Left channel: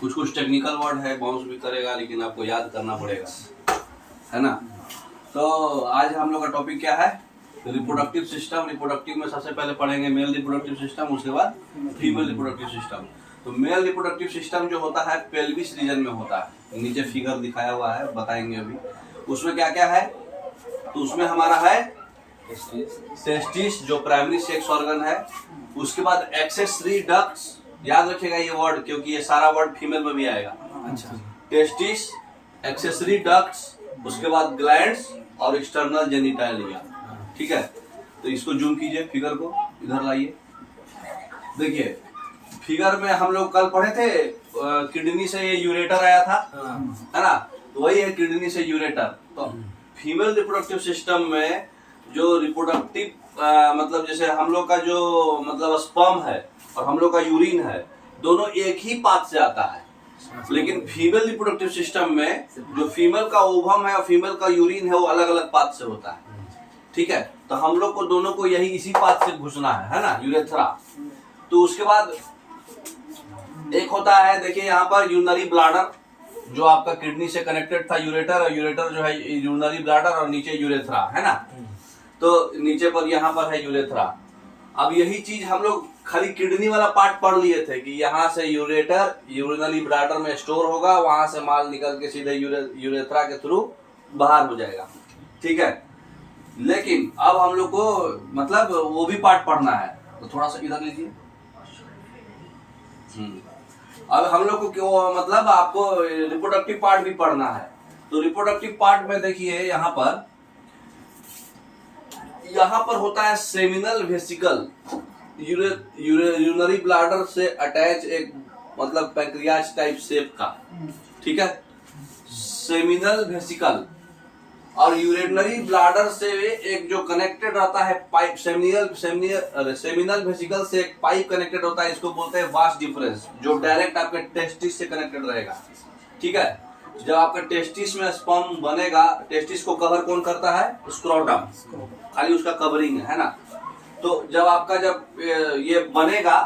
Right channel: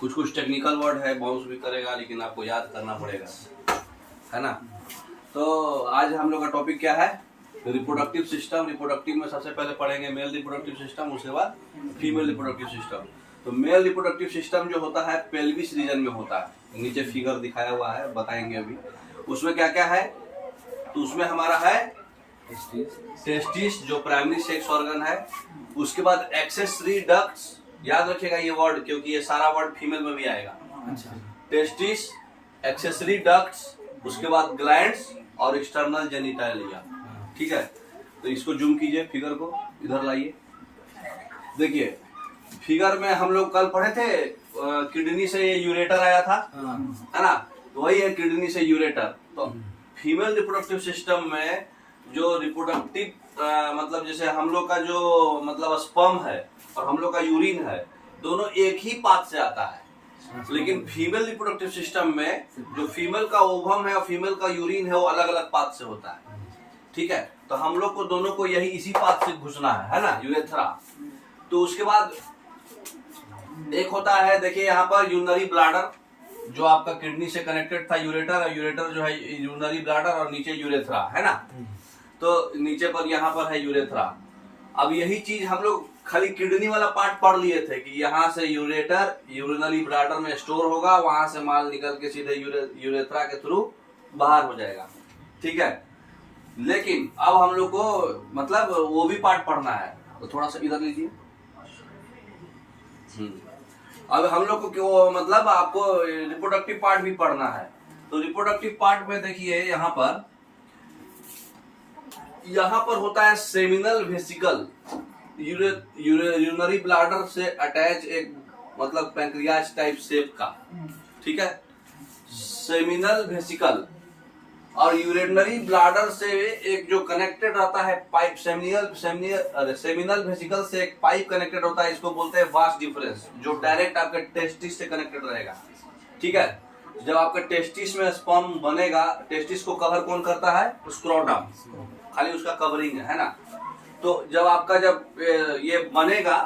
कुछ कुछ technical word है, बाउंस भी करेगा लेकिन आपको याद करना पड़ेगा, है ना। तो आज हम लोग का टॉपिक क्या है, रिप्रोडक्टिव सिस्टम। रिप्रोडक्टिव में सबसे पहले पढ़ेंगे मेल रिप्रोडक्टिव सिस्टम, उसके बाद फीमेल रिप्रोडक्टिव सिस्टम। तो मेल रिप्रोडक्टिव सिस्टम जो होता है पेल्विस रीजन में होता है, नीचे फिगर दिखाया हुआ है, बताएंगे अभी। उसमें क्या क्या है, तो उसमें हमारा है टेस्टिस जो प्राइमरी सेक्स ऑर्गन है, उसके बाद एक्सेसरी डक्ट्स, याद रखिएगा ये वर्ड क्योंकि ये सारा वर्ड फीमेल में भी आएगा। अच्छा, टेस्टिस, एक्सेसरी डक्ट्स, उसके बाद ग्लैंड्स और एक्सटर्नल जेनिटलिया। ठीक है, तो इसको जूम कीजिए, फिगर को इधर लाइए। देखिए फिगर में हम लोग कल पढ़े थे किडनी से यूरेटर आया था, है ना, तो वही है किडनी से यूरेटर। तो फीमेल रिप्रोडक्टिव सिस्टम में जो रिप्रोडक्टिव मतलब जैसे हम लोग का जो मतलब स्पर्म है और हम लोग का यूरिन है, दोनों एक ही पाथ से आता है। लेकिन फीमेल रिप्रोडक्टिव सिस्टम में जो फीमेल का ओवम है और फीमेल का यूरिन है वो अलग अलग पाथ से होता है। ठीक है, तो हम लोग को दोनों को यही इसी पाथ से घुसना है ना, यूरेथ्रा। तो उसके बाद एक होता है, देखिए यहाँ पर यूरिनरी ब्लैडर जो आपका किडनी से कनेक्टेड था, यूरेटर, और यूरेटर जो है यूरिनरी ब्लैडर और नीचे यूरेथ्रा, है ना। तो नीचे पर यहाँ पर है यूरेथ्रा। अब यही चीज हम लोग खाली किडनी वाला पार्ट पढ़ लिए थे कि यहाँ से यूरेटर यूरिनरी ब्लैडर में स्टोर होगा, वहां से माल निकल के सीधे यूरेथ्रा के थ्रू बाहर हो जाएगा। ठीक है, लेकिन अब हम लोग को मतलब वो भी पार्ट पढ़ना है, तो थोड़ा सा इधर लीजिए। अब हम लोग को क्यों मतलब आपको रिप्रोडक्टिव पार्ट भी पढ़ना है। तो रिप्रोडक्टिव पार्ट में देखिए यहाँ पर होता है सेमिनल वेसिकल, यूरिनरी ब्लैडर से अटैच एक मतलब पैंक्रियाज टाइप शेप का। ठीक है, सेमिनल वेसिकल और यूरिनरी ब्लैडर से एक जो कनेक्टेड रहता है पाइप, सेमिनल वेसिकल से एक पाइप कनेक्टेड होता है, इसको बोलते हैं वास डिफरेंस, जो डायरेक्ट आपके टेस्टिस से कनेक्टेड रहेगा। ठीक है, जब आपका टेस्टिस में स्पर्म बनेगा, टेस्टिस को कवर कौन करता है, स्क्रोटम, खाली उसका कवरिंग है ना। तो जब आपका ये बनेगा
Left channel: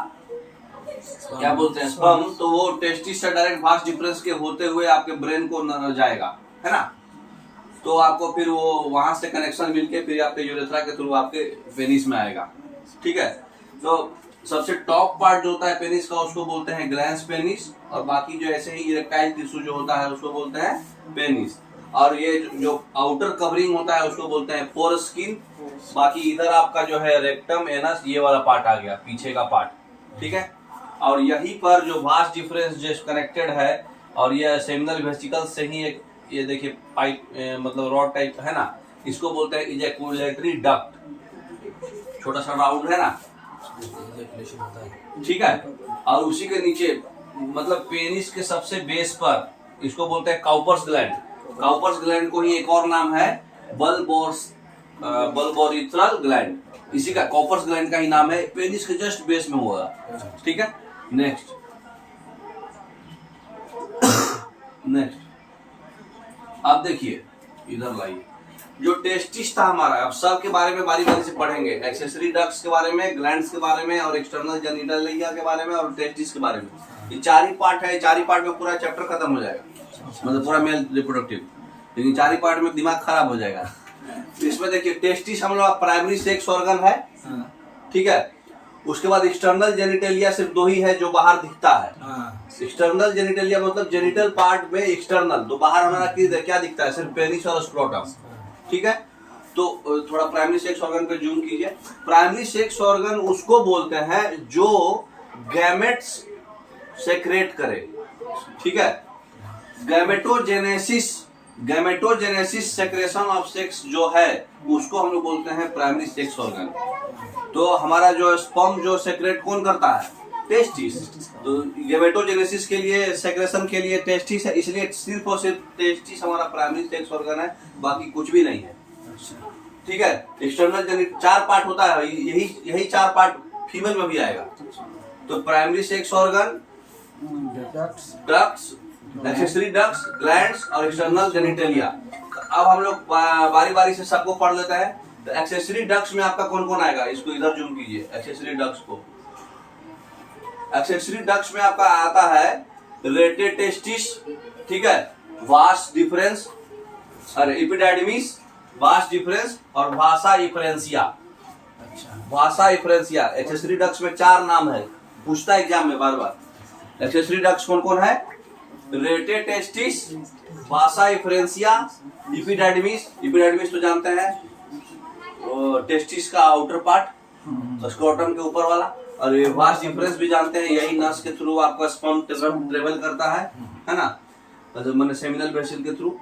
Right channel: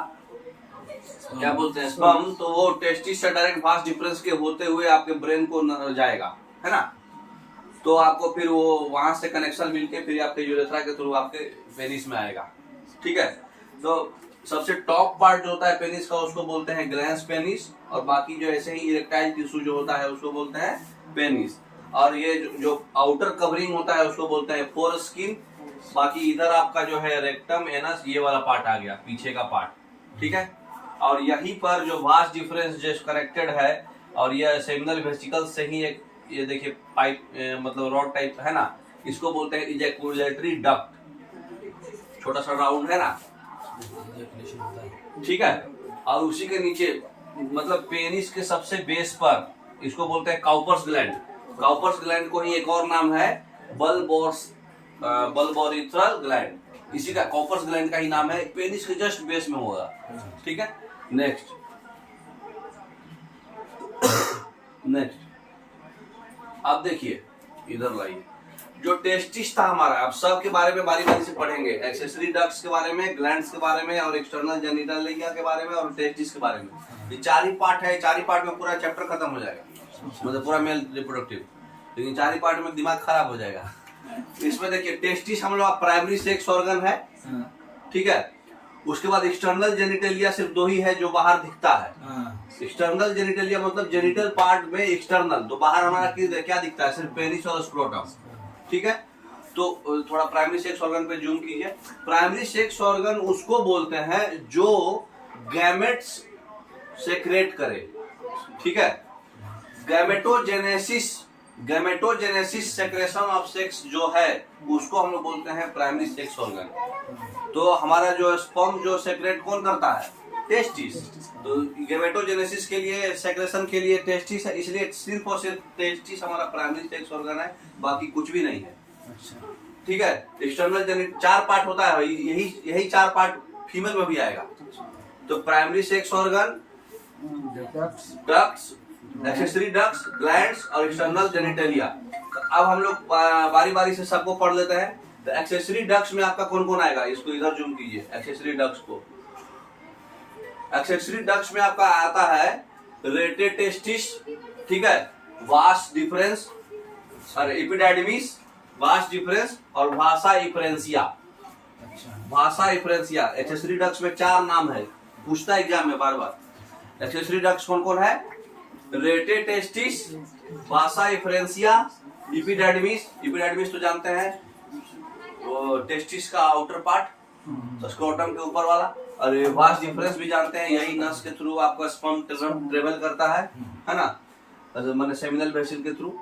क्या बोलते हैं स्पर्म, तो वो टेस्टिस से डायरेक्ट वास डिफरेंस के होते हुए आपके ब्रेन को जाएगा, है ना। तो आपको फिर वो वहां से कनेक्शन मिलके फिर आपके यूरेथ्रा के थ्रू आपके पेनिस में आएगा। ठीक है, तो सबसे टॉप पार्ट जो होता है पेनिस का उसको बोलते हैं ग्लैंस पेनिस, और बाकी जो ऐसे ही इरेक्टाइल टिश्यू जो होता है उसको बोलते हैं पेनिस, और ये जो आउटर कवरिंग होता है उसको बोलते हैं फोर स्किन। बाकी इधर आपका जो है रेक्टम, एनस, ये वाला पार्ट आ गया, पीछे का पार्ट। ठीक है, और यहीं पर जो वास डिफरेंस जो कनेक्टेड है, और ये सेमिनल वेसिकल से ही एक ये देखिए पाइप मतलब रॉड टाइप है ना, इसको बोलते हैं इजैकुलेटरी डक्ट, छोटा सा राउंड है ना। ठीक है, और उसी के नीचे मतलब पेनिस के सबसे बेस पर इसको बोलते हैं काउपर्स ग्लैंड। काउपर्स ग्लैंड को ही एक और नाम है बल्बोरिथ्रल ग्लैंड, इसी का काउपर्स ग्लैंड का ही नाम है, पेनिस के जस्ट बेस में होगा। ठीक है, नेक्स्ट अब देखिए इधर लाइए, जो टेस्टिस था हमारा, अब सब के बारे में बारी बारी से पढ़ेंगे, एक्सेसरी डक्ट्स के बारे में, ग्लैंड्स के बारे में, और एक्सटर्नल जेनिटलिया के बारे में, और टेस्टिस के बारे में। ये चार ही पार्ट है, चार ही पार्ट में पूरा चैप्टर खत्म हो जाएगा, मतलब पूरा मेल रिप्रोडक्टिव, लेकिन चार ही पार्ट में दिमाग खराब हो जाएगा। इसमें देखिए टेस्टिस हम लोग प्राइमरी सेक्स ऑर्गन है। ठीक है, उसके बाद एक्सटर्नल जेनिटलिया सिर्फ दो ही है जो बाहर दिखता है। एक्सटर्नल जेनिटलिया मतलब जेनिटल पार्ट में एक्सटर्नल, तो बाहर हमारा क्या दिखता है, सिर्फ पेनिस और स्क्रोटम। ठीक है, तो थोड़ा प्राइमरी सेक्स ऑर्गन पे जूम कीजिए। प्राइमरी सेक्स ऑर्गन उसको बोलते हैं जो गैमेट्स सेक्रेट करे। ठीक है, गैमेटोजेनेसिस सेक्रेशन ऑफ सेक्स जो है उसको हम लोग बोलते हैं प्राइमरी सेक्स ऑर्गन। तो हमारा जो स्पर्म जो सेक्रेट कौन करता है, टेस्टिस। तो गैमेटोजेनेसिस के लिए, सेक्रेशन के लिए टेस्टिस है, इसलिए सिर्फ और सिर्फ टेस्टिस हमारा प्राइमरी सेक्स ऑर्गन है, बाकी कुछ भी नहीं है। ठीक है, एक्सटर्नल जेनिटल चार पार्ट होता है, यही चार पार्ट फीमेल में भी आएगा। तो primary sex organ, ducts, accessory ducts, glands और एक्सटर्नल जेनिटलिया। अब हम लोग बारी बारी से सबको पढ़ लेते हैं। तो एक्सेसरी डक्ट्स में आपका कौन कौन आएगा, इसको इधर जूम कीजिए। एक्सेसरी डक्ट्स को, एक्सेसरी डक्ट्स में आपका आता है रेटेड टेस्टिस, ठीक है, वास्ट डिफरेंस, और एपिडाइडमिस, वास्ट डिफरेंस, और भाषा इफरेंसिया। अच्छा, भाषा इफरेंसिया। एक्सेसरी डक्ट्स में 4 नाम है, पूछता एग्जाम में बार बार। एक्सेसरी डक्ट्स कौन कौन है? रेटेड टेस्टिस, भाषा इफरेंसिया, एपिडाइडमिस। एपिडाइडमिस तो जानते हैं, तो टेस्टिस का आउटर पार्ट, स्क्रोटम के ऊपर वाला। और ये वास्ट डिफरेंस भी जानते हैं, यही नस के थ्रू आपका स्पर्म ट्रेवल करता है ना, मैंने सेमिनल वेसिकल के थ्रू।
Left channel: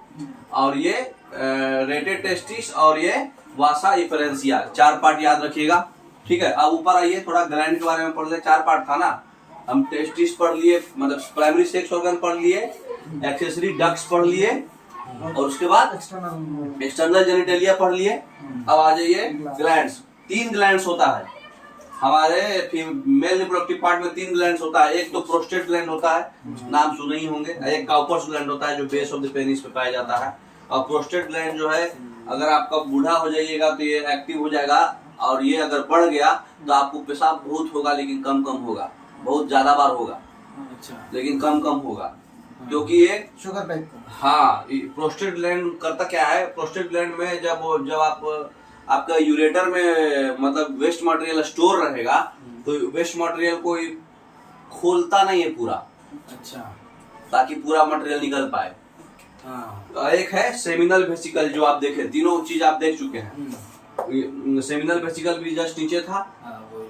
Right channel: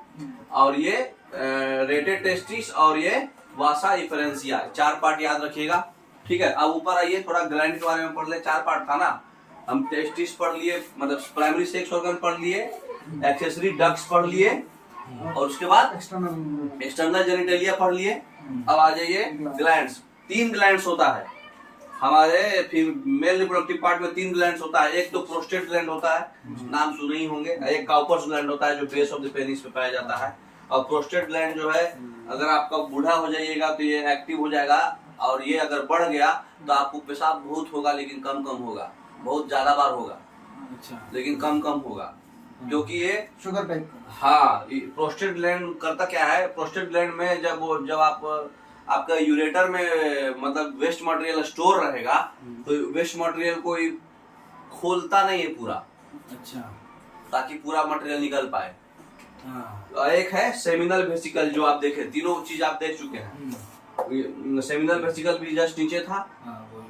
और ये रेटेड टेस्टिस और ये वासा इफरेंसिया, 4 पार्ट याद रखिएगा, ठीक है। अब ऊपर आइए, थोड़ा ग्लैंड के बारे में पढ़ ले। 4 पार्ट था ना, हम टेस्टिस पढ़ लिए, मतलब प्राइमरी सेक्स ऑर्गन पढ़ लिए, एक्सेसरी डक्ट्स पढ़ लिए, और उसके बाद एक्सटर्नल जेनिटेलिया पढ़ लिए। अब आ जाइए ग्लैंड्स। 3 ग्लैंड्स होता है हमारे मेल रिप्रोडक्टिव पार्ट में। 3 ग्लैंड्स होता है। एक तो प्रोस्टेट ग्लैंड होता है, नाम सुने ही होंगे। एक काउपर्स ग्लैंड होता है जो बेस ऑफ द पेनिस पे पाया जाता है। और प्रोस्टेट ग्लैंड जो है, अगर आपका बूढ़ा हो जाइएगा तो ये एक्टिव हो जाएगा, और ये अगर बढ़ गया तो आपको पेशाब बहुत होगा, लेकिन कम कम होगा, बहुत ज्यादा बार होगा। अच्छा, लेकिन कम कम होगा, क्योंकि ये शुगर टाइप का। हाँ, प्रोस्टेट ग्लैंड करता क्या है, प्रोस्टेट ग्लैंड में जब आप आपका यूरेटर में मतलब वेस्ट मटेरियल स्टोर रहेगा, तो वेस्ट मटेरियल को खोलता नहीं है पूरा, अच्छा, ताकि पूरा मटेरियल निकल पाए। हाँ, एक है सेमिनल वेसिकल, जो आप देखे, तीनों चीज आप देख चुके हैं। सेमिनल वेसिकल भी जस्ट नीचे था,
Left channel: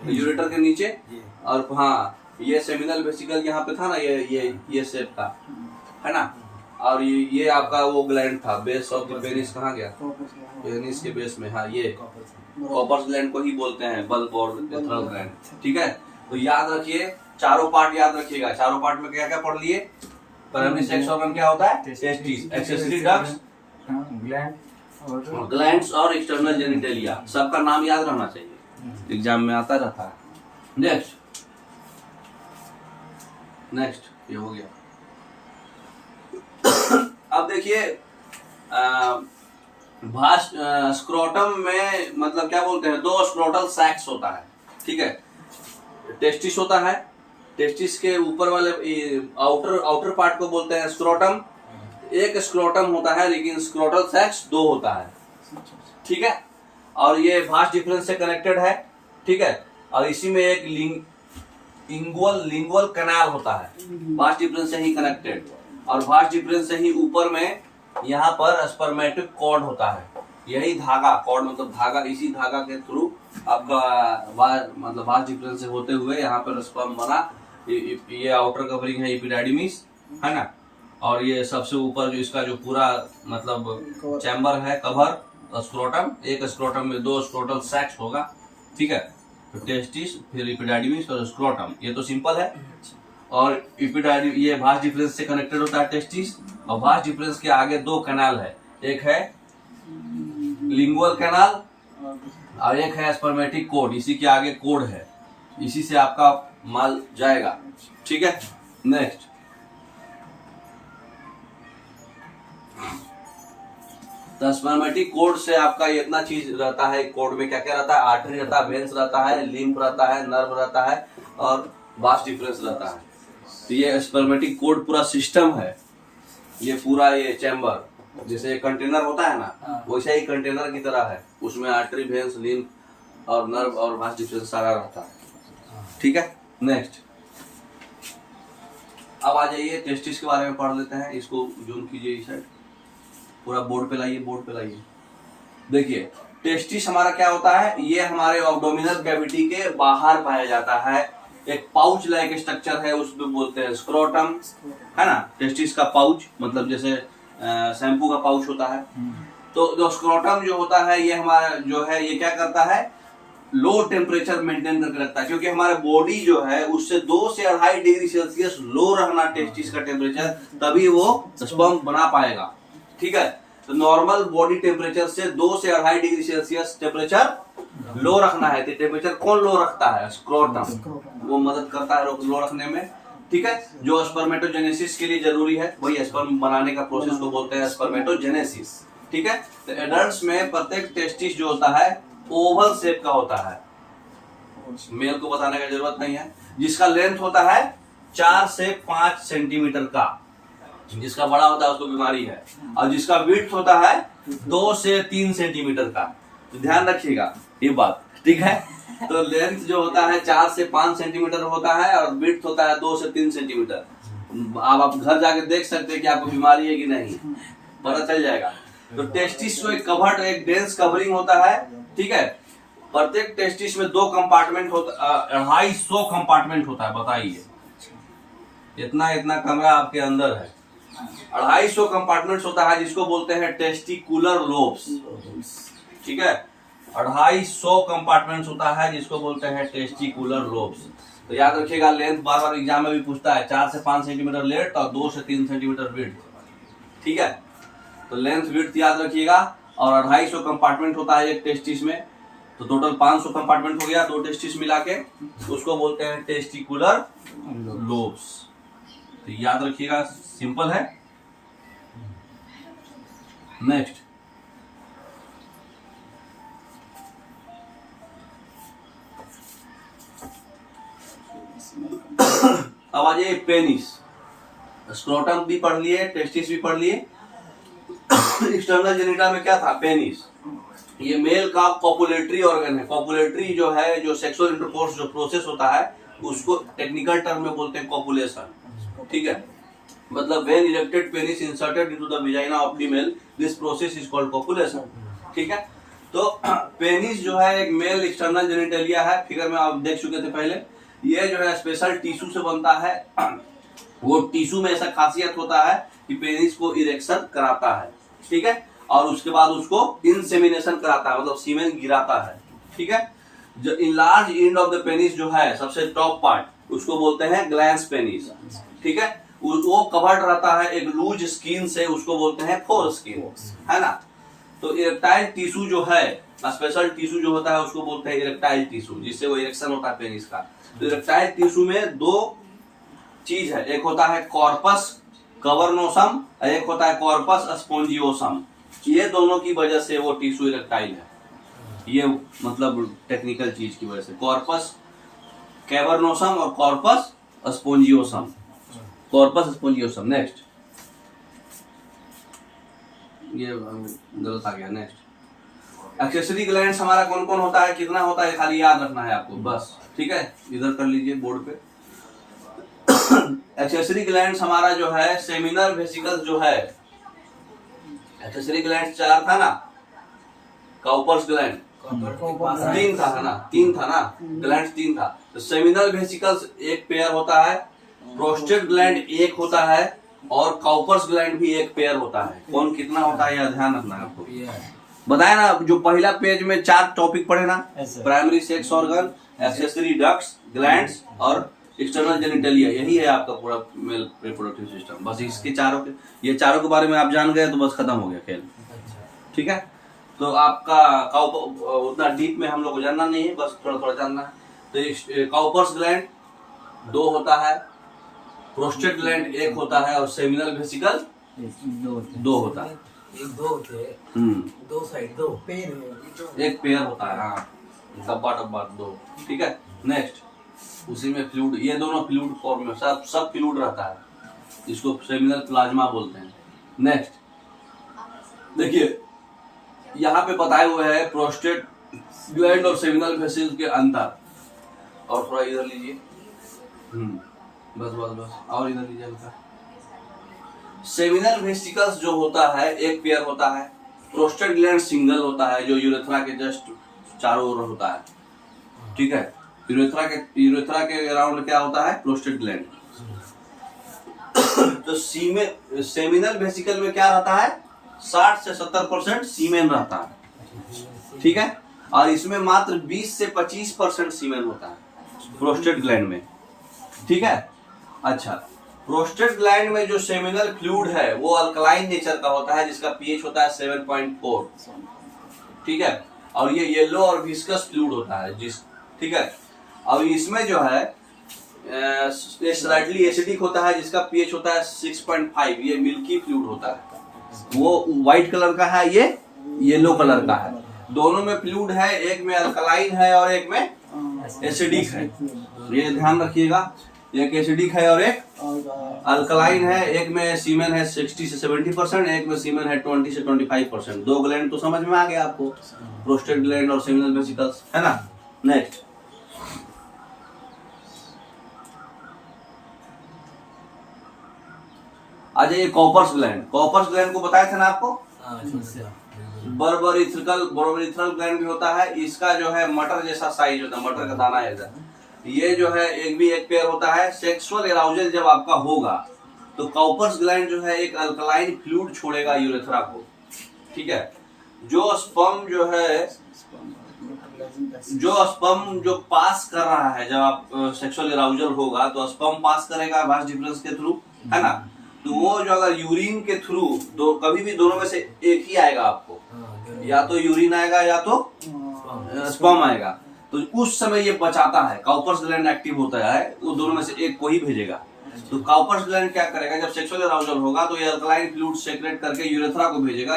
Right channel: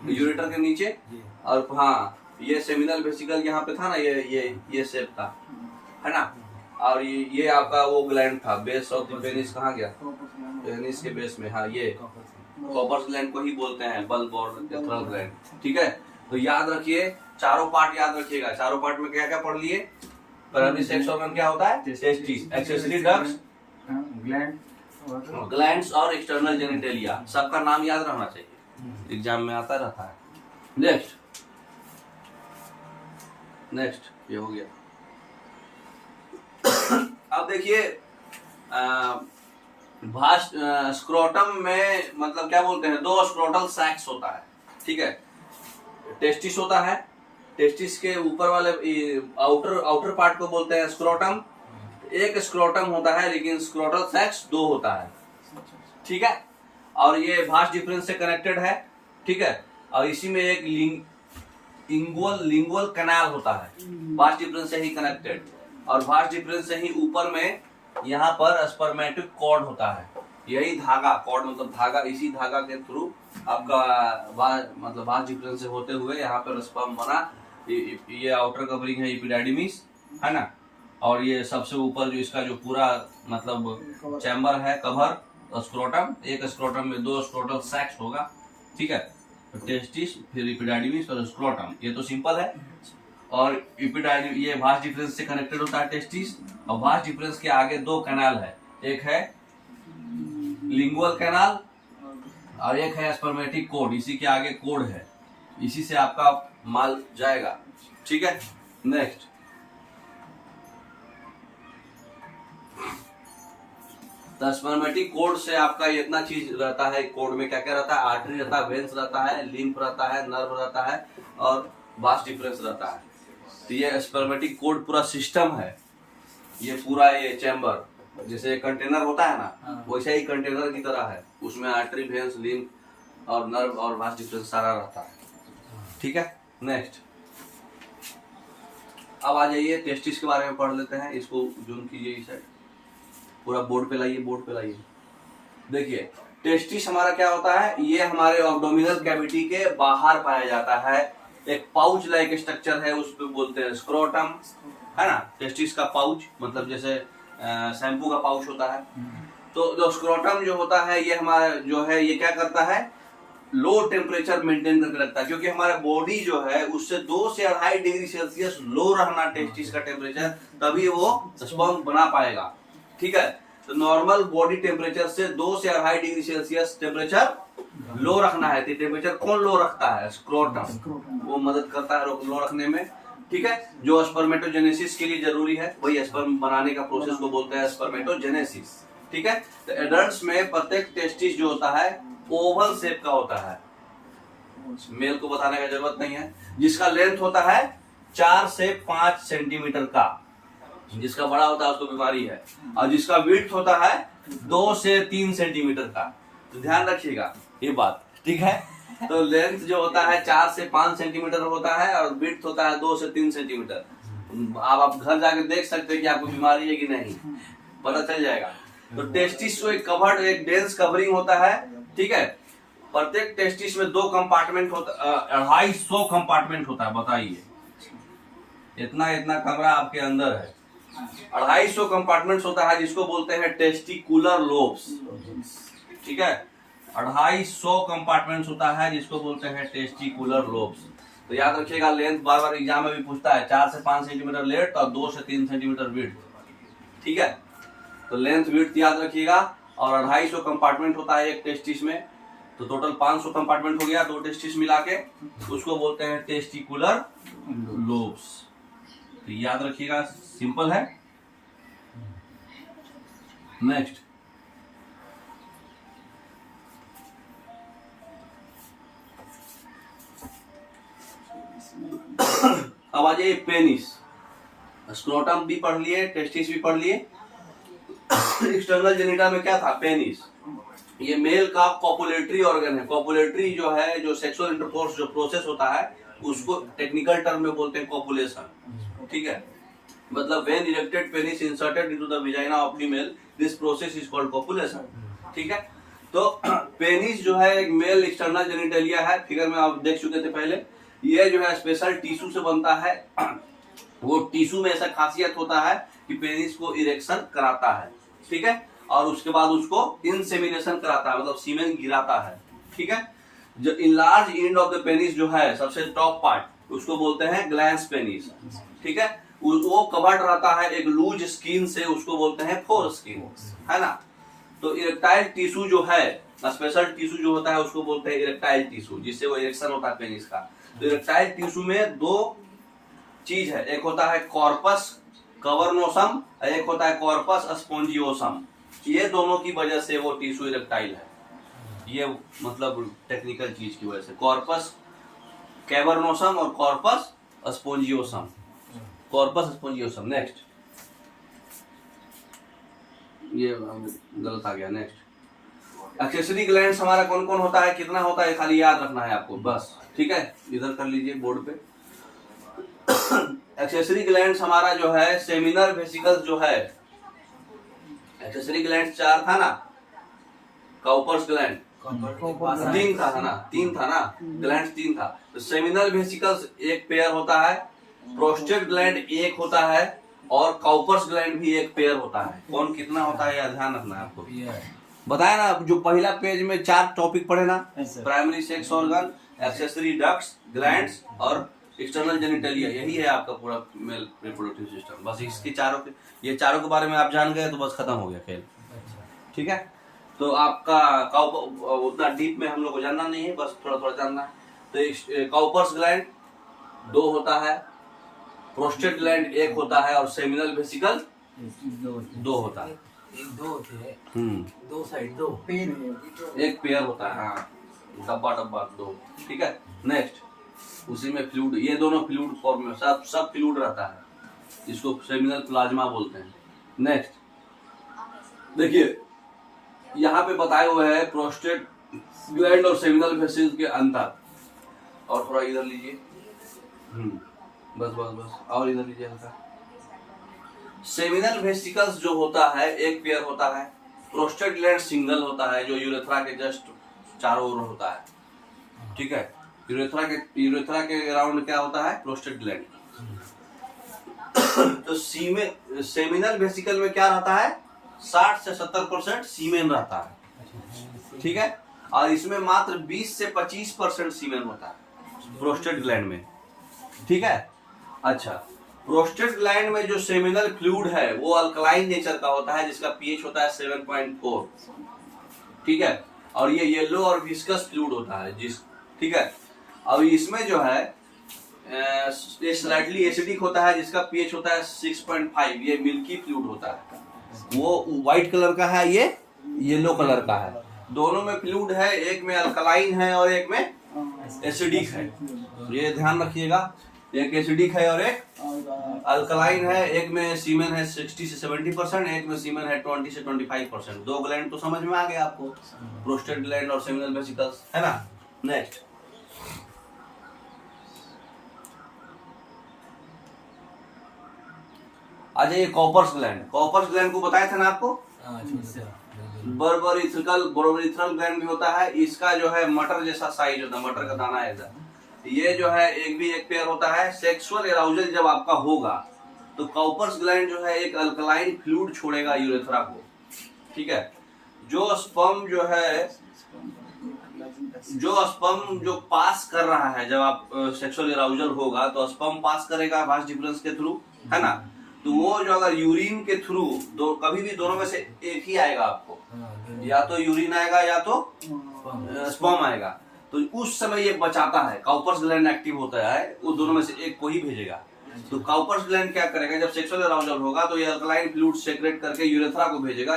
यूरेटर के नीचे। और हाँ, ये सेमिनल वेसिकल यहाँ पे था ना, ये शेप था, है ना। और ये आपका वो ग्लैंड था, बेस ऑफ द पेनिस। कहाँ गया? पेनिस के बेस में। हाँ, ये कॉपर्स ग्लैंड को ही बोलते हैं, बल्ब और एथरल ग्लैंड, ठीक है। तो याद रखिए, चारों पार्ट याद रखिएगा। चारों पार्ट में क्या क्या पढ़ लिए? प्राइमरी सेक्स ऑर्गन क्या होता है? टेस्टिस, एक्सेसरी डक्ट्स, ग्लैंड्स और एक्सटर्नल जेनिटेलिया। सबका नाम याद रहना चाहिए, एग्जाम में आता रहता है। नेक्स्ट ये हो गया। अब देखिए, स्क्रोटम में मतलब क्या बोलते हैं, 2 स्क्रोटल सैक्स होता है, ठीक है। टेस्टिस होता है, टेस्टिस के ऊपर वाले आउटर पार्ट को बोलते हैं स्क्रोटम। एक स्क्रोटम होता है, लेकिन स्क्रोटल सैक्स 2 होता है, ठीक है। और ये भास्ट डिफरेंस से कनेक्टेड है, ठीक है। और इसी में एक लिंगुअल कैनाल होता है, भास्ट डिफरेंस से ही कनेक्टेड। और भास्ट डिफरेंस से ही ऊपर में यहाँ पर स्पर्मेटिक कॉर्ड होता है। यही धागा, कॉर्ड मतलब धागा, इसी धागा के थ्रू आपका मतलब भास्ट डिफरेंस से होते हुए यहाँ पर स्पर्म बना। ये आउटर कवरिंग है एपिडाइडिमिस, है ना। और ये सबसे ऊपर जो इसका जो पूरा मतलब चैम्बर है, कवर, स्क्रोटम। एक स्क्रोटम में 2 स्क्रोटल सैक्स होगा, ठीक है। तो टेस्टिस, फिर एपिडाइडिमिस और स्क्रोटम, ये तो सिंपल है। और एपिडाइडिमिस ये भास्ट डिफरेंस से कनेक्टेड होता है, टेस्टिस। और भास्ट डिफरेंस के आगे 2 कैनाल है, एक है लिंगुअल कैनाल और एक है स्पर्मेटिक कोड। इसी के आगे कोड है, इसी से आपका माल जाएगा, ठीक है। नेक्स्ट, तो स्पर्मेटिक कोड से आपका इतना चीज रहता है। कोड में क्या क्या रहता है? आर्टरी रहता है, वेन्स रहता है, लिम्फ रहता है, नर्व रहता है, और भास्ट डिफरेंस रहता है। तो ये स्पर्मेटिक कोड पूरा सिस्टम है, ये पूरा ये चैम्बर जैसे एक कंटेनर होता है ना, वैसे ही कंटेनर की तरह है। उसमें आर्टरी, वेन्स, लिम्फ और नर्व और भास्ट डिफरेंस सारा रहता है, ठीक है। नेक्स्ट, अब आ जाइए टेस्टिस के बारे में पढ़ लेते हैं। इसको जूम कीजिए, इस साइड पूरा बोर्ड पे लाइए, बोर्ड पे लाइए। देखिए, टेस्टिस हमारा क्या होता है, ये हमारे एब्डोमिनल कैविटी के बाहर पाया जाता है। एक पाउच लाइक स्ट्रक्चर है, उसको बोलते हैं स्क्रोटम, है ना। टेस्टिस का पाउच मतलब जैसे शैम्पू का पाउच होता है। तो जो स्क्रोटम जो होता है, ये हमारा जो है, ये क्या करता है, लो टेम्परेचर मेंटेन करके रखता है। क्योंकि हमारा बॉडी जो है उससे 2 से 2.5 डिग्री सेल्सियस लो रहना टेस्टिस का टेम्परेचर, तभी वो स्पर्म बना पाएगा, ठीक है। तो नॉर्मल बॉडी टेम्परेचर से 2 से 2.5 डिग्री सेल्सियस टेम्परेचर लो रखना है। तो टेम्परेचर कौन लो रखता है? स्क्रोटम, वो मदद करता है लो रखने में, ठीक है। जो स्पर्मेटोजेनेसिस के लिए जरूरी है, वही स्पर्म बनाने का प्रोसेस को बोलते हैं स्पर्मेटोजेनेसिस, ठीक है। तो एडल्ट्स में प्रत्येक टेस्टिस जो होता है ओवल शेप का होता है, मेल को बताने का जरूरत नहीं है। जिसका लेंथ होता है 4 से 5 सेंटीमीटर का। जिसका बड़ा होता है उसको बीमारी है। और जिसका विड्थ होता है 2 से 3 सेंटीमीटर का। तो ध्यान रखिएगा ये बात, ठीक है। तो लेंथ जो होता है 4 से 5 सेंटीमीटर होता है और विड्थ होता है 2 से 3 सेंटीमीटर। आप घर जाके देख सकते हैं कि आपको बीमारी है कि नहीं, पता चल जाएगा। तो टेस्टिस को एक कवर्ड, एक डेंस कवरिंग होता है, ठीक है। प्रत्येक टेस्टिस में 2 कंपार्टमेंट होता, 250 कंपार्टमेंट होता है। बताइए, इतना इतना कमरा आपके अंदर है, 250 कंपार्टमेंट्स होता है, जिसको बोलते हैं टेस्टिकुलर लोब्स, ठीक है। 250 कंपार्टमेंट्स होता है जिसको बोलते हैं टेस्टिकुलर लोब्स। तो याद रखिएगा, लेंथ बार बार एग्जाम में भी पूछता है, 4 से 5 सेंटीमीटर लेंथ और 2 से 3 सेंटीमीटर विड्थ, ठीक है। तो लेंथ विड्थ याद रखिएगा। और 250 कंपार्टमेंट होता है एक टेस्टिस में, तो टोटल 500 कंपार्टमेंट हो गया 2 टेस्टिस मिला के, उसको बोलते हैं टेस्टिकुलर लोब्स। तो याद रखिएगा, सिंपल है। नेक्स्ट, अब आ जाइए पेनिस। स्क्रोटम भी पढ़ लिए, टेस्टिस भी पढ़ लिए। एक्सटर्नल जेनिटा में क्या था? पेनिस। ये मेल का कॉपुलेटरी ऑर्गन है। कॉपुलेटरी जो है, जो सेक्सुअल इंटरकोर्स जो प्रोसेस होता है, उसको टेक्निकल टर्म में बोलते हैं कॉपुलेशन, ठीक है। मतलब when erected penis inserted into the vagina of female, this process is called copulation, ठीक है। तो पेनिस जो है एक मेल एक्सटर्नल जेनिटलिया है, फिगर में आप देख चुके थे पहले। ये जो है स्पेशल टिश्यू से बनता है। वो टिश्यू में ऐसा खासियत होता है कि पेनिस को इरेक्शन कराता है, ठीक है। और उसके बाद उसको इंसेमिनेशन कराता है, मतलब सीमेन गिराता है, ठीक है। जो enlarge end of the penis जो है, सबसे टॉप पार्ट, उसको बोलते हैं ग्लैंस पेनिस, ठीक है। वो कवर्ड रहता है एक लूज स्किन से, उसको बोलते हैं फोर स्किन, है ना। तो इरेक्टाइल टिश्यू जो है, स्पेशल टिश्यू जो होता है, उसको बोलते हैं इरेक्टाइल टिश्यू, जिससे वो इरेक्शन होता है पेनिस का। तो इरेक्टाइल टिश्यू में 2 चीज है, एक होता है कॉर्पस कवर्नोसम, एक होता है कॉर्पस स्पोंजियोसम। ये दोनों की वजह से वो टिश्यू इरेक्टाइल है। ये मतलब टेक्निकल चीज की वजह से, कॉर्पस कैवर्नोसम और कॉर्पस स्पोंजियोसम, कॉर्पस स्पोंजियोसम। नेक्स्ट, ये गलत आ गया। नेक्स्ट, एक्सेसरी ग्लैंड्स हमारा कौन कौन होता है, कितना होता है, खाली याद रखना है आपको बस, ठीक है। इधर कर लीजिए बोर्ड पे। एक्सेसरी ग्लैंड्स हमारा जो है, सेमिनल वेसिकल्स जो है, एक्सेसरी ग्लैंड 4 था ना, काउपर्स ग्लैंड 3 था ना, 3 था ना, ग्लैंड 3 था। तो सेमिनल वेसिकल्स एक पेयर होता है, प्रोस्टेट ग्लैंड एक होता है, और काउपर्स ग्लैंड भी एक पेयर होता है। कौन कितना होता है, यह ध्यान रखना है आपको। बताया ना, जो पहला पेज में 4 टॉपिक पढ़े ना, primary sex organ, accessory ducts, glands और एक्सटर्नल जेनिटलिया, यही है आपका पूरा मेल रिप्रोडक्टिव सिस्टम। बस इसके ये चारों के बारे में आप जान गए तो बस खत्म हो गया खेल, ठीक है। तो आपका उतना डीप में हम लोग को जानना नहीं है, बस थोड़ा थोड़ा जानना है। तो काउपर्स ग्लैंड 2 होता है, प्रोस्टेट ग्लैंड 1 होता है, और सेमिनल वेसिकल 2 होता है। 2 होते हैं, 2 साइड 2 एक पेयर होता है, हाँ, डब्बा 2, ठीक है। नेक्स्ट, उसी में फ्लूइड, ये दोनों फ्लूइड फॉर्म में सब फ्लूइड रहता है, जिसको सेमिनल प्लाज्मा बोलते हैं। नेक्स्ट, देखिए यहाँ पे बताए हुए है प्रोस्टेट ग्लैंड और सेमिनल वेसिकल के अंतर। और थोड़ा इधर लीजिए, बस बस बस, और इधर लीजिए हल्का। सेमिनल वेसिकल्स जो होता है एक पेयर होता है, प्रोस्टेट ग्लैंड सिंगल होता है, जो यूरेथ्रा के जस्ट चारों ओर होता है, ठीक है। यूरेथ्रा के अराउंड क्या होता है, प्रोस्टेट ग्लैंड। तो सेमिनल वेसिकल में क्या रहता है, 60 से 70% सीमेन रहता है, ठीक है। और इसमें मात्र 20 से 25% सीमेन होता है प्रोस्टेट ग्लैंड में, ठीक है। अच्छा, प्रोस्टेट ग्लैंड में जो सेमिनल फ्लूइड है वो अल्कलाइन नेचर का होता है, जिसका पीएच होता है 7.4, ठीक है। और ये येलो और विस्कस फ्लूइड होता है, ठीक है। अब इसमें जो है ये स्लाइटली एसिडिक होता है, जिसका पीएच होता है 6.5। ये मिल्की फ्लूइड होता है, वो व्हाइट कलर का है, ये येलो कलर का है। दोनों में फ्लूइड है, एक में अल्कलाइन है और एक में एसिडिक है, ये ध्यान रखिएगा। एक एसिडिक है और एक अल्कलाइन है। एक में सीमेन है 60 से 70%, एक में सीमेन है 20 से 25%। दो ग्लैंड तो समझ में आ गया आपको, प्रोस्टेट ग्लैंड और सेमिनल वेसिकल्स, है ना। नेक्स्ट आ जाइए कॉपर्स ग्लैंड। कॉपर्स ग्लैंड को बताए थे ना आपको, बर्बरिथ्रल ग्लैंड भी होता है। इसका जो है मटर जैसा साइज होता है, मटर का दाना ऐसा। ये जो है एक पेयर होता है। सेक्सुअल एराउजल जब आपका होगा तो कॉपर्स ग्लैंड जो है एक अल्कलाइन फ्लूइड छोड़ेगा यूरेथ्रा को, ठीक है। जो स्पर्म जो पास कर रहा है, जब आप सेक्सुअल एराउजल होगा तो स्पर्म पास करेगा वास डिफरेंस के थ्रू, है ना। तो वो जो अगर यूरिन के थ्रू कभी भी दोनों में से एक ही आएगा आपको, या तो यूरिन आएगा या तो स्पर्म आएगा, तो उस समय ये बचाता है। कॉपर्स ग्लैंड एक्टिव होता है, वो दोनों में से एक को ही भेजेगा। तो कॉपर्स ग्लैंड क्या करेगा, जब सेक्सुअल एराउजल होगा तो ये अल्कलाइन फ्लूइड सेक्रेट करके यूरेथ्रा को भेजेगा।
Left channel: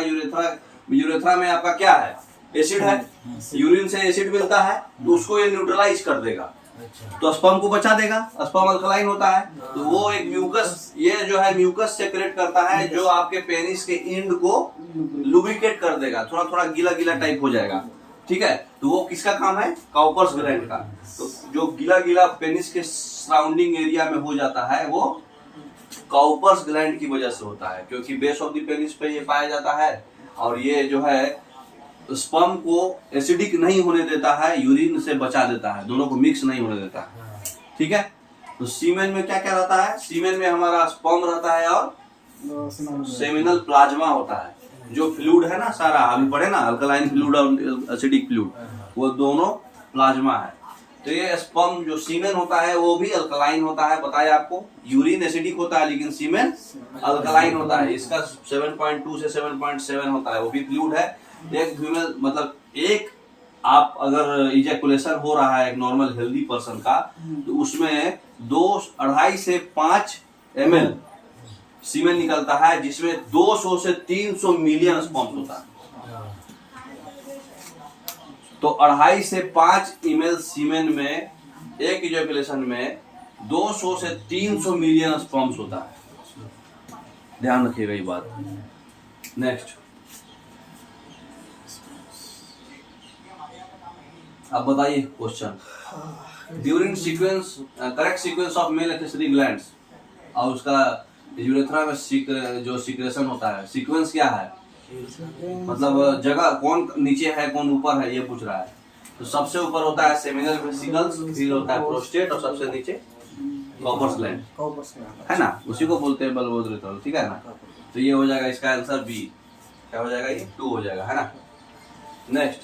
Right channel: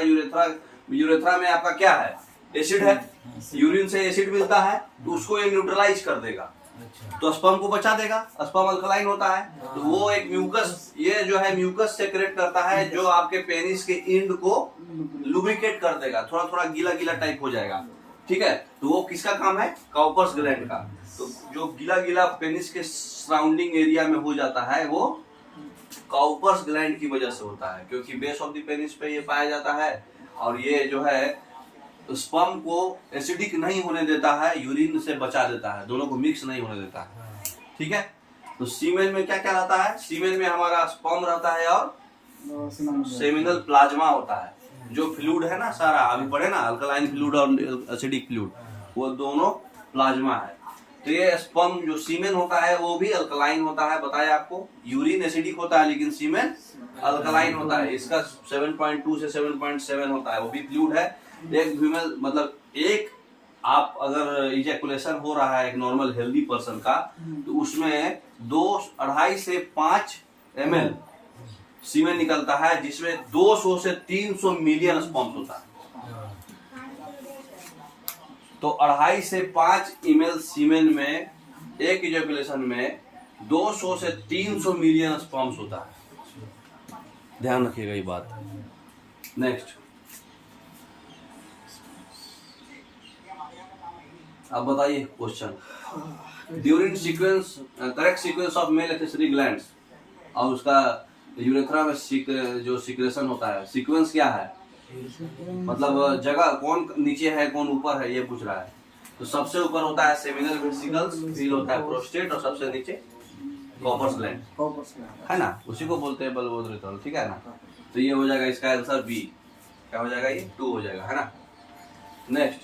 यूरेथ्रा में आपका क्या है, एसिड है, यूरिन से एसिड मिलता है, तो उसको ये न्यूट्रलाइज कर देगा, तो स्पर्म को बचा देगा। स्पर्म अल्कलाइन होता है, तो वो एक म्यूकस, ये जो है म्यूकस सेक्रेट करता है, जो आपके पेनिस के एंड को लुब्रिकेट कर देगा, थोड़ा थोड़ा गीला गीला टाइप हो जाएगा, ठीक है। तो वो किसका काम है, कॉपर्स ग्लैंड का। तो जो गीला गीला पेनिस के सराउंडिंग एरिया में हो जाता है, वो कॉपर्स ग्लैंड की वजह से होता है, क्योंकि बेस ऑफ द पेनिस पे ये पाया जाता है। और ये जो है स्पर्म को एसिडिक नहीं होने देता है, यूरिन से बचा देता है, दोनों को मिक्स नहीं होने देता है, ठीक है। तो सीमेन में क्या क्या रहता है, सीमेन में हमारा स्पर्म रहता है और सेमिनल प्लाज्मा होता है। जो फ्लूइड है ना सारा, अभी पढ़े ना, अल्कलाइन फ्लूइड और एसिडिक फ्लूइड, वो दोनों प्लाज्मा है। तो ये स्पर्म जो सीमेन होता है वो भी अल्कलाइन होता है, बताया आपको। यूरिन एसिडिक होता है लेकिन सीमेन अल्कलाइन होता है। इसका 7.2 से 7.7 होता है, वो भी फ्लूइड है। एक फीमेल मतलब एक आप अगर इजैकुलेशन हो रहा है एक नॉर्मल हेल्दी पर्सन का, तो उसमें 2.5 से 5 ml सीमेन निकलता है, जिसमें 200 से 300 मिलियन स्पर्म होता है। तो 2.5 से 5 ml सीमेन में एक इजैकुलेशन में 200 से 300 मिलियन स्पर्म्स होता है, ध्यान रखिएगा ये बात। नेक्स्ट अब बताइए question, during sequence correct sequence of male accessory glands, और उसका यूरेथ्रा में जो सीक्रेशन होता है, सीक्वेंस क्या है, मतलब जगह कौन नीचे है कौन ऊपर है, ये पूछ रहा है। तो सबसे ऊपर होता है सेमिनल वेसिकल्स, फिर होता है प्रोस्टेट, और सबसे नीचे कॉपर्स ग्लैंड, है ना, उसी को बोलते हैं बल्बोदरेथ्रल, ठीक है ना। तो ये हो जाएगा इसका आंसर बी, क्या हो जाएगा, ये 2 हो जाएगा, है ना। Next,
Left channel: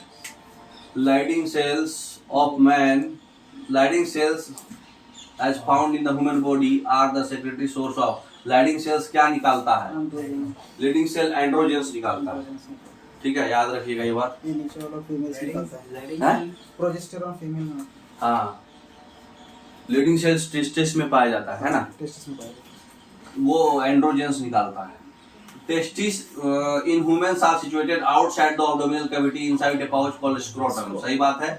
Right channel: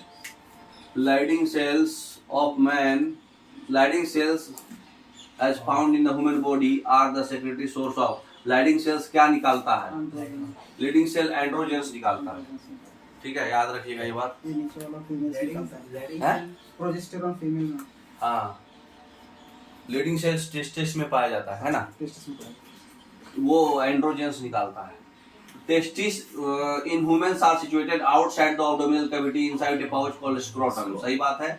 Leydig cells of man, Leydig cells as found in the human body are the secretory source of। Leydig cells क्या निकालता है, Leydig cell एंड्रोजेंस निकालता है, ठीक है, याद रखिएगा ये बात। प्रोजेस्टेरॉन फीमेल में, हाँ, Leydig cells टेस्टिस में पाया जाता है ना, वो एंड्रोजेंस निकालता है। Testes in humans are situated outside the abdominal cavity inside a pouch called scrotum। सही बात है।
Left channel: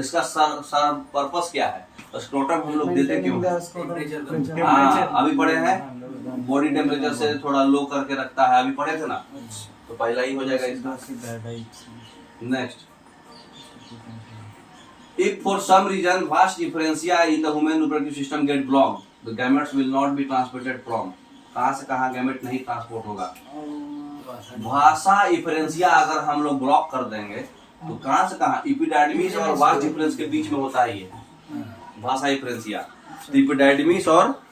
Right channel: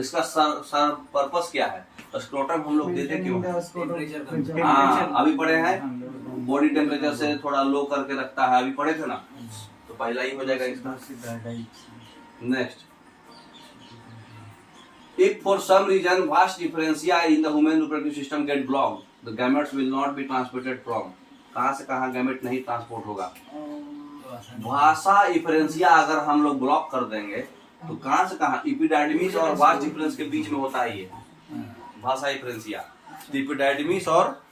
इसका सर पर्पस क्या है, स्क्रोटम हम लोग देते क्यों, हाँ अभी पढ़े हैं, बॉडी टेम्परेचर से थोड़ा लो करके रखता है, अभी पढ़े थे ना, तो पहला ही हो जाएगा इसका। Next, if for some reason vast differentia in the human reproductive system get blocked, the gametes will not be transmitted from। कहाँ से कहाँ गैमेट नहीं ट्रांसपोर्ट होगा, भाषा डिफरेंशिया अगर हम लोग ब्लॉक कर देंगे तो कहाँ से कहाँ, इपिडाइडमिस और वास डिफरेंस के बीच में होता है ये भाषा डिफरेंशिया। तो इपिडाइडमिस और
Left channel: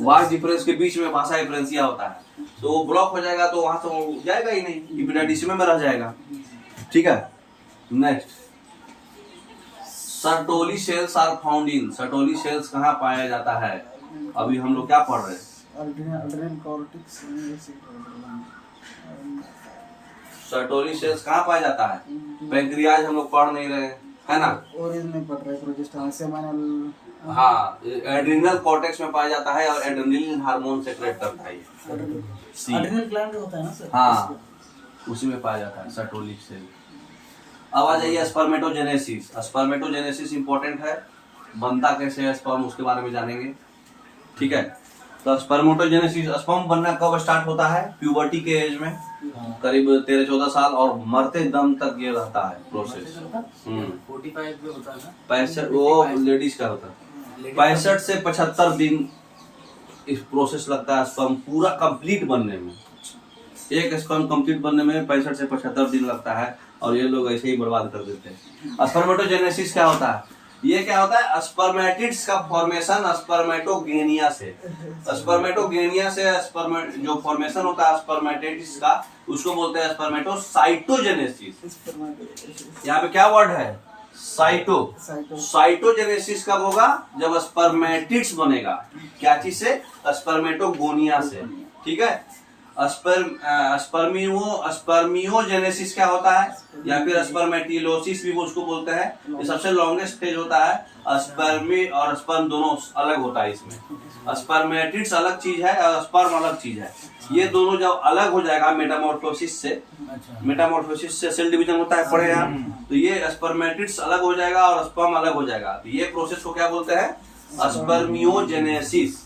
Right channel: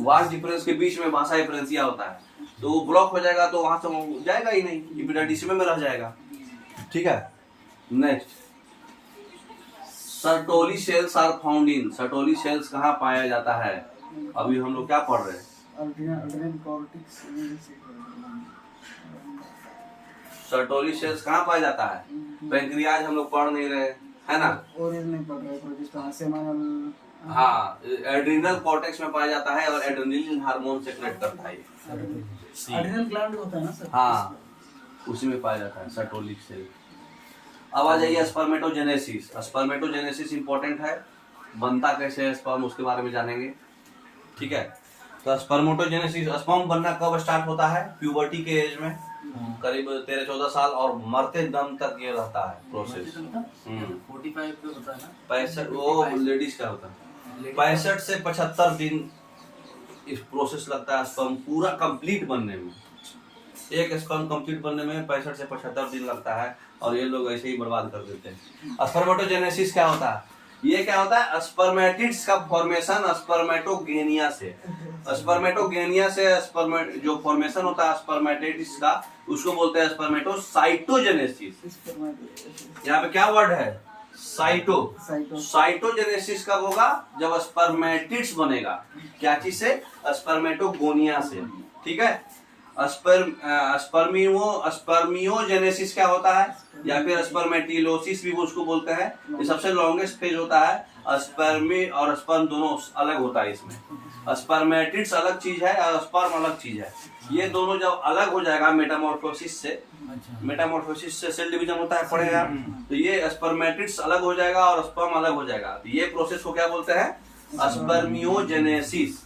वास डिफरेंस के बीच में भाषा डिफरेंशिया होता है, तो वो ब्लॉक हो जाएगा, तो वहां से जाएगा ही नहीं, इपिडाइडिस में रह जाएगा, ठीक है। Next, Sertoli cells are found in. Sertoli cells कहाँ पाया जाता है, अभी हम लोग क्या पढ़ रहे हैं, सर्टोली सेल्स कहाँ पाया जाता है, पैंक्रियाज हम लोग पढ़ नहीं रहे, है ना, हाँ, एड्रिनल कॉर्टेक्स में पाया जाता है और एड्रेनलिन हार्मोन सेक्रेट करता है, एड्रिनल ग्लैंड होता है ना सर, हाँ उसी में पाया जाता है सर्टोली सेल। अब आ जाइए स्पर्मेटोजेनेसिस। स्पर्मेटोजेनेसिस इंपॉर्टेंट है, बनता कैसे है स्पर्म उसके बारे में जानेंगे। ठीक है। तो स्पर्मेटोजेनेसिस, स्पर्म बनना कब स्टार्ट होता है? प्यूबर्टी के एज में, करीब 13-14 साल, और मरते दम तक ये रहता है प्रोसेस। 45 में होता है ना? 65, वो लेडीज का होता है। 65 से 75 दिन इस प्रोसेस लगता है स्पर्म पूरा कंप्लीट बनने में। एक स्पर्म कंप्लीट बनने में 65 से 75 दिन लगता है, और ये लोग ऐसे ही बर्बाद कर देते हैं। स्पर्मेटोजेनेसिस क्या होता है? ये क्या होता है? स्पर्मेटिड्स का फॉर्मेशन स्पर्मेटोगेनिया से। स्पर्मेटोगेनिया से जो फॉर्मेशन होता है स्पर्मेटिड्स का, उसको बोलते हैं स्पर्मेटोसाइटोजेनेसिस। यहाँ पे क्या वर्ड है? साइटो। साइटोजेनेसिस कब होगा? जब स्पर्मेटिड्स बनेगा। क्या चीज से? स्पर्मेटोगोनिया से। ठीक है। स्पर्मियोजेनेसिस क्या होता है, या फिर स्पर्मेटिलोसिस भी वो उसको बोलते हैं। ये सबसे लॉन्गेस्ट फेज होता है। स्पर्मी और स्पर्म दोनों अलग होता है इसमें। स्पर्मेटिड्स अलग चीज है और स्पर्म अलग चीज है। ये दोनों जब अलग हो जाएगा मेटामॉर्फोसिस से, मेटामॉर्फोसिस से सेल डिवीजन होता है, पढ़े आप, तो ये स्पर्मेटिड्स अलग हो जाएगा और स्पर्म अलग हो जाएगा। तो ये प्रोसेस को क्या बोलते हैं? स्पर्मियोजेनेसिस।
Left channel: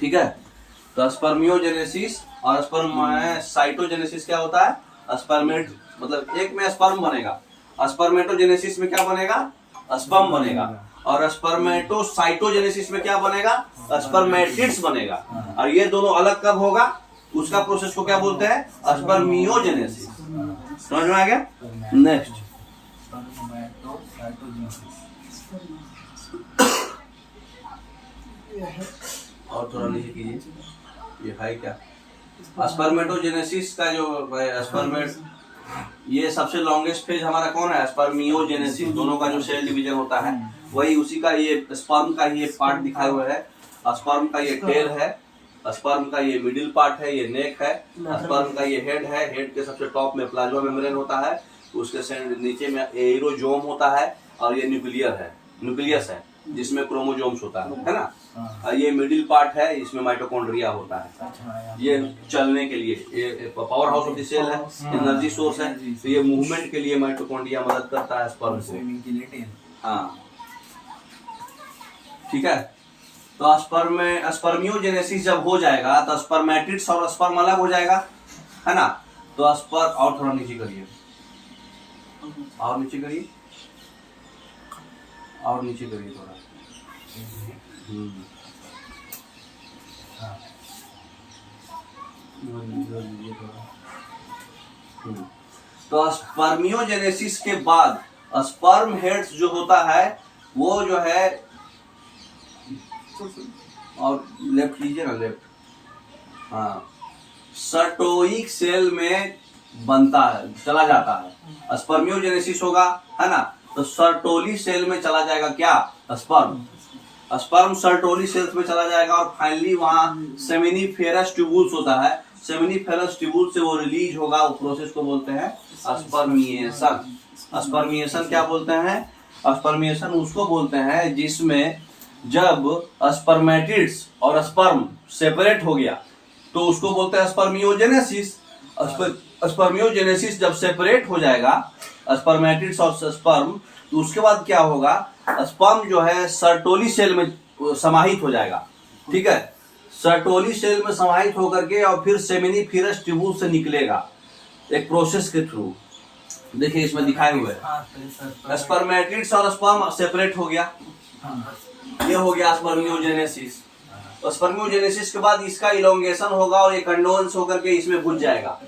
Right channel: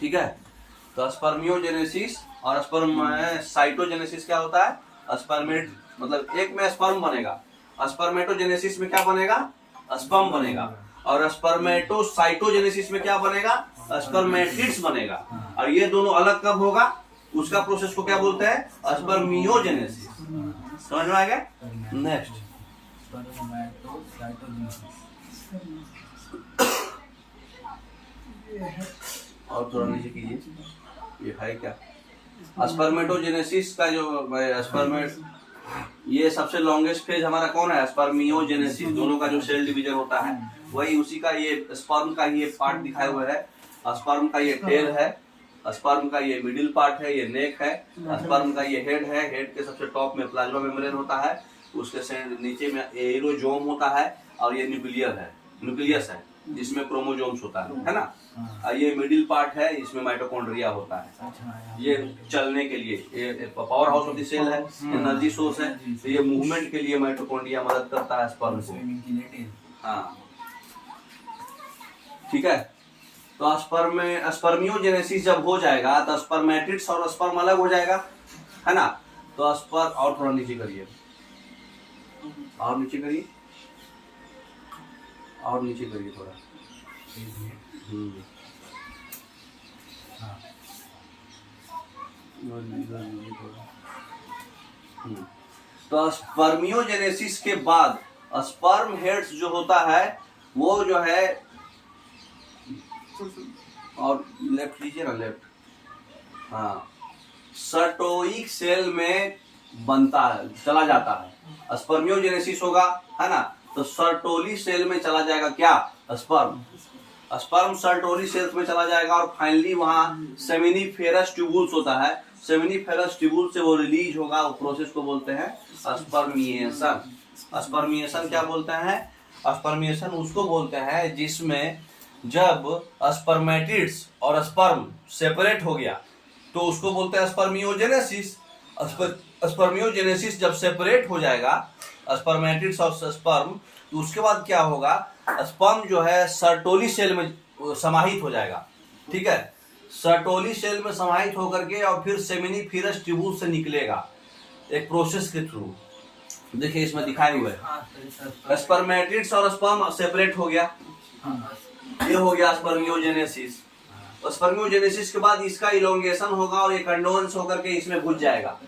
ठीक है। तो स्पर्मियोजेनेसिस और स्पर्मेटोजेनेसिस क्या होता है? स्पर्मेट मतलब एक में स्पर्म बनेगा, स्पर्मेटोजेनेसिस में क्या बनेगा? स्पर्म बनेगा, और स्पर्मेटोसाइटोजेनेसिस में क्या बनेगा? स्पर्मेटिड्स बनेगा। और ये दोनों अलग कब होगा? उसका प्रोसेस को क्या बोलते हैं? स्पर्मियोजेनेसिस। समझ में आ गया? नेक्स्ट, और थोड़ा नीचे कीजिए। ये है क्या? स्पर्मेटोजेनेसिस का जो ये सबसे लॉन्गेस्ट फेज हमारा कौन है? स्पर्मियोजेनेसिस। दोनों का जो सेल डिवीजन होता है वही उसी का, ये स्पर्म का ये पार्ट दिखाए हुए है। स्पर्म का ये टेल है, स्पर्म का ये मिडिल पार्ट है, ये नेक है, स्पर्म का ये हेड है। हेड के सबसे टॉप में प्लाज्मा मेम्ब्रेन होता है, उसके नीचे में एरोजोम होता है, और ये न्यूक्लियस है जिसमें क्रोमोजोम्स होता है ना। ये मिडिल पार्ट है, इसमें माइटोकॉन्ड्रिया होता है। ये चलने के लिए, ये power house of the cell है, एनर्जी सोर्स है। तो ये मूवमेंट के लिए माइटोकॉन्ड्रिया मदद करता है स्पर्म को। हाँ, ठीक है। तो स्पर्मियोजेनेसिस जब हो जाएगा तो स्पर्मेटिड्स और स्पर्म अलग हो जाएगा, है ना। तो स्पर्म, और थोड़ा नीचे करिए, और नीचे करिए, और नीचे करिए थोड़ा। तो स्पर्मियोजेनेसिस के बाद स्पर्म हेड्स जो होता है वो जो है, और लेफ्ट लीजिए ना, लेफ्ट, हाँ, सर्टोइक सेल में बनता है, चला जाता है। स्पर्मियोजेनेसिस होगा, है ना, तो सर्टोली सेल में चला जाएगा क्या? स्पर्म सर्टोली सेल्स में चला जाएगा, और फाइनली वहां सेमिनिफेरस ट्यूबुल्स होता है। सेमिनिफेरस ट्यूबुल से वो रिलीज होगा। वो प्रोसेस को बोलते हैं स्पर्मिएशन। स्पर्मिएशन क्या बोलते हैं? स्पर्मिएशन उसको बोलते हैं जिसमें जब स्पर्मेटिड्स और स्पर्म सेपरेट हो गया तो उसको बोलते हैं स्पर्मियोजेनेसिस। स्पर्मियोजेनेसिस जब सेपरेट हो जाएगा स्पर्मेटिड्स और स्पर्म, तो उसके बाद क्या होगा? स्पर्म जो है सर्टोली सेल में समाहित हो जाएगा। ठीक है, सर्टोली सेल में समाहित होकर के और फिर सेमिनिफेरस ट्यूबुल से निकलेगा एक प्रोसेस के थ्रू। देखिए इसमें दिखाए हुए है, स्पर्मेटिड्स और स्पर्म सेपरेट हो गया, ये हो गया स्पर्मियोजेनेसिस। और स्पर्मियोजेनेसिस के बाद इसका इलोंगेशन होगा और ये कंडोन्स होकर के इसमें घुस जाएगा।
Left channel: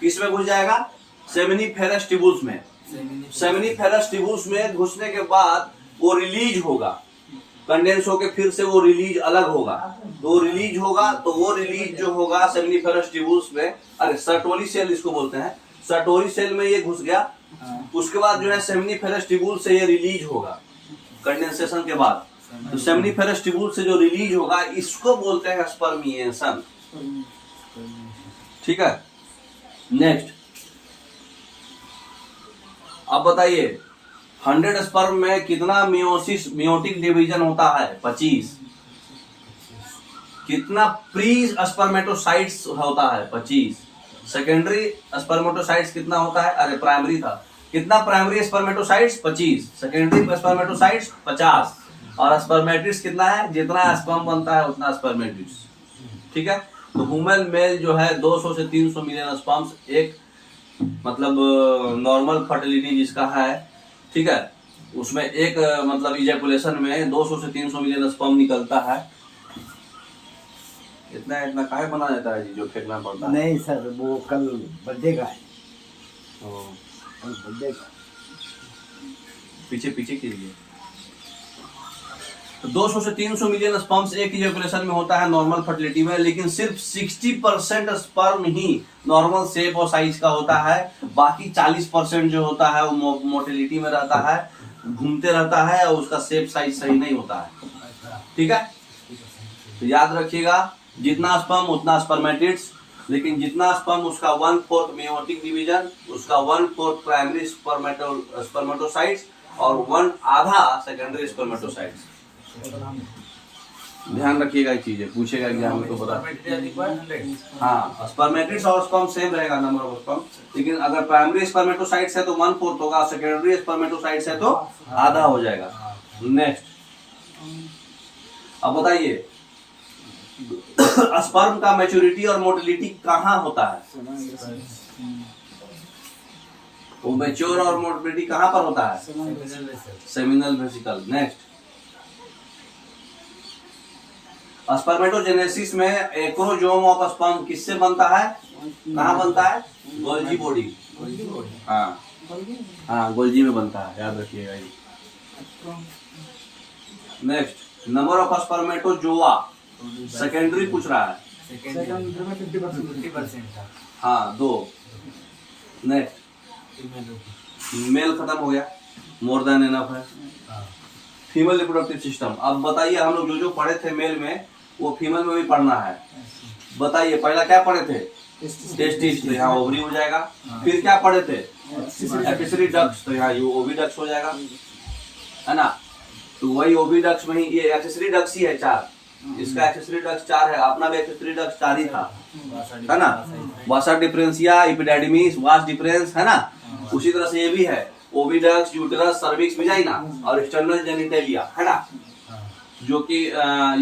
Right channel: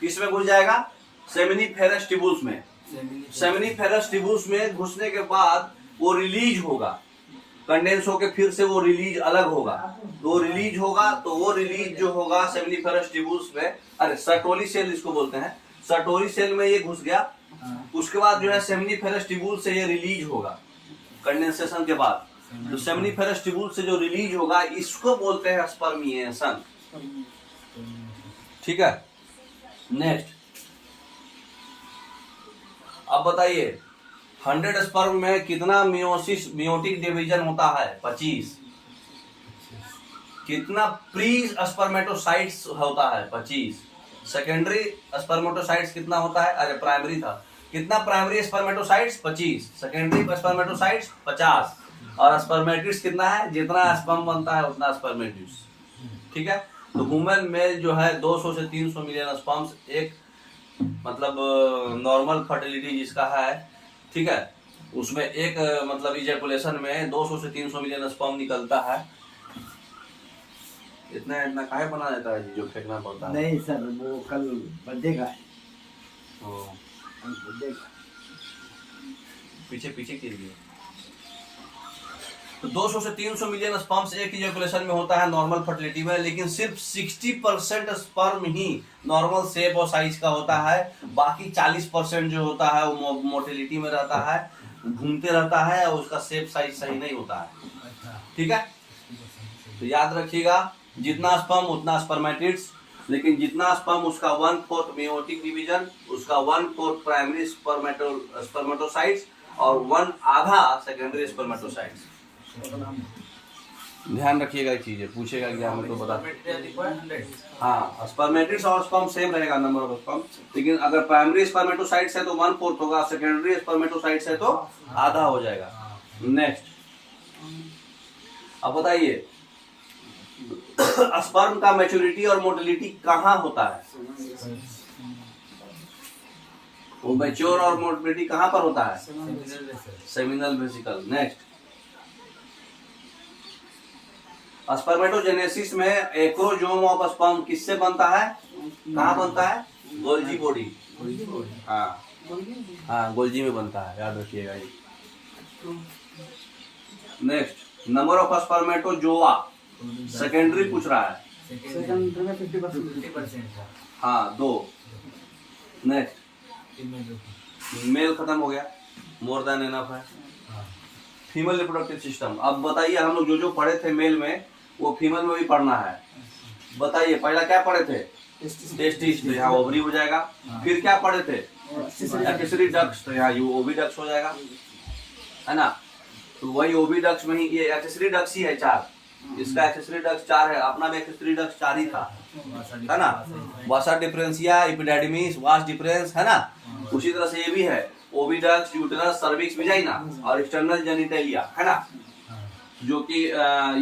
किसमें घुस जाएगा? सेमिनिफेरस ट्यूबुल्स में। सेमिनिफेरस ट्यूबुल्स में घुसने के बाद वो रिलीज होगा, कंडेंस होकर फिर से वो रिलीज अलग होगा। तो वो रिलीज होगा, तो वो रिलीज जो होगा सेमिनिफेरस ट्यूबुल्स में, अरे सर्टोली सेल इसको बोलते हैं, सर्टोली सेल में ये घुस गया। उसके बाद जो है सेमिनिफेरस ट्यूबुल से ये रिलीज होगा कंडेंसेशन के बाद। तो सेमिनिफेरस ट्यूबुल से जो रिलीज होगा इसको बोलते हैं स्पर्मिएशन। ठीक है, नेक्स्ट, अब बताइए 100 स्पर्म में कितना मियोटिक डिवीजन होता है? 25। कितना प्री स्पर्मेटोसाइट्स होता है? 25। सेकेंडरी स्पर्मेटोसाइट्स कितना होता है? अरे प्राइमरी था, कितना प्राइमरी स्पर्मेटोसाइट्स? 25। Secondary spermatocytes 50। और स्पर्मेटिड्स कितना है, जितना स्पर्म बनता है उतना स्पर्मेटिड्स, ठीक है। तो ह्यूमन मेल जो है 200 से 300 मिलियन स्पर्म्स एक मतलब नॉर्मल फर्टिलिटी जिसका है, ठीक है, उसमें एक मतलब इजैकुलेशन में 200 से 300 मिलियन स्पर्म निकलता है। इतना इतना काहे बना जाता है जी, जो फेंकना पड़ता है? नहीं सर, वो कल बर्थडे का है, ओ, कल बर्थडे का। पीछे पीछे कीजिए। तो 200 से 300 मिलियन स्पर्म्स एक इजैकुलेशन में होता है नॉर्मल फर्टिलिटी में, लेकिन सिर्फ 60% स्पर्म ही नॉर्मल शेप और साइज का होता है। बाकी 40% जो होता है वो मोटिलिटी में रहता है, घूमते रहता है और उसका शेप साइज सही नहीं होता है, ठीक है। तो याद रखिएगा, जितना स्पर्म उतना स्पर्मेटिड्स, लेकिन जितना स्पर्म उसका 1/4 मेयोटिक डिवीजन, उसका 1/4 प्राइमरी स्पर्मेटोसाइट्स और 1/2 सेकेंडरी स्पर्मेटोसाइट्स। ध्यान रखिएगा एक चीज है, पूछेगा एग्जाम में तो बता। हाँ, स्पर्मेटिड्स और स्पर्म सेम रहेगा नंबर ऑफ स्पर्म, लेकिन अगर प्राइमरी स्पर्मेटोसाइट्स है तो 1/4 होगा, सेकेंडरी स्पर्मेटोसाइट्स है तो आधा हो जाएगा। नेक्स्ट, अब बताइए स्पर्म का मैच्योरिटी और मोटिलिटी कहाँ होता है? वो मैच्योर और मोटिलिटी कहाँ पर होता है? Seminal vesicle. नेक्स्ट, स्पर्मेटोजेनेसिस में एक्रोजोम ऑफ स्पर्म किससे बनता है, कहाँ बनता है? Golgi body. हाँ हाँ, गोल्जी में बनता है, याद रखिएगा ये। Next, number of spermatozoa secondary पूछ रहा है। सेकंडरी में 50% था। हाँ, 2। नेक्स्ट, मेल खत्म हो गया, मोर देन इनफ है। Female reproductive system. अब बताइए, हम लोग जो पढ़े थे मेल में वो फीमेल में भी पढ़ना है। बताइए, पहला क्या पढ़े थे? टेस्टिस, तो यहाँ ओवरी हो जाएगा। फिर क्या पढ़े थे? एक्सेसरी डक्ट्स, तो यहाँ ओविडक्ट्स हो जाएगा, है ना। तो वही ओविडक्ट्स में ही ये एक्सेसरी डक्ट्स ही है 4, इसका एक्सेसरी डक्ट्स 4 है, अपना भी एक्सेसरी डक्ट्स 4 ही था, है ना। वासा डिफरेंशिया, एपिडेर्मिस, वास डिफरेंस, है ना। उसी तरह से ये भी है, ओविडक्ट्स, यूटेरस, सर्विक्स, विजाइना और एक्सटर्नल जेनिटेलिया, है ना। जो कि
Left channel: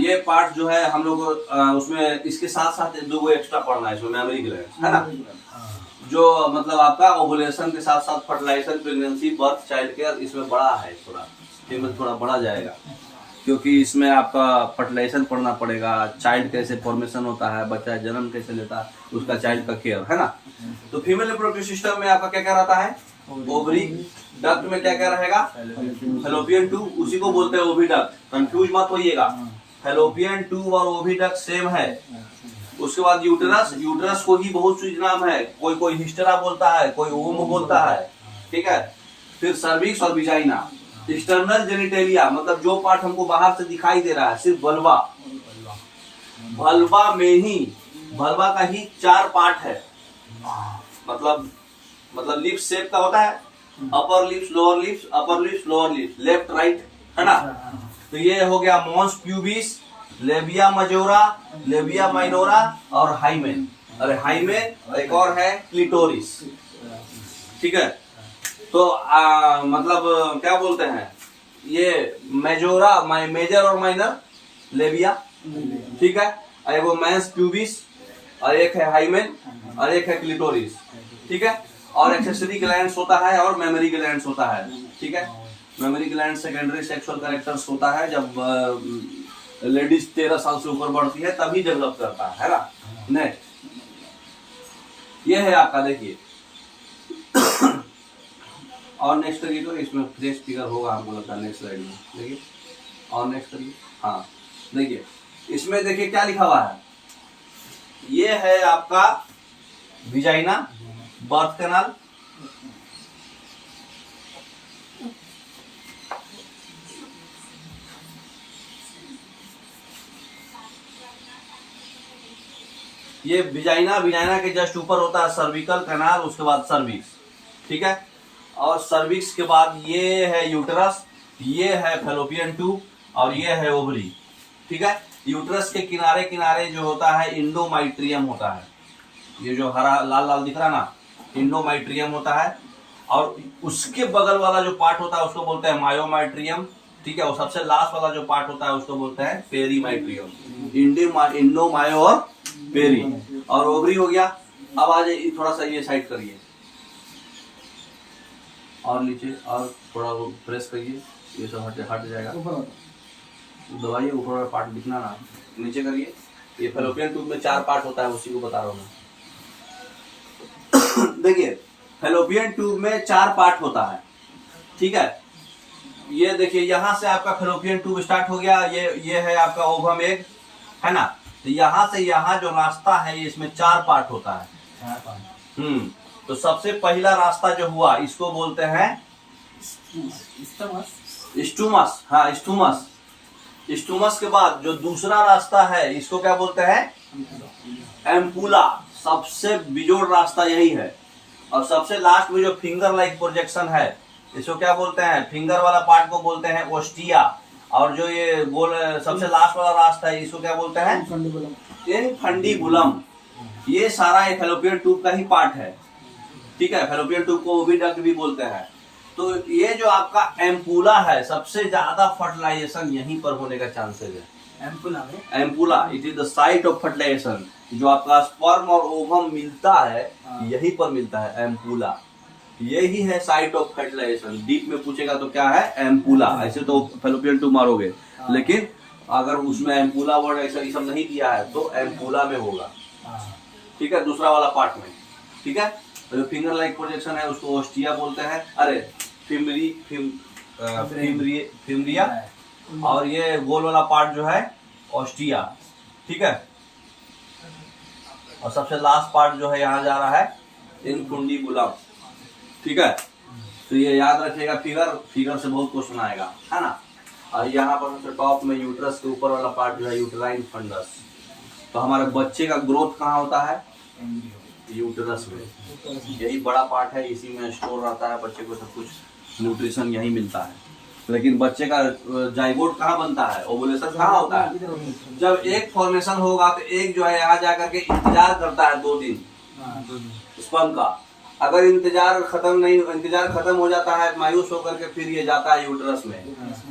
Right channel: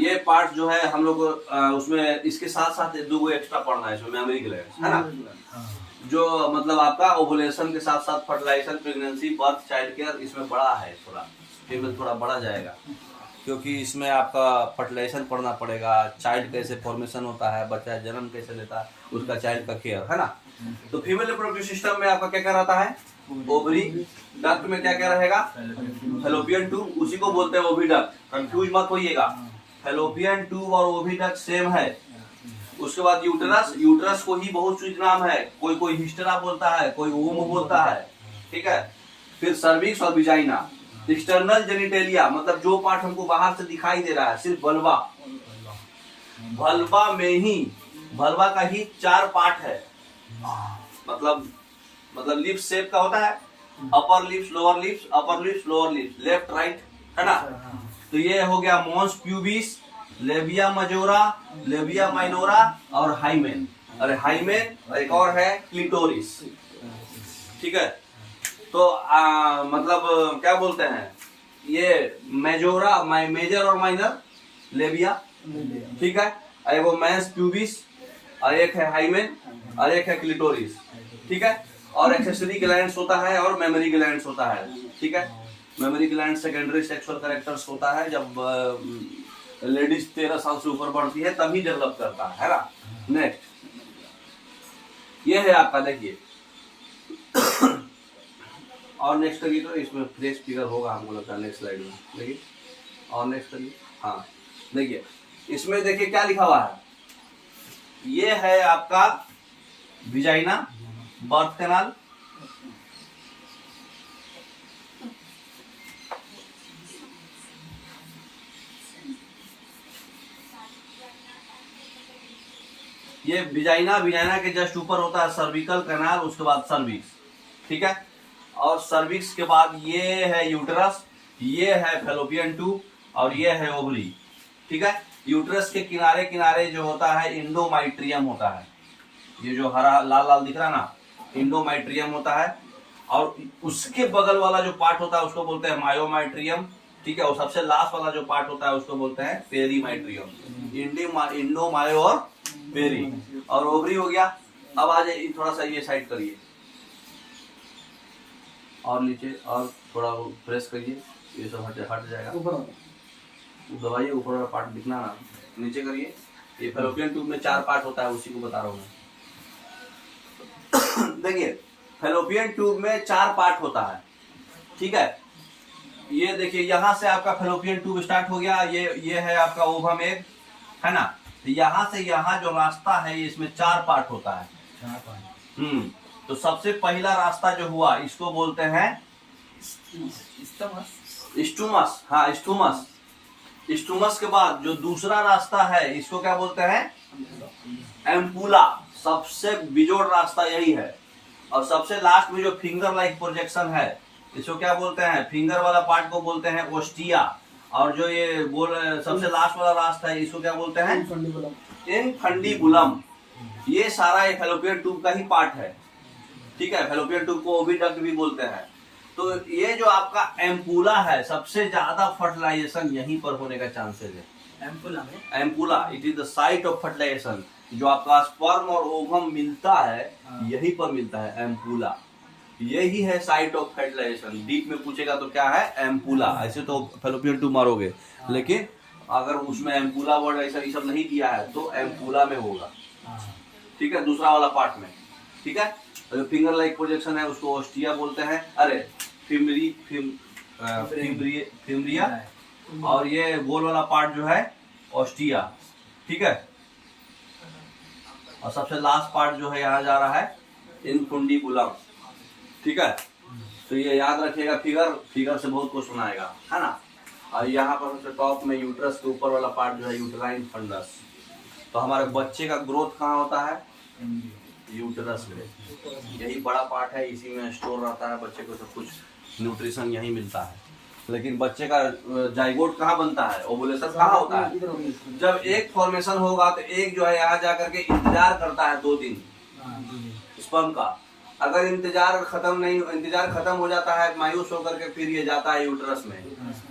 ये पार्ट जो है हम लोग उसमें इसके साथ साथ 2 एक्स्ट्रा पढ़ना है, इसमें मेमोरी ग्लैंड्स, है ना, जो मतलब आपका ओवुलेशन के साथ साथ fertilization, pregnancy, birth, child care, इसमें बड़ा है, थोड़ा टेबल थोड़ा बड़ा जाएगा, क्योंकि इसमें आपका फर्टिलाइजेशन पढ़ना पड़ेगा, चाइल्ड कैसे फॉर्मेशन होता है, बच्चा जन्म कैसे लेता है, उसका चाइल्ड का केयर, है ना। तो फीमेल रिप्रोडक्टिव सिस्टम में आपका क्या क्या रहता है? ओवरी। डक्ट में क्या क्या रहेगा? फैलोपियन ट्यूब, उसी को बोलते हैं ओविडक्ट, कंफ्यूज मत होइएगा। फैलोपियन ट्यूब और ओविडक्ट सेम है। उसके बाद यूटेरस, यूटेरस को ही बहुत सी नाम है, कोई कोई हिस्टेरा बोलता है, कोई ओम बोलता है, ठीक है। फिर सर्विक्स और विजाइना। एक्सटर्नल जेनिटेलिया मतलब जो पार्ट हमको बाहर से दिखाई दे रहा है, सिर्फ वल्वा, वल्वा में ही, वल्वा का ही 4 पार्ट है, मतलब लिप्स शेप का होता है, upper lips, lower lips, upper lips, lower lips, left right, है ना। तो ये हो गया mons pubis, labia majora, labia minora और हाइमेन। अरे हाइमेन, एक और है क्लिटोरिस, ठीक है। तो मतलब क्या बोलते हैं, ये मेजोरा, मेजर और माइनर लेबिया, ठीक है। एक वो मेंस प्यूबिस और एक है हाइमेन और एक है क्लिटोरिस, ठीक है। और एक्सेसरी ग्लैंड्स होता है और मेमोरी ग्लैंड्स होता है, ठीक है। Memory gland secondary sexual characters होता है, जब लेडीज 13 साल से ऊपर बढ़ती है तभी डेवलप करता है ना। नेक्स्ट, ये है आपका, देखिए और नेक्स्ट करिए, तो इसमें फ्रेश फिगर होगा हमको लगता है नेक्स्ट स्लाइड में, देखिए और नेक्स्ट करिए। हाँ देखिए, इसमें देखिए क्या लिखा हुआ है, ये है आपका विजाइना, बर्थ कैनाल, ये विजाइना, विजाइना के जस्ट ऊपर होता है सर्विकल कैनाल, उसके बाद सर्विक्स, ठीक है। और सर्विक्स के बाद ये है यूटेरस, ये है फैलोपियन ट्यूब और ये है ओवरी, ठीक है। यूटेरस के किनारे किनारे जो होता है इंडोमाइट्रियम होता है, ये जो हरा लाल लाल दिख रहा ना, इंडोमाइट्रियम होता है। और उसके बगल वाला जो पार्ट होता है उसको बोलते हैं मायोमाइट्रियम, ठीक है, वो सबसे लास्ट वाला जो पार्ट होता है उसको बोलते हैं पेरीमाइट्रियम। इंडोमायो और पेरी, और ओवरी हो गया। अब आ जाइए, थोड़ा सा ये साइड करिए और नीचे, और थोड़ा वो प्रेस करिए, ये सब हट जाएगा। दबाइए, ऊपर वाला पार्ट दिखना ना, नीचे करिए। ये फैलोपियन ट्यूब में 4 पार्ट होता है, उसी को बता रहा हूँ मैं। देखिए, फैलोपियन ट्यूब में 4 पार्ट होता है, ठीक है। ये देखिए, यहाँ से आपका फैलोपियन ट्यूब स्टार्ट हो गया, ये है आपका ओवम एग, है ना। तो यहाँ से यहाँ जो रास्ता है, ये इसमें 4 पार्ट होता है। तो सबसे पहला रास्ता जो हुआ, इसको बोलते हैं स्टूमस। हाँ, स्टूमस। स्टूमस के बाद जो दूसरा रास्ता है, इसको क्या बोलते हैं? एम्पुला। सबसे बिजोड़ रास्ता यही है। और सबसे लास्ट में जो फिंगर लाइक प्रोजेक्शन है, इसको क्या बोलते हैं? फिंगर वाला पार्ट को बोलते हैं ओस्टिया। और जो ये सबसे लास्ट वाला रास्ता है, इसको क्या बोलते हैं? इनफंडिबुलम। ये सारा एक फैलोपियन ट्यूब का ही पार्ट है, ठीक है। फैलोपियन ट्यूब को ओविडक्ट भी बोलते हैं। तो ये जो आपका एम्पुला है, सबसे ज्यादा फर्टिलाइजेशन यहीं पर होने का चांसेस है। Ampulla, it is the site of fertilization. जो आपका स्पर्म और ओवम मिलता है, यहीं पर मिलता है एम्पुला। यही है साइट ऑफ फर्टिलाइजेशन। डीप में पूछेगा तो क्या है? एम्पुला। ऐसे तो फैलोपियन ट्यूब मारोगे, लेकिन अगर उसमें एम्पुला वर्ड ऐसा ये सब नहीं दिया है तो एम्पुला में होगा, ठीक है, दूसरा वाला पार्ट में, ठीक है। जो फिंगर लाइक प्रोजेक्शन है उसको ओस्टिया बोलते हैं, अरे फिमरिया। और ये गोल वाला पार्ट जो है ओस्टिया, ठीक है। और सबसे लास्ट पार्ट जो है यहाँ जा रहा है इनफुंडिबुलम, ठीक है। तो ये याद रखिएगा, फिगर से बहुत कुछ सुनाएगा, है ना। और यहाँ पर सबसे टॉप में यूट्रस के ऊपर वाला पार्ट जो है यूट्राइन फंडस। तो हमारे बच्चे का ग्रोथ कहाँ होता है? यूट्रस में। यही बड़ा पार्ट है, इसी में स्टोर रहता है, बच्चे को सब कुछ न्यूट्रिशन यही मिलता है। लेकिन बच्चे का जाइगोट कहाँ बनता है? ओवुलेशन कहाँ होता है? जब एक फॉर्मेशन होगा तो एक जो है यहाँ जाकर के इंतजार करता है 2 दिन स्पर्म का। अगर इंतजार खत्म हो जाता है, मायूस होकर के फिर ये जाता है यूट्रस में।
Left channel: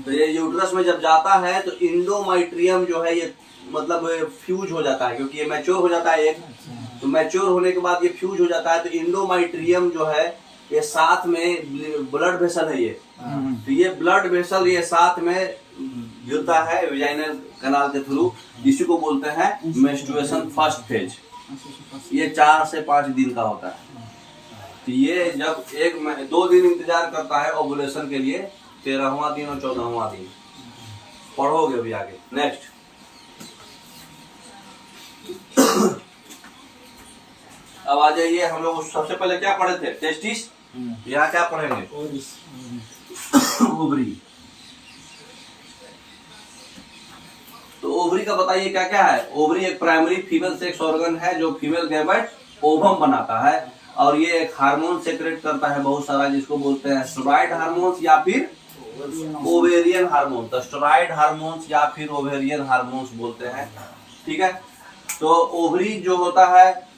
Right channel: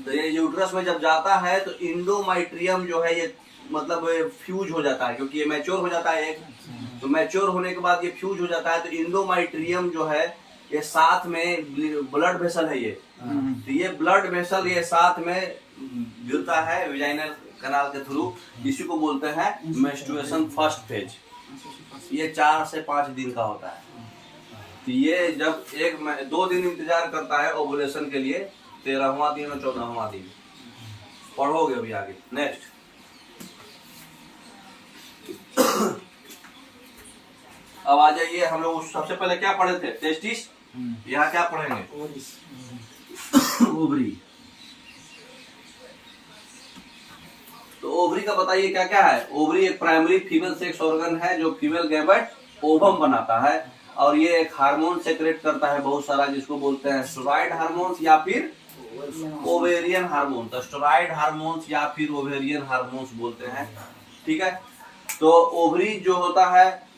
तो ये यूट्रस में जब जाता है तो इंडोमाइट्रियम जो है ये मतलब फ्यूज हो जाता है, क्योंकि ये मैच्योर हो जाता है एक। तो मैच्योर होने के बाद ये फ्यूज हो जाता है, तो इंडोमाइट्रियम जो है ये साथ में ब्लड वेसल है ये। तो ये ब्लड वेसल ये साथ में गिरता है वेजाइनल कैनाल के थ्रू। इसी को बोलते हैं मेंस्ट्रुएशन फर्स्ट फेज। ये 4 से 5 दिन का होता है। तो ये जब 2 दिन इंतजार करता है ओवुलेशन के लिए, 13वां दिन और 14वां दिन। पढ़ोगे अभी आगे। नेक्स्ट अब आ जाइए, हम लोग सबसे पहले क्या पढ़े थे? टेस्टिस। यहाँ क्या पढ़ेंगे? ओवरी। तो ओवरी का बताइए क्या क्या है? ओवरी एक प्राइमरी फीमेल सेक्स ऑर्गन है जो फीमेल गैमेट ओवम बनाता है, और ये एक हार्मोन सेक्रेट करता है बहुत सारा, जिसको बोलते हैं स्टेरॉइड हार्मोन्स या फिर ओवेरियन हार्मोन। तो स्टेरॉइड हार्मोन्स या फिर ओवेरियन हार्मोन्स बोलते हैं, ठीक है। तो ओवरी जो होता है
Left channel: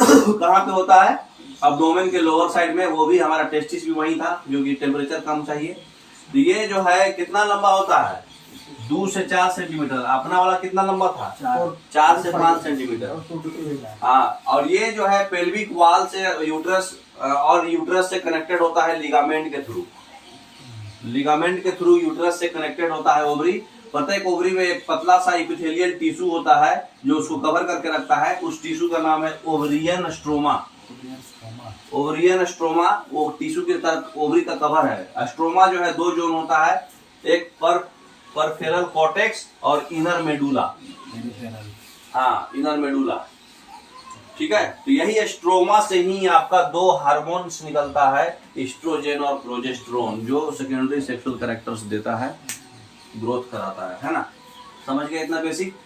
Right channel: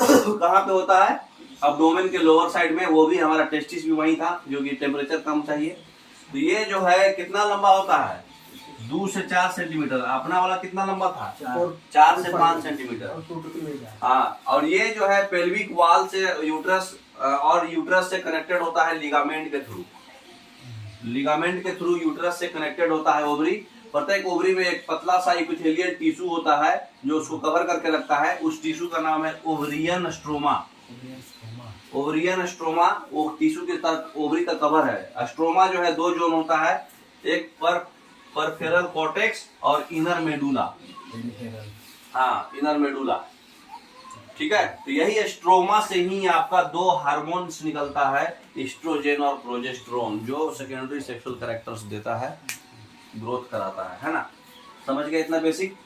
कहाँ पे होता है? अब्डोमेन के लोअर साइड में। वो भी हमारा टेस्टिस भी वही था, जो कि टेम्परेचर कम चाहिए। तो ये जो है कितना लंबा होता है? 2 से 4 सेंटीमीटर। अपना वाला कितना लंबा था? 4 से 5 सेंटीमीटर। हाँ, और ये जो है पेल्विक वॉल से यूट्रस और यूट्रस से कनेक्टेड होता है लिगामेंट के थ्रू। लिगामेंट के थ्रू यूट्रस से कनेक्टेड होता है ओवरी। प्रत्येक ओवरी में एक पतला सा इपिथेलियल टिश्यू होता है जो उसको कवर करके रखता है। उस टिश्यू का नाम है ओवरियन स्ट्रोमा। ओवरियन स्ट्रोमा वो टिश्यू के साथ ओवरी का कवर है। स्ट्रोमा जो है 2 जोन होता है, एक परफेरल कॉर्टेक्स और इनर मेडुला। हाँ, इनर मेडुला, ठीक है। तो यही स्ट्रोमा से ही आपका 2 हार्मोन्स निकलता है, एस्ट्रोजन और प्रोजेस्टेरोन, जो सेकेंडरी सेक्सुअल कैरेक्टर्स देता है, ग्रोथ कराता है ना। समझ गए इतना बेसिक?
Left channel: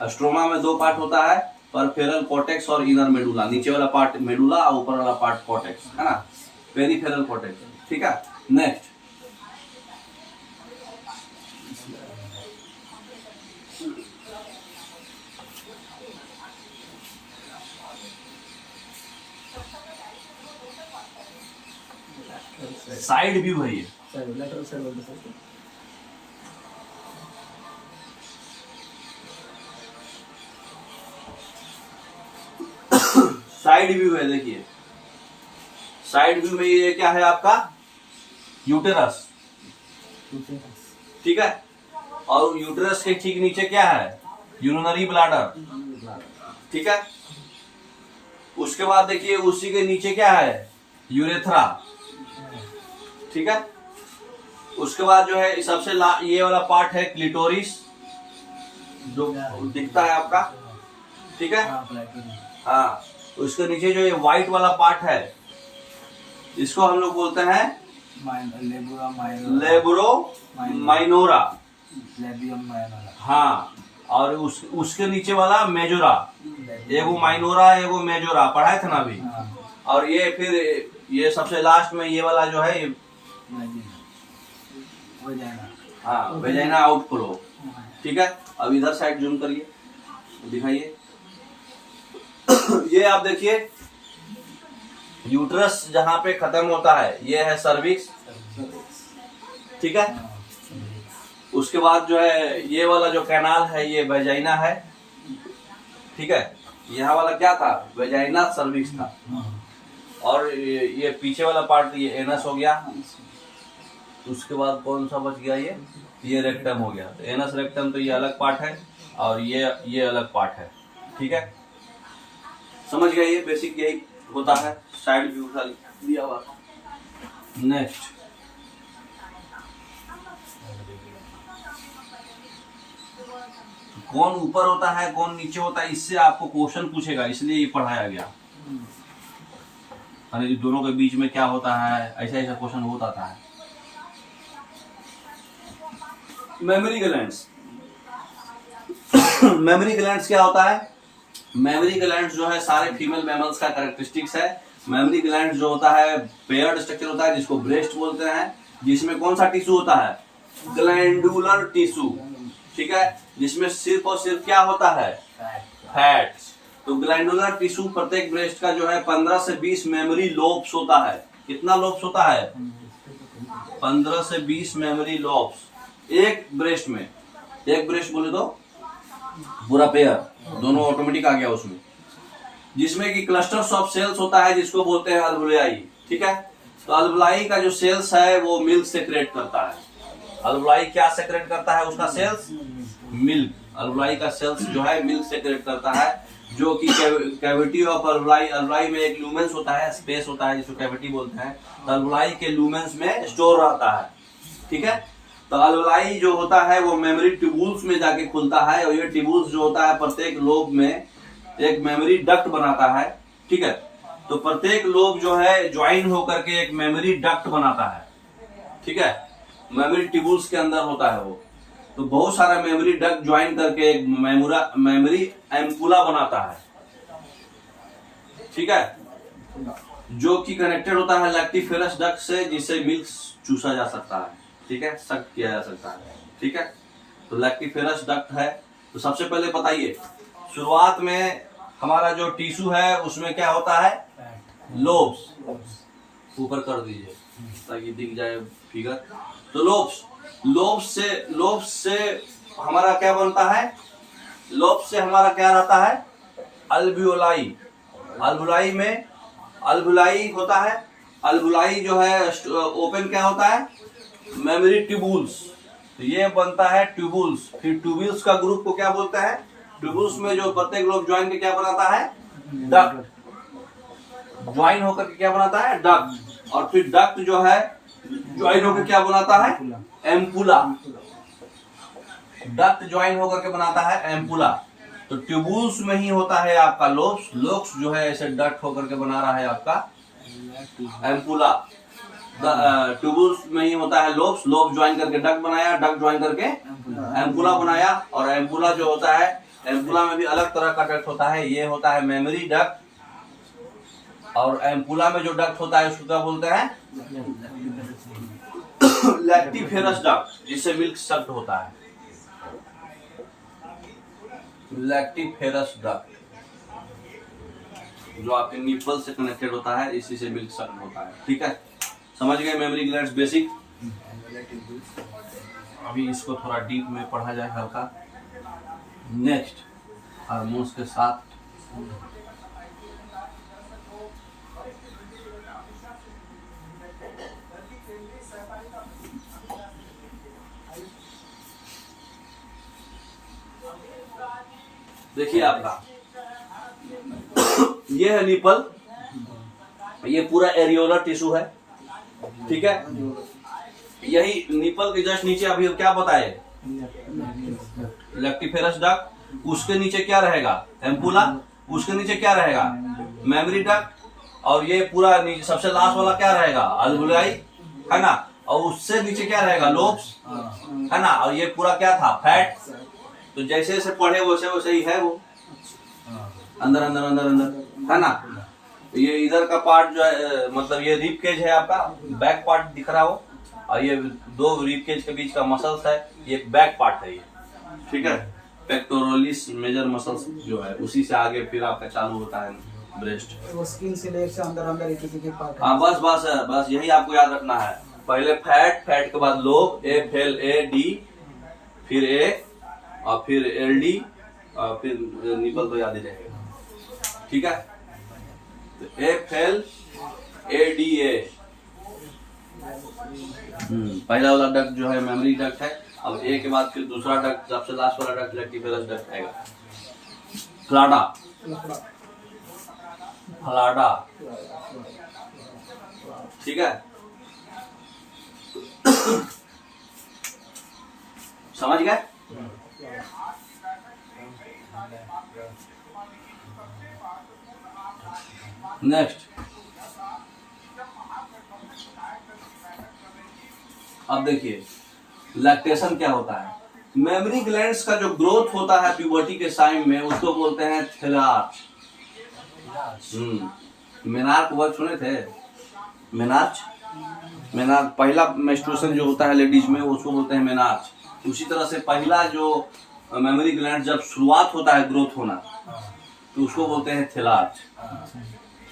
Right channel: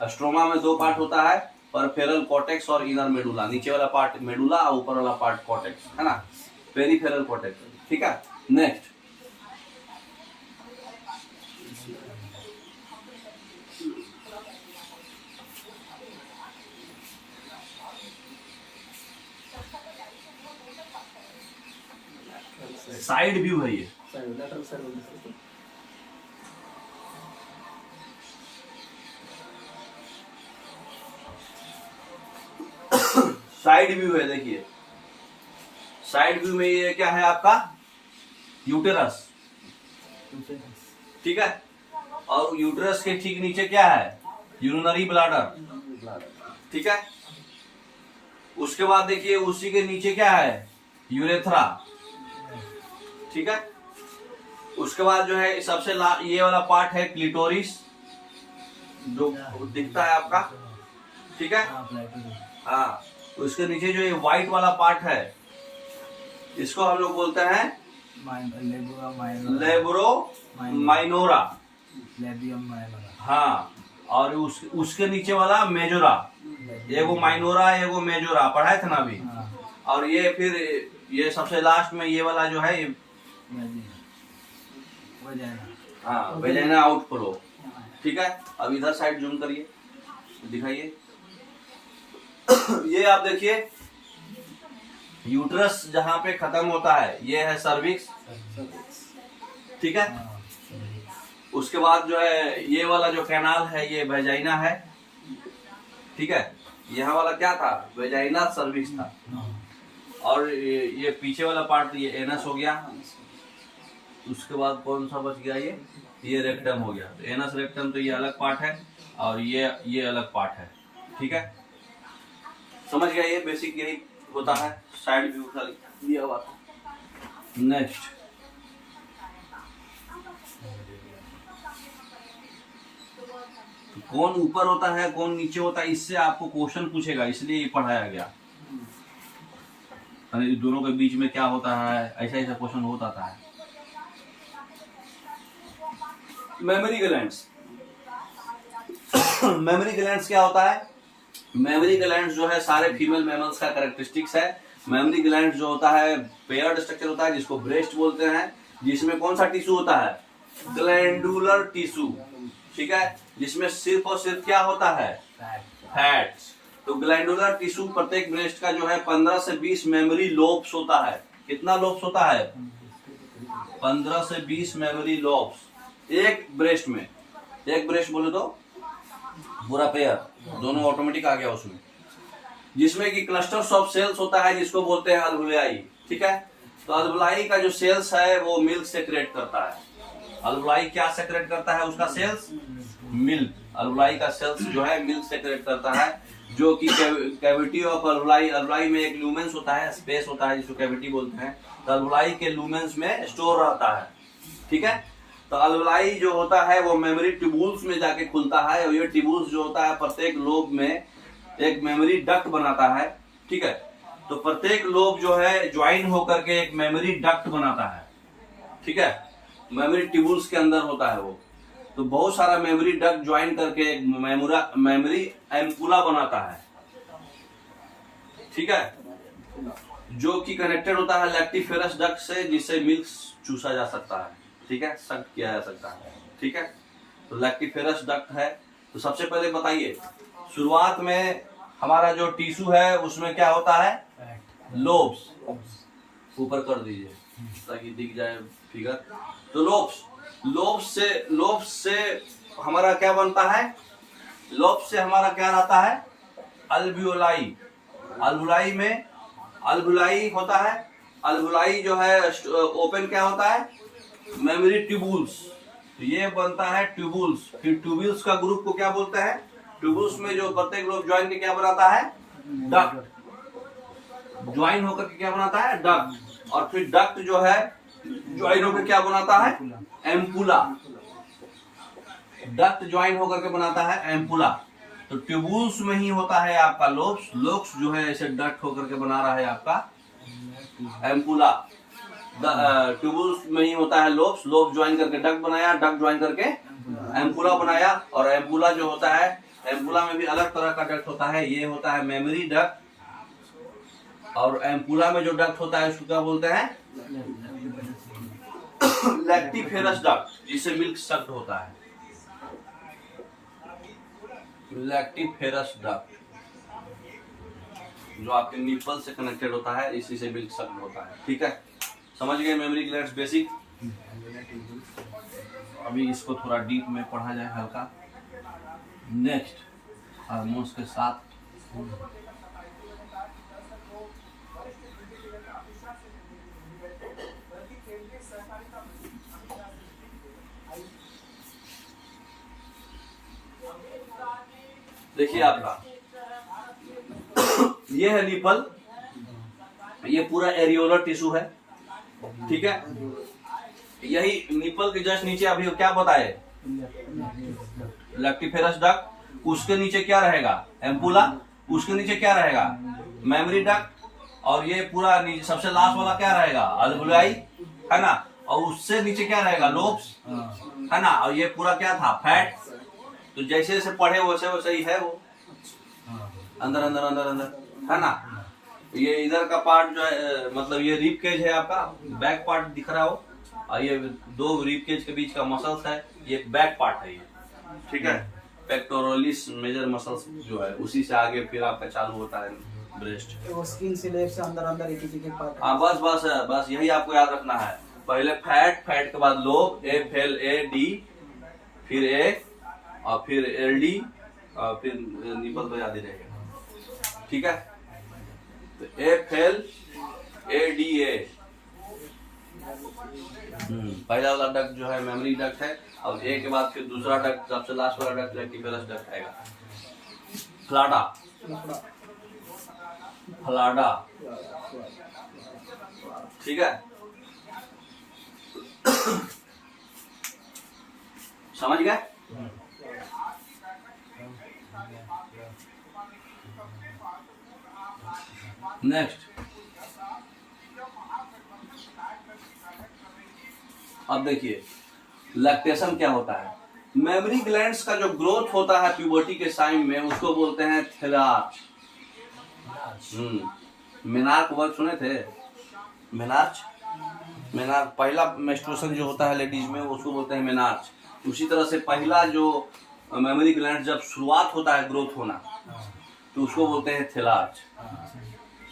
स्ट्रोमा में 2 पार्ट होता है, परफेरल कॉर्टेक्स और इनर मेडुला। नीचे वाला पार्ट मेडुला और ऊपर वाला पार्ट कॉर्टेक्स, है ना, पेरिफेरल कॉर्टेक्स, ठीक है। नेक्स्ट साइड व्यू है ये। साइड व्यू है, देखिए साइड व्यू में ये क्या है आपका यूटेरस, ठीक है। और यूटेरस के ठीक नीचे क्या है यूरिनरी ब्लैडर, ठीक है। उसके बाद देखिए उसी के नीचे क्या है यूरेथ्रा, ठीक है। उसके बाद जो है सबसे ये वाला पार्ट है क्लिटोरिस जो दिखता है आपका, ठीक है। हाँ, उसके नीचे जो ये व्हाइट वाला पार्ट है इसको हम लोग बोलते हैं लेब्रो माइनोरा, हाँ। और उसके नीचे वाला मेजोरा, एगो माइनोरा एगो मेजोरा पढ़ाए थे ना अभी। और ये फिर ये सबसे लास्ट में ये वाला जो है हाँ वेजाइना आउटफ्लो, ठीक है। अब इधर साइड जूम करिए, दिखाइए। ये आप देखिए यूट्रस जहां पे खत्म होता है ये है सर्विक्स, ठीक है। उसके बाद जो है ये वाला जो कैनाल है ये वेजाइना है, ठीक है। यहाँ वाला क्या था वेजाइना सर्विक्स था। और ये पीछे वाला पार्ट ये एनस हो गया। उसके बाद कौन सा बच गया ये रेक्टम हो गया। तो एनस रेक्टम तो ये अलग पार्ट है और ये अलग पार्ट है, ठीक है। समझ गया, ये बेसिक यही होता है, साइड व्यू दिया हुआ था। नेक्स्ट कौन ऊपर होता है कौन नीचे होता है इससे आपको क्वेश्चन पूछेगा, इसलिए ये पढ़ाया गया। अरे दोनों के बीच में क्या होता है, ऐसा ऐसा क्वेश्चन होता है। मेमोरी ग्लैंड्स मेमोरी ग्लैंड्स क्या होता है? मेमोरी ग्लैंड्स जो है सारे फीमेल मैमल्स का कैरेक्टरिस्टिक्स है। मेमोरी ग्लैंड्स जो होता है पेयर्ड स्ट्रक्चर होता है जिसको ब्रेस्ट बोलते हैं, जिसमें कौन सा टिश्यू होता है ग्लैंडुलर टिश्यू, ठीक है। जिसमें सिर्फ और सिर्फ क्या होता है फैट्स। तो ग्लैंडुलर टिश्यू प्रत्येक ब्रेस्ट का जो है 15 से 20 मेमोरी लोब्स होता है। कितना लोब्स होता है 15 से 20 मेमोरी लोब्स एक ब्रेस्ट में। एक ब्रेस्ट बोले तो पूरा पेयर दोनों ऑटोमेटिक आ गया उसमें, जिसमें कि क्लस्टर्स ऑफ सेल्स होता है जिसको बोलते हैं अल्वुलाई, ठीक है। तो अल्वुलाई का जो सेल्स है वो मिल्क सेक्रेट करता है। अल्वुलाई क्या सेक्रेट करता है उसका सेल्स मिल्क। अल्वुलाई का सेल्स जो है मिल्क सेक्रेट करता है, जो कि कैविटी ऑफ अल्वुलाई, अल्वुलाई में एक लूमेंस होता है, स्पेस होता है जिसको कैविटी बोलते हैं। तो अल्वुलाई के लूमेंस में स्टोर रहता है, ठीक है। तो अल्वुलाई जो होता है वो मेमोरी ट्यूबुल्स में जाके खुलता है और ये ट्यूबुल्स जो होता है प्रत्येक लोब में एक मेमोरी डक्ट बनाता है, ठीक है। तो प्रत्येक लोब जो है ज्वाइन होकर के एक मेमोरी डक्ट बनाता है, ठीक है। मेमोरी ट्यूबुल्स के अंदर होता है वो। तो बहुत सारा मेमोरी डक्ट ज्वाइन करके एक मेमोरी एम्पुला बनाता है, ठीक है, जो कि कनेक्टेड होता है लैक्टिफेरस डक्ट से, जिससे मिल्क चूसा जा सकता है, ठीक है, सक किया जा सकता है, ठीक है। तो लैक्टिफेरस डक्ट है। तो सबसे पहले बताइए शुरुआत में हमारा जो टिश्यू है उसमें क्या होता है लोब्स। ऊपर कर दीजिए ताकि दिख जाए फिगर। तो लोब्स से हमारा क्या बनता है, लोब्स से हमारा क्या रहता है अल्वियोलाई। अल्वुलाई में अल्वुलाई होता है। अल्वुलाई जो है ओपन क्या होता है मेमोरी ट्यूबुल्स। तो ये बनता है ट्यूबुल्स। फिर ट्यूबुल्स का ग्रुप को क्या बोलता है, ट्यूबुल्स में जो प्रत्येक लोब ज्वाइन के क्या बनाता है डक्ट। ज्वाइन होकर के क्या बनाता है डक्ट। और फिर डक्ट जो है ज्वाइन होकर क्या बनाता है एम्पुला। डक्ट ज्वाइन होकर के बनाता है एम्पुला। तो ट्यूबुल्स में ही होता है आपका लोब्स। लोब्स जो है ऐसे डक्ट होकर के बना रहा है आपका एम्पुला। ट्यूबुल्स में ही होता है लोब्स। लोब ज्वाइन करके डक्ट बनाया, डक्ट ज्वाइन करके एम्पुला बनाया। और एम्पुला जो होता है, एम्पुला में भी अलग तरह का डक्ट होता है। ये होता है मेमोरी डक्ट। और एम्पुला में जो डक्ट होता है उसको क्या बोलते हैं लैक्टिफेरस डक्ट, जिससे मिल्क सक्ड होता है। लैक्टिफेरस डक्ट जो आपके निपल से कनेक्टेड होता है, इसी से मिल्क सक्ड होता है, ठीक है। समझ गए मेमोरी ग्लैंड्स बेसिक। अभी इसको थोड़ा डीप में पढ़ा जाए हल्का। नेक्स्ट हार्मोन्स के साथ देखिए आपका ये है निपल, ये पूरा एरियोलर टिश्यू है, ठीक है। यही निपल के जस्ट नीचे अभी क्या बताए, लेक्टिफेरस डक्ट, उसके नीचे क्या रहेगा, एम्पुला, उसके नीचे क्या रहेगा, मेमोरी डक्ट, और ये पूरा नीचे सबसे लास्ट वाला क्या रहेगा, अल्वुलाई, है ना, और उससे नीचे क्या रहेगा, लोब्स, है ना, और ये पूरा क्या था, फैट। तो जैसे जैसे पढ़े वैसे वैसे ही है वो, अंदर अंदर अंदर अंदर, है ना। ये इधर का पार्ट जो है, मतलब ये रिब केज है आपका, बैक पार्ट दिख रहा हो, और ये दो रिब केज के बीच का मसल्स है, ये बैक पार्ट है ये, ठीक है। पेक्टोरलिस मेजर मसल्स जो है, उसी से आगे फिर आपका चालू होता है ब्रेस्ट। वो स्किन से लेफ्ट से अंदर अंदर एक एक पार्ट। हाँ बस बस बस यही आपको याद रखना है। पहले फैट, फैट के बाद lobe, F L A D, फिर ए, और फिर एल डी, और फिर निपल तो याद ही रहेगा, ठीक है। तो F L A D A, पहला वाला डक्ट जो है मेमोरी डक्ट है। अब ए के बाद फिर दूसरा डक्ट, सबसे लास्ट वाला डक्ट लेक्टिफेरस डक्ट आएगा। फ्लाडा, फ्लाडा, ठीक है। समझ गए? नेक्स्ट, अब देखिए लैक्टेशन क्या होता है। मेमोरी ग्लैंड्स का जो ग्रोथ होता है प्यूबर्टी के टाइम में, उसको बोलते हैं थैलार्च। मेनार्क वर्ड सुने थे, मेनार्च, मेनार्च पहला मेंस्ट्रुएशन जो होता है लेडीज में, उसको बोलते हैं मेनार्च। उसी तरह से पहला जो मेमोरी ग्लैंड जब शुरुआत होता है ग्रोथ होना, तो उसको बोलते हैं थैलार्च,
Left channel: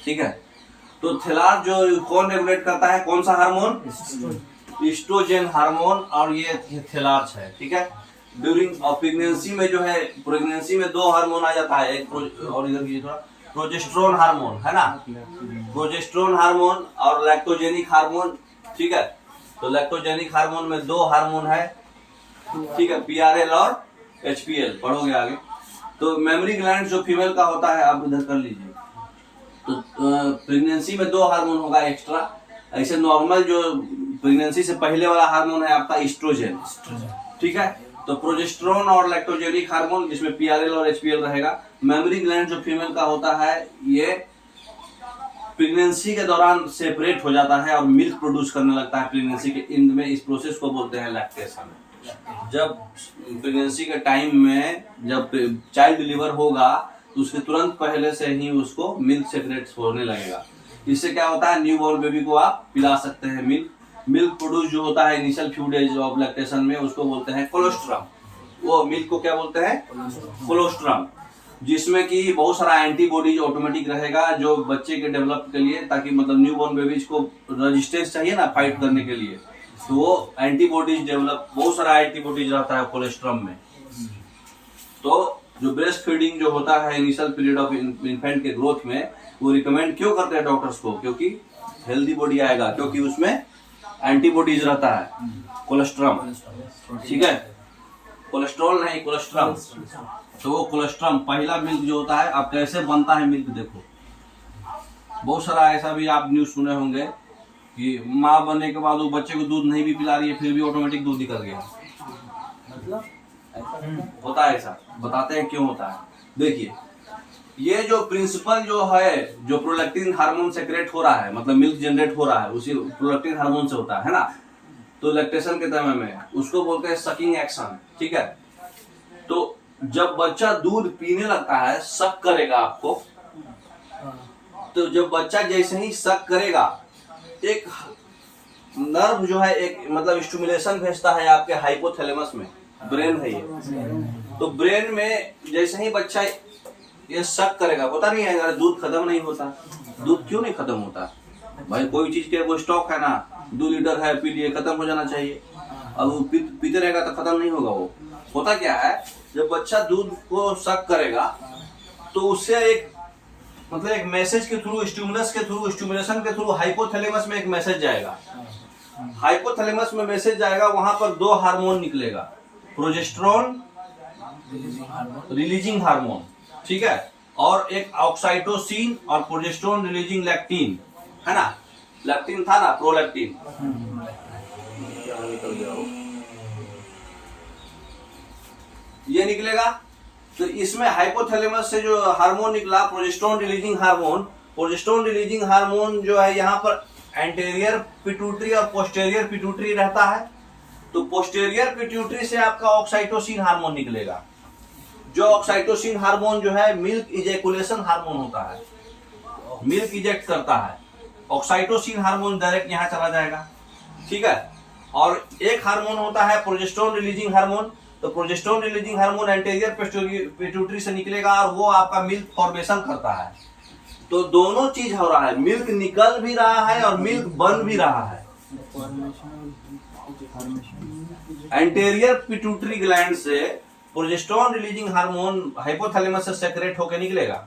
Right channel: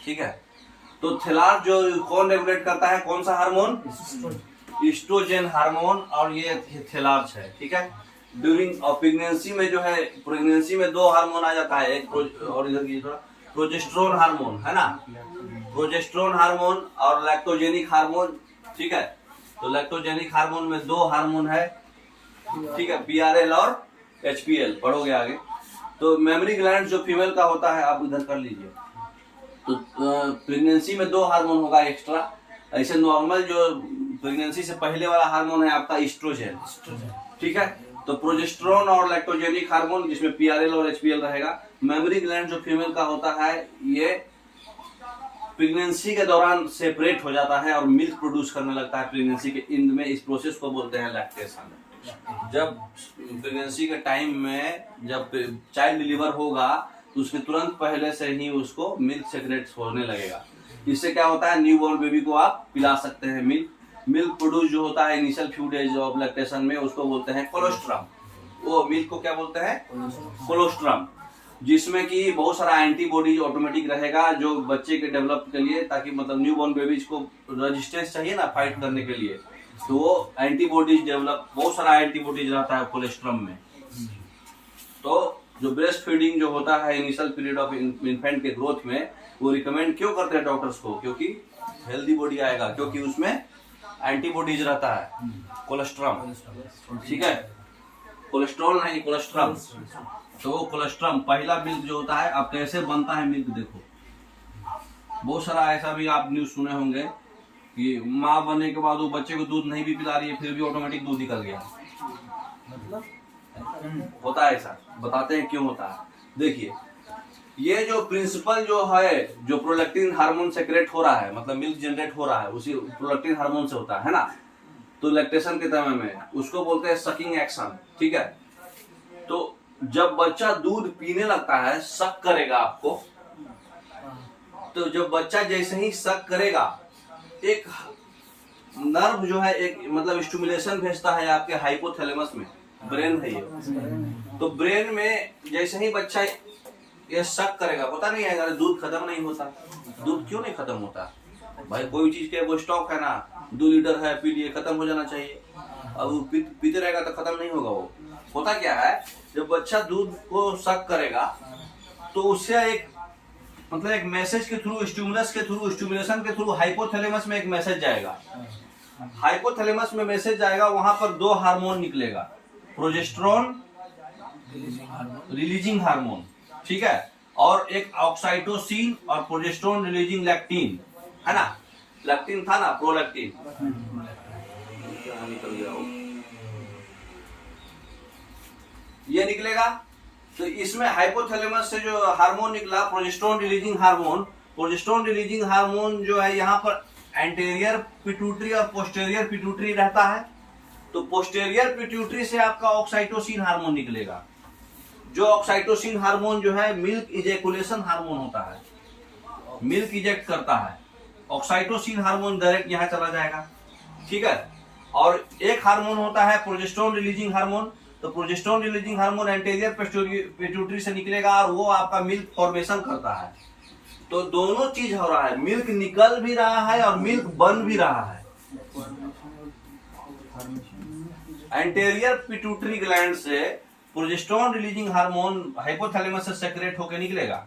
ठीक है। तो थैलार्च जो कौन रेगुलेट करता है, कौन सा हार्मोन, एस्ट्रोजन हार्मोन, और ये थैलार्च है, ठीक है। ड्यूरिंग प्रेगनेंसी में जो है, प्रेगनेंसी में दो हार्मोन आ जाता है, एक और इधर की थोड़ा प्रोजेस्टेरोन हार्मोन, है ना, प्रोजेस्टेरोन हार्मोन और लैक्टोजेनिक हार्मोन, ठीक है। तो लैक्टोजेनिक हार्मोन में दो हार्मोन है, ठीक है, पीआरएल और एचपीएल, पढ़ोगे आगे। तो मेमोरी ग्लैंड जो फीमेल का होता है, आप उधर कर लीजिए। तो प्रेगनेंसी में दो हार्मोन होगा एक्स्ट्रा। ऐसे नॉर्मल जो प्रेगनेंसी से पहले वाला हार्मोन है आपका एस्ट्रोजन, ठीक है। तो प्रोजेस्टेरोन और लैक्टोजेनिक हार्मोन, जिसमें पीआरएल और एचपीएल रहेगा। मेमोरी ग्लैंड जो फीमेल का होता है, ये प्रेगनेंसी के दौरान सेपरेट हो जाता है और मिल्क प्रोड्यूस करने लगता है प्रेगनेंसी के एंड में। इस प्रोसेस को बोलते हैं लैक्टेशन। जब प्रेगनेंसी के टाइम में जब चाइल्ड डिलीवर होगा, तो उसके तुरंत पहले से ही उसको मिल्क सेक्रेट होने लगेगा। इससे क्या होता है, न्यू बॉर्न बेबी को आप पिला सकते हैं मिल्क। मिल्क प्रोड्यूस जो होता है initial few days of lactation में, उसको बोलते हैं कोलोस्ट्रम। वो मिल्क को क्या बोलते हैं, कोलोस्ट्रम, जिसमें कि बहुत सारा एंटीबॉडीज ऑटोमेटिक रहेगा जो बच्चे के डेवलप के लिए, ताकि मतलब न्यू बॉर्न बेबीज को रेजिस्टेंस चाहिए ना फाइट करने के लिए, तो वो एंटीबॉडीज डेवलप, बहुत सारा एंटीबॉडीज रहता है कोलेस्ट्रम में। तो जो ब्रेस्ट फीडिंग जो होता है इनिशियल पीरियड ऑफ इन्फेंट के ग्रोथ में, वो रिकमेंड क्यों करते हैं डॉक्टर्स को, क्योंकि हेल्दी बॉडी आएगा, क्योंकि उसमें एंटीबॉडीज रहता है, कोलेस्ट्रम, ठीक है, कोलेस्ट्रॉल नहीं कोलेस्ट्रम। तो वो कोलेस्ट्रम पहला मिल्क जो होता है, अब कैसे बनता है मिल्क देखो। बहुत सारा ऐसा भी आप न्यूज सुने होंगे कि माँ बनने के बाद वो बच्चे को दूध नहीं भी पिला रही है, फिर भी ऑटोमेटिक दूध निकल गया, मतलब होता है ऐसा। बताते हैं क्यों होता है। देखिए, ये जो प्रिंसिपल जो है, जो प्रोलैक्टिन हार्मोन सेक्रेट हो रहा है, मतलब मिल्क जनरेट हो रहा है, उसी प्रोलैक्टिन हार्मोन से होता है ना। तो लैक्टेशन के समय में उसको बोलते हैं सकिंग एक्शन, ठीक है। तो जब बच्चा दूध पीने लगता है, सक करेगा आपको, तो जब बच्चा जैसे ही सक करेगा, एक नर्व जो है, एक मतलब स्टिमुलेशन भेजता है आपके हाइपोथैलेमस में, ब्रेन है ये। तो ब्रेन में जैसे ही बच्चा ये सक करेगा, पता नहीं है दूध खत्म नहीं होता। दूध क्यों नहीं खत्म होता भाई, कोई चीज के वो स्टॉक है ना, 2 लीटर है, पी लिए, खत्म हो जाना चाहिए। अब वो पीते रहेगा तो खत्म नहीं होगा। वो होता क्या है, जब बच्चा दूध को सक करेगा, तो उससे एक मतलब एक मैसेज के थ्रू, स्टिमुलस के थ्रू, स्टिमुलेशन के थ्रू हाइपोथैलेमस में एक मैसेज जाएगा। हाइपोथैलेमस में मैसेज जाएगा, वहां पर 2 हार्मोन निकलेगा, प्रोजेस्टेरोन रिलीजिंग हार्मोन, ठीक है, और एक ऑक्साइटोसिन और प्रोजेस्टेरोन रिलीजिंग लैक्टिन, है ना, लैक्टिन था ना, प्रोलैक्टिन, निकल गया वो, ये निकलेगा। तो इसमें हाइपोथैलेमस से जो हार्मोन निकला progesterone releasing hormone, progesterone releasing hormone जो है यहाँ पर एंटीरियर पिट्यूटरी और पोस्टीरियर पिट्यूटरी रहता है। तो पोस्टीरियर पिट्यूटरी से आपका ऑक्साइटोसिन हार्मोन निकलेगा, जो ऑक्साइटोसिन हार्मोन जो है मिल्क इजेकुलेशन हार्मोन होता है, मिल्क इजेक्ट करता है। ऑक्साइटोसिन हार्मोन डायरेक्ट यहाँ चला जाएगा, ठीक है। और एक हार्मोन होता है प्रोजेस्टेरोन रिलीजिंग हार्मोन, तो progesterone releasing hormone anterior pituitary से निकलेगा और वो आपका मिल्क फॉर्मेशन करता है। तो दोनों चीज हो रहा है, मिल्क निकल भी रहा है और मिल्क बन भी रहा है। एंटीरियर पिट्यूटरी ग्लैंड से प्रोजेस्टेरोन रिलीजिंग हार्मोन हाइपोथैलेमस से सेक्रेट होकर निकलेगा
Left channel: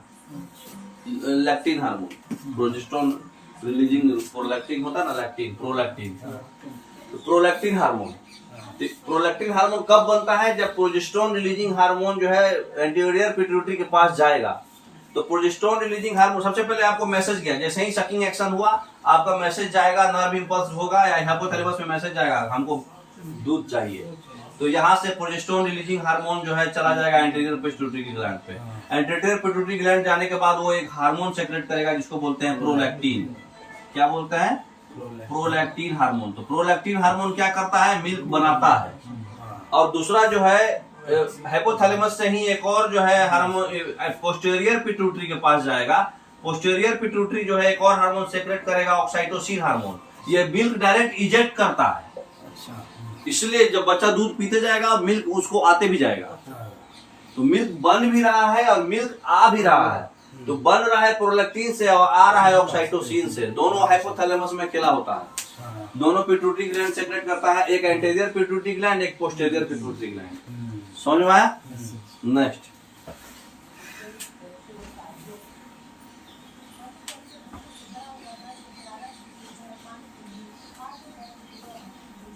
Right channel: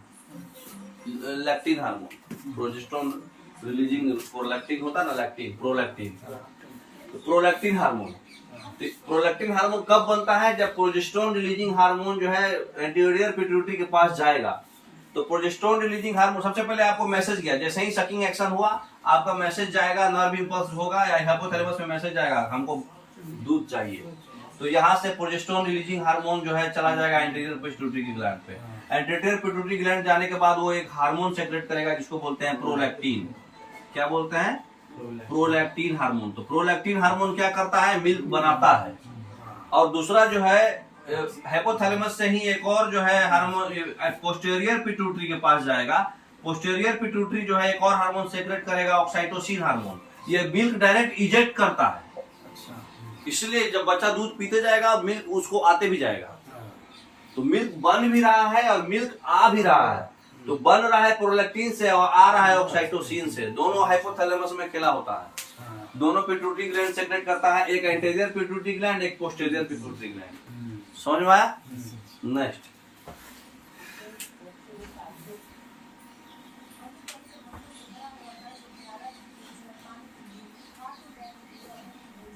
lectin hormone, progesterone releasing prolactin होता है ना, लैक्टिन प्रोलैक्टिन, तो प्रोलैक्टिन हार्मोन। प्रोलैक्टिन हार्मोन कब बनता है? जब प्रोजेस्टेरोन रिलीजिंग हार्मोन जो है एंटीरियर पिट्यूटरी के पास जाएगा। तो प्रोजेस्टेरोन रिलीजिंग हार्मोन सबसे पहले आपको मैसेज गया, जैसे ही सकिंग एक्शन हुआ आपका मैसेज जाएगा, नर्व इंपल्स होगा या हाइपोथैलेमस में मैसेज जाएगा हमको दूध चाहिए, तो यहाँ से प्रोजेस्टेरोन रिलीजिंग हार्मोन जो है चला जाएगा एंटीरियर पिट्यूटरी ग्लैंड पे। एंटीरियर पिट्यूटरी ग्लैंड जाने के बाद वो एक हार्मोन सेक्रेट करेगा जिसको बोलते हैं प्रोलैक्टिन। क्या बोलते हैं? Prolactin hormone. तो प्रोलैक्टिन हार्मोन क्या करता है? मिल्क बनाता है। और दूसरा जो है हाइपोथैलेमस से ही एक और जो है हार्मोन पोस्टीरियर पिट्यूटरी के पास जाएगा। पोस्टीरियर पिट्यूटरी जो है एक और हार्मोन सेक्रेट करेगा, ऑक्साइटोसिन हार्मोन। ये मिल्क डायरेक्ट इजेक्ट करता है, इसलिए जब बच्चा दूध पीते जाएगा मिल्क उसको आते भी जाएगा। तो मिल्क बन भी रहा है और मिल्क आ भी रहा है। तो बन रहा है प्रोलैक्टिन से और आ रहा है ऑक्साइटोसिन से। दोनों हाइपोथैलेमस में खेला होता है, दोनों पिट्यूटरी ग्लैंड सेक्रेट करता है, एक एंटीरियर पिट्यूटरी ग्लैंड, एक पोस्टीरियर पिट्यूटरी ग्लैंड। समझ में आया? नेक्स्ट,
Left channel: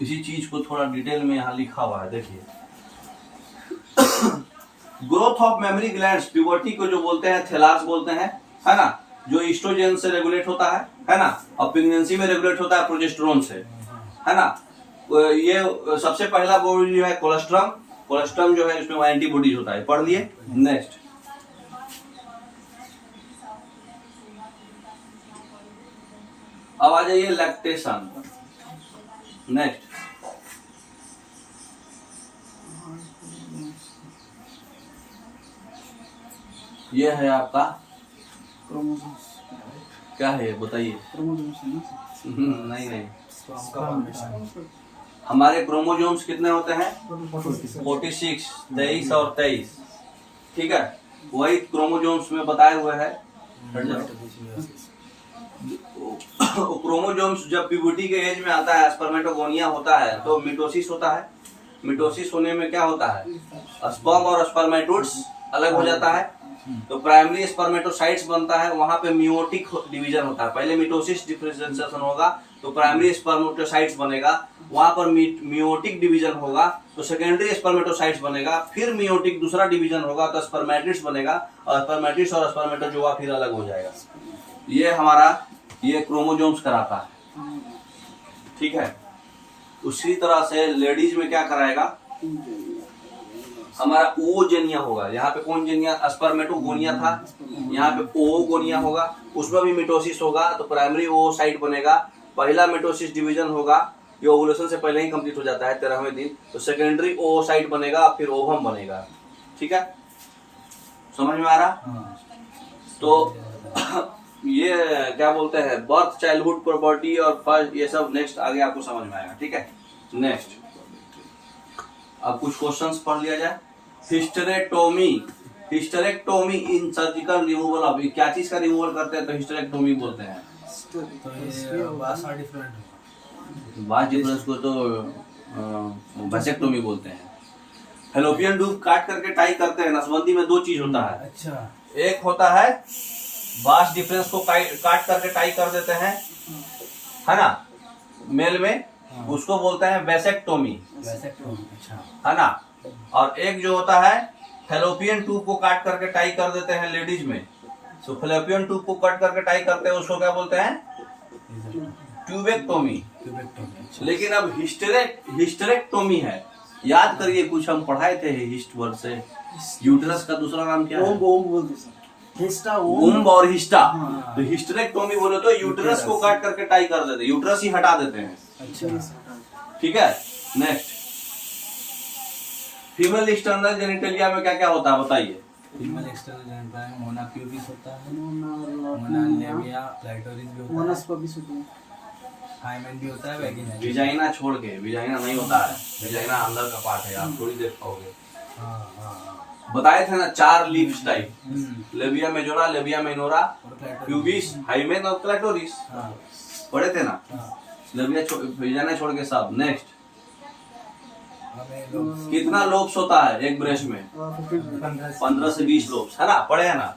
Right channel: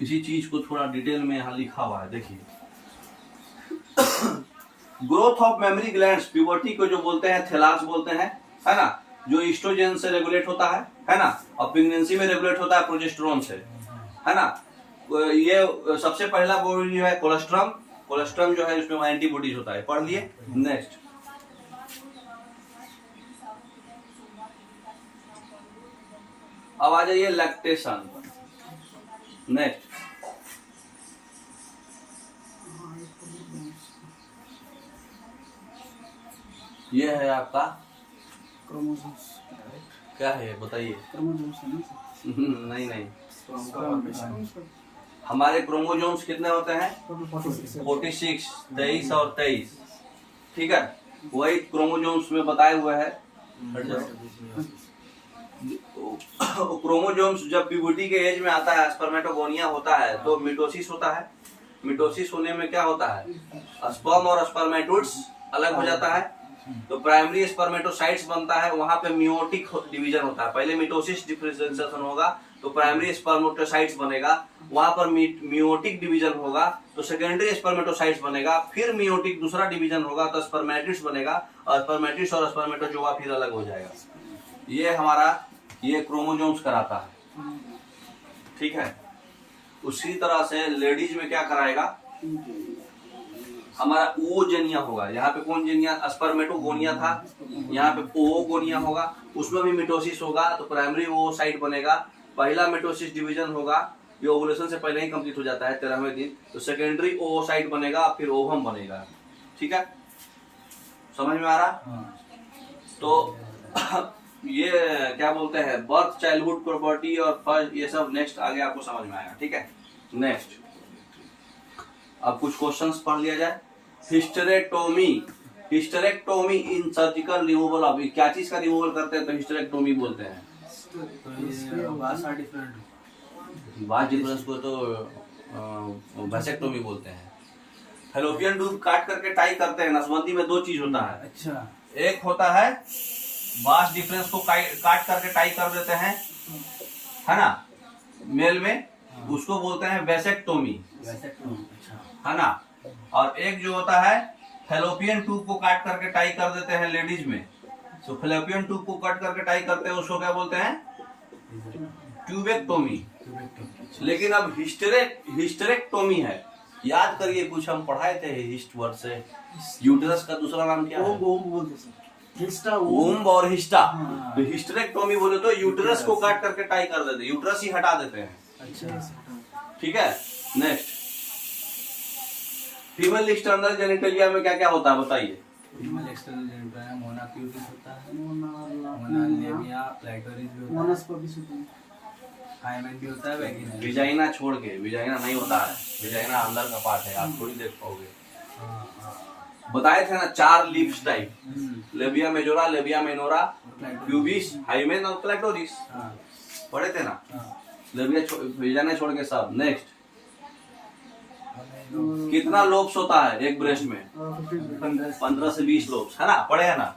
इसी चीज को थोड़ा डिटेल में यहाँ लिखा हुआ है, देखिए। Growth of mammary glands, puberty को जो बोलते हैं थैलास बोलते हैं, है ना, जो ईस्ट्रोजन से रेगुलेट होता है ना, और प्रेगनेंसी में रेगुलेट होता है प्रोजेस्टेरोन से, है ना। ये सबसे पहला बॉडी जो है कोलेस्ट्रम, कोलेस्ट्रम जो है इसमें एंटीबॉडीज होता है, पढ़ लिए। नेक्स्ट, अब आ जाइए लैक्टेशन। नेक्स्ट, ये है आपका क्या है बताइए? नहीं, हमारे क्रोमोसोम्स कितने होते हैं? 46, 23 और 23, ठीक है। वही क्रोमोसोम्स में बताए हुए है। क्रोमोसोम्स जब प्यूबर्टी के एज में आता है, स्पर्मेटोगोनिया होता है, तो मिटोसिस होता है। मिटोसिस होने में क्या होता है? स्पर्म और स्पर्मेटोइड्स अलग हो जाता है, तो प्राइमरी स्पर्मेटोसाइट्स बनता है, वहां पे मियोटिक डिवीजन होता है। पहले मिटोसिस डिफरेंशिएशन होगा तो प्राइमरी स्पर्मेटोसाइट्स बनेगा, वहां पर मियोटिक डिवीजन होगा तो सेकेंडरी स्पर्मेटोसाइट्स बनेगा, फिर मियोटिक दूसरा डिवीजन होगा तो स्पर्मेटिड्स बनेगा, और स्पर्मेटिड्स और स्पर्मेटोजोआ फिर अलग हो जाएगा। ये हमारा ये क्रोमोसोम्स कराता है, ठीक है। उसी तरह से लेडीज में क्या कराएगा? हमारा ओजेनिया होगा। यहाँ पे कौन जेनिया? स्पर्मेटोगोनिया था, यहाँ पे ओगोनिया होगा, उसमें भी मिटोसिस होगा, तो प्राइमरी ओसाइट बनेगा, पहला मिटोसिस डिवीजन होगा, ये ओवुलेशन से पहले ही कंप्लीट हो जाता है 13वें दिन, तो सेकेंडरी ओसाइट बनेगा, फिर ओवम बनेगा, ठीक है। समझ में आ रहा? तो ये क्या बोलते हैं, बर्थ, चाइल्डहुड, प्रॉपर्टी और फर्स्ट, ये सब नेक्स्ट आगे आपको समझ में आएगा, ठीक है। नेक्स्ट, अब कुछ क्वेश्चंस पढ़ लिया जाए। Hysterectomy, hysterectomy in surgical removal of, क्या चीज का रिमूवल करते हैं तो हिस्टेरेक्टोमी बोलते हैं? बास डिफरेंस को तो वैसेक्टोमी बोलते हैं। फैलोपियन ट्यूब काट करके टाई करते हैं। नसबंदी में दो चीज होता है, अच्छा, एक होता है बास डिफरेंस को काट करके टाई कर देते हैं, है ना, मेल में, उसको बोलते हैं वैसेक्टोमी, अच्छा, है ना। और एक जो होता है फैलोपियन ट्यूब को काट करके टाई कर देते हैं लेडीज में, तो फैलोपियन ट्यूब को कट करके टाई करते हैं, उसको क्या बोलते हैं? ट्यूबेक्टोमी। लेकिन अब हिस्टेरेक्टोमी है। याद करिए, कुछ हम पढ़ाए थे हिस्ट वर्ड से। यूटेरस का दूसरा नाम क्या है? ओम बोलते सर। हिस्टा वुम्ब और हिस्टा। हाँ। तो हिस्टेरेक्टोमी बोले तो यूटेरस को काट करके टाई कर देते हैं, यूटेरस ही हटा देते हैं। अच्छा। ठीक है। नेक्स्ट, फीमेल एक्सटर्नल जेनिटलिया में क्या क्या होता है बताइए? फीमेल एक्सटर्नल जेनिटल है, मोना प्यूबिस होता है, मोना मोना लेबिया, क्लाइटोरिस भी होता मोनस को भी सुनते हैं। है, हाइमेन भी होता है, वैगिना। विजाइना छोड़ के, विजाइना नहीं होता है, विजाइना अंदर का पार्ट है, आप थोड़ी देख पाओगे। बताए थे ना 4 leaves type, labia majora, labia minora, pubis, hymen और क्लाइटोरिस। पढ़े थे ना? लेबिया विजाइना छोड़ के सब। नेक्स्ट, कितना लोब्स होता है एक ब्रेस्ट में? 15 से 20 लोब्स, है ना? पढ़े हैं ना?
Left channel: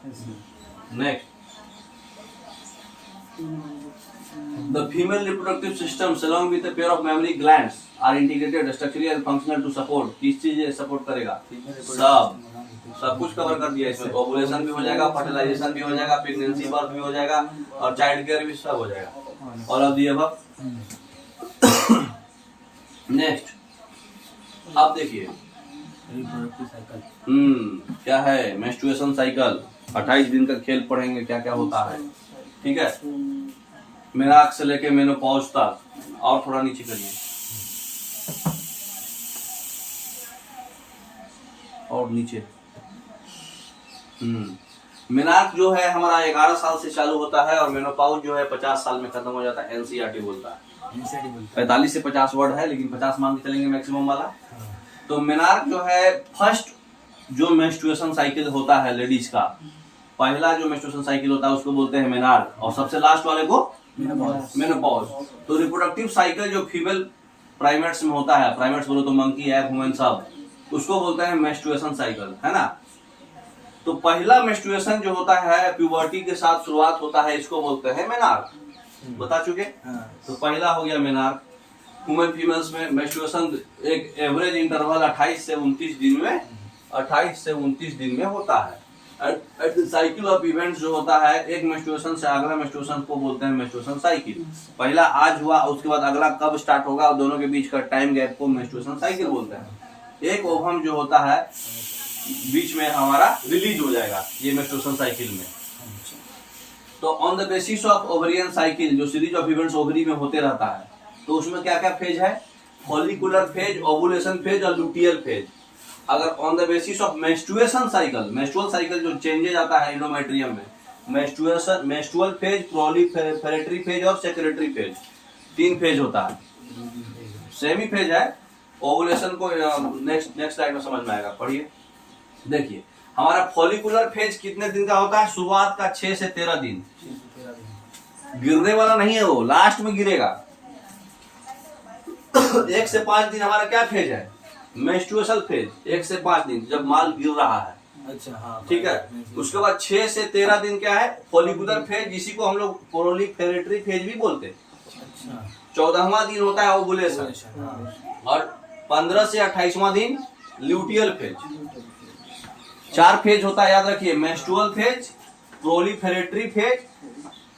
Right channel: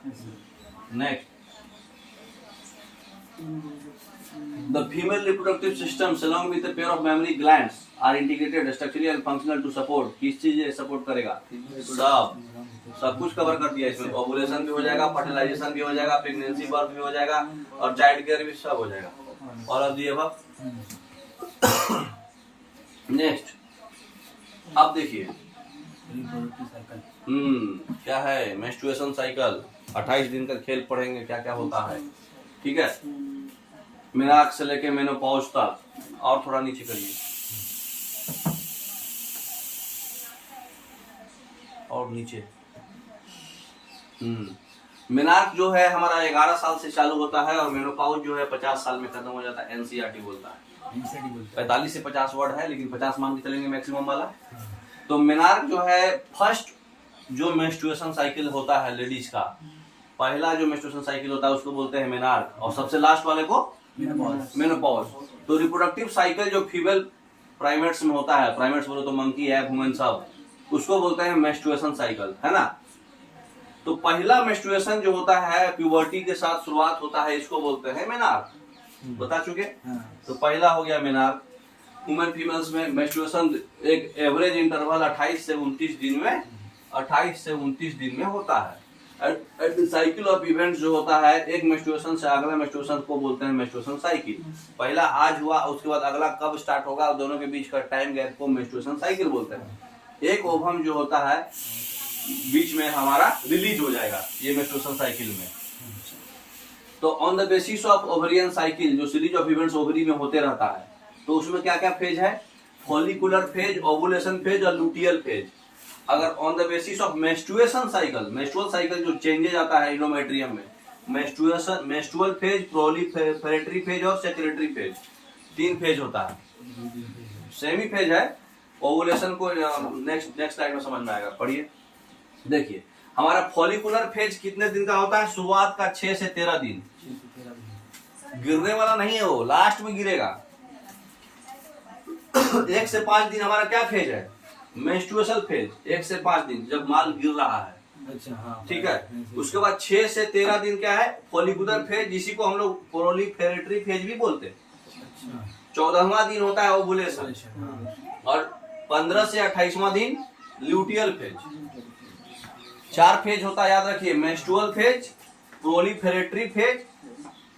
Next, the female reproductive systems along with a pair of mammary glands are integrated structurally and functional to support। किस चीज सपोर्ट करेगा? सब कुछ कवर कर दिया इसमें। ओवुलेशन भी हो जाएगा, फर्टिलाइजेशन भी हो जाएगा, प्रेगनेंसी बर्थ भी हो जाएगा, और चाइल्ड केयर भी सब हो जाएगा। और अब दिए अब नेक्स्ट, अब देखिए रिप्रोडक्टिव साइकिल। क्या है? Menstruation cycle. 28 दिन का खेल पढ़ेंगे क्या क्या होता है। ठीक है। मेनार्क से लेके मेनोपॉज तक। और थोड़ा नीचे करिए, और नीचे। मेनार्क जो है हमारा 11 साल से चालू होता है, और मेनोपॉज जो है 50 साल में खत्म हो जाता है। एनसीईआरटी बोलता है 45 से 50 वर्ड है, लेकिन 50 मान के चलेंगे मैक्सिमम वाला। तो मेनार्क जो है फर्स्ट जो मेंस्ट्रुएशन साइकिल होता है लेडीज का, पहला जो मेंस्ट्रुएशन साइकिल होता है उसको बोलते हैं मेनार्क, और सबसे लास्ट वाले को मेनोपॉज। तो रिप्रोडक्टिव साइकिल जो फीमेल प्राइमेट्स में होता है, प्राइमेट्स बोलो तो मंकी, एग, ह्यूमन सब, उसको बोलते हैं मेंस्ट्रुएशन साइकिल, है ना? तो पहला मेंस्ट्रुएशन जो होता है प्यूबर्टी के साथ शुरुआत होता है, इसको बोलते हैं मेनार्क। बता चुके। तो पहला हो गया मेनार्क। ह्यूमन फीमेल्स में मेंस्ट्रुएशन एक एवरेज इंटरवल 28 से 29 दिन में, 28 से 29 दिन में होता है। साइकिल ऑफ इवेंट्स जो होता है, एक मेंस्ट्रुएशन से अगला मेंस्ट्रुएशन को बोलते हैं मेंस्ट्रुएशन साइकिल। पहला आज हुआ, उसके बाद अगला कब स्टार्ट होगा, दोनों के बीच का टाइम गैप को मेंस्ट्रुएशन साइकिल बोलते हैं। एक ओवम जो होता है बीच में हमारा रिलीज हो जाएगा, ये मेंस्ट्रुएशन साइकिल में। तो on the basis of ovarian cycle, जो सीरीज ऑफ इवेंट्स ओवरी में होते रहता है, तो उसमें क्या क्या फेज है? फॉलिकुलर फेज, ओवुलेशन फेज और लुटियल फेज। अगर on the basis of menstruation cycle, menstrual cycle जो चेंजेज आता है एंडोमेट्रियम में, मेंस्ट्रुअल फेज, प्रोलिफेरेटरी फेज और सेक्रेटरी फेज, 3 फेज होता है। सेमी फेज है। ओवुलेशन को नेक्स्ट स्लाइड में समझ में आएगा, पढ़िए। देखिए हमारा फॉलिकुलर फेज कितने दिन का होता है? शुरुआत का 6 से 13 दिन। गिरने वाला नहीं है वो, लास्ट में गिरेगा। 1 से 5 दिन हमारा क्या फेज है? Menstruation phase. 1 से 5 दिन जब माल गिर रहा है, अच्छा, हाँ, ठीक है। उसके बाद 6 से 13 दिन क्या है? फॉलिकुलर फेज, जिसी को हम लोग प्रोलिफेरेटरी फेज भी बोलते हैं। 14वां दिन होता है ओवुलेशन, और 15 से 28वां दिन ल्यूटियल फेज। 4 फेज होता है, याद रखिए। मेंस्ट्रुअल फेज, प्रोलिफेरेटरी फेज,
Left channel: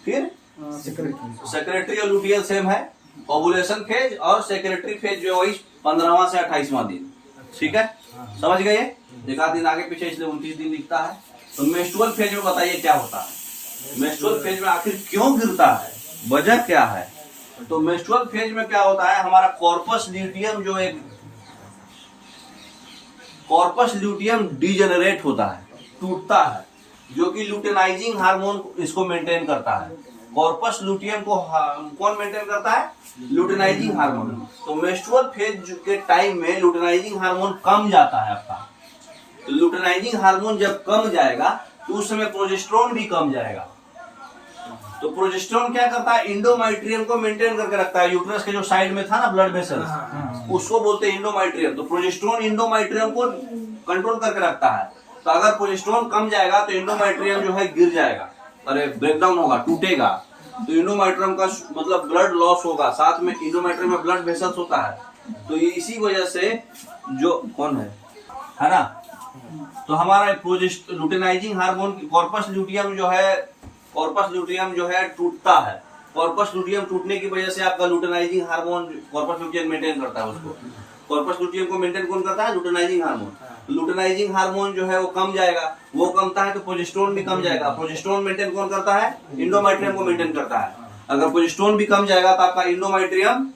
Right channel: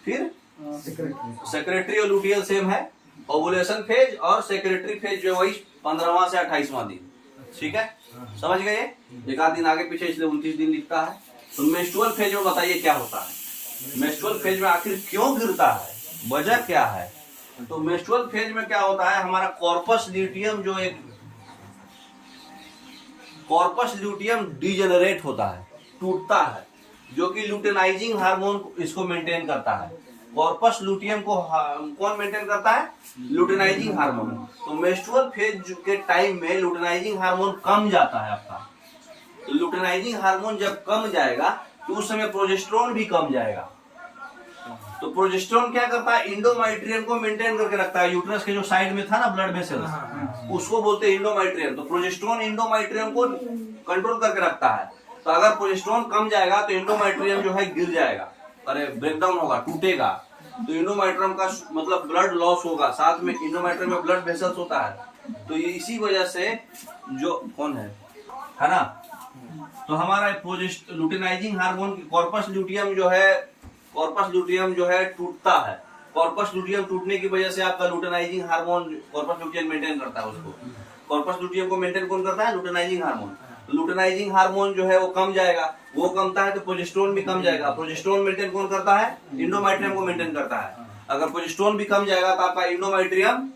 फिर सेक्रेटरी और लुटियल सेम है। ओवुलेशन फेज और सेक्रेटरी फेज जो वही 15वां से 28वां दिन। ठीक है, समझ गए? एक आध दिन आगे पीछे, इसलिए 29 दिन लिखता है। तो मेंस्ट्रुअल फेज में बताइए क्या होता है? मेंस्ट्रुअल फेज में आखिर क्यों गिरता है, वजह क्या है? तो मेंस्ट्रुअल फेज में क्या होता है, हमारा कॉर्पस ल्यूटियम जो एक कॉर्पस ल्यूटियम डिजेनरेट होता है, टूटता है, जो कि लुटेनाइजिंग हार्मोन इसको मेंटेन करता है। कॉर्पस ल्यूटियम को कौन मेंटेन करता है? लुटेनाइजिंग हार्मोन। तो मेंस्ट्रुअल फेज के टाइम में लुटेनाइजिंग हार्मोन कम जाता है आपका। तो लुटेनाइजिंग हार्मोन जब कम जाएगा तो उस समय प्रोजेस्टेरोन भी कम जाएगा। तो प्रोजेस्टेरोन क्या करता है? इंडोमेट्रियम को मेंटेन करके रखता है। यूट्रस के जो साइड में था ना ब्लड वेसल्स, उसको बोलते हैं इंडोमेट्रियम। तो प्रोजेस्टेरोन इंडोमेट्रियम को कंट्रोल करके रखता है। तो अगर प्रोजेस्टेरोन कम जाएगा तो इंडोमेट्रियम जो है गिर जाएगा, अरे ब्रेकडाउन होगा, टूटेगा। तो इंडोमेट्रियम का मतलब ब्लड लॉस होगा, साथ में इंडोमेट्रियम में ब्लड वेसल्स होता है। तो इसी वजह से जो कौन है ना, तो हमारा लुटेनाइजिंग हार्मोन कॉर्पस ल्यूटियम जो है टूटता है। कॉर्पस ल्यूटियम टूटने की वजह से आपका लुटेनाइजिंग हार्मोन कॉर्पस ल्यूटियम मेंटेन करता है उसको। कॉर्पस ल्यूटियम को मेंटेन कौन करता है? लुटेनाइजिंग हार्मोन। लुटेनाइजिंग हार्मोन जो है वो कम जाएगा, वो कमता है तो प्रोजेस्टेरोन भी कम जाएगा। प्रोजेस्टेरोन मेंटेन कौन करता है? इंडोमेट्रियम को मेंटेन करता है। अगर प्रोजेस्टेरोन भी कम जाएगा तो आपका इंडोमेट्रियम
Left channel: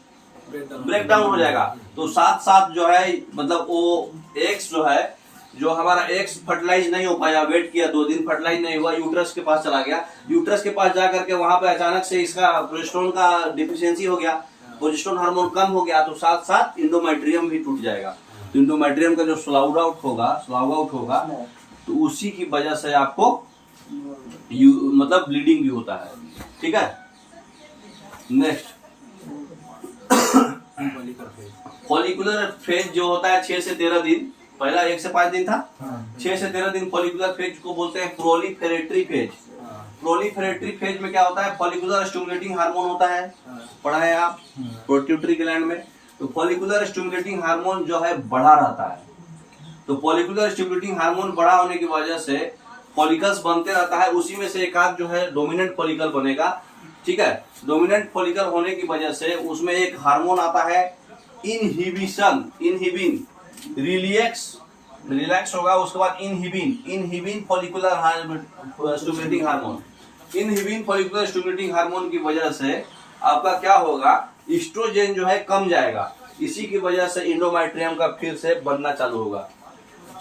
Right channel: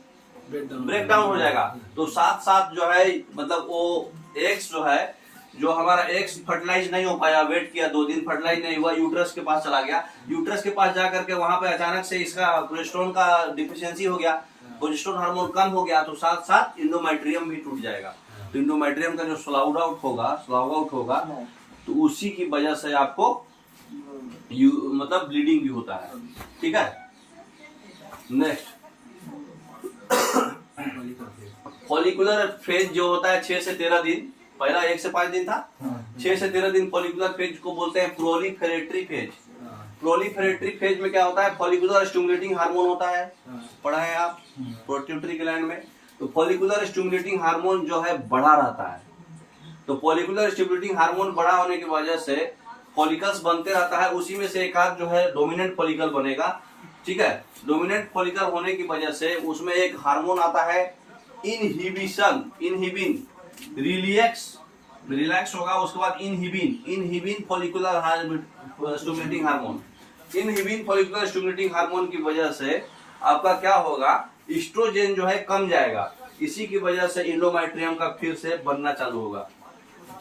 ब्रेक डाउन हो जाएगा। तो साथ साथ जो है मतलब वो एक्स जो है, जो हमारा एक्स फर्टिलाइज नहीं हो पाया, वेट किया 2 दिन फर्टिलाइज नहीं हुआ, यूट्रस के पास चला गया। यूट्रस के पास जाकर के वहां पे अचानक से इसका प्रोजेस्टेरोन का डिफिशियंसी हो गया, प्रोजेस्टेरोन हार्मोन कम हो गया, तो साथ साथ इंडोमेट्रियम भी टूट जाएगा। तो इंडोमेट्रियम का जो स्लाउग आउट होगा तो उसी की वजह से आपको मतलब ब्लीडिंग भी होता है। ठीक है, नेक्स्ट फॉलिकुलर फेज जो होता है 6 से 13 दिन, पहला 1 से 5 दिन था, 6 से 13 दिन फॉलिकुलर फेज को बोलते हैं प्रोलिफेरेटरी फेज। प्रोलिफेरेटरी फेज में क्या होता है? फॉलिकुलर स्टिमुलेटिंग हार्मोन होता है, पढ़ा है आप पिट्यूटरी ग्लैंड में। तो फॉलिकुलर स्टिमुलेटिंग हार्मोन जो है बढ़ा रहता है। तो फॉलिकुलर स्टिमुलेटिंग हार्मोन बड़ा होने की वजह से फॉलिकल्स बनते रहता है, उसी में से एक आध जो है डोमिनेंट फॉलिकल बनेगा। ठीक है, डोमिनेंट फॉलिकल होने की वजह से उसमें एक हार्मोन आता है इनहिबिन, रिलैक्स होगा, उसके बाद inhibin follicular stimulating hormone. Inhibin follicular stimulating hormone की वजह से आपका क्या होगा? एस्ट्रोजन जो है कम जाएगा, इसी की वजह से इंडोमेट्रियम का फिर से बनना चालू होगा।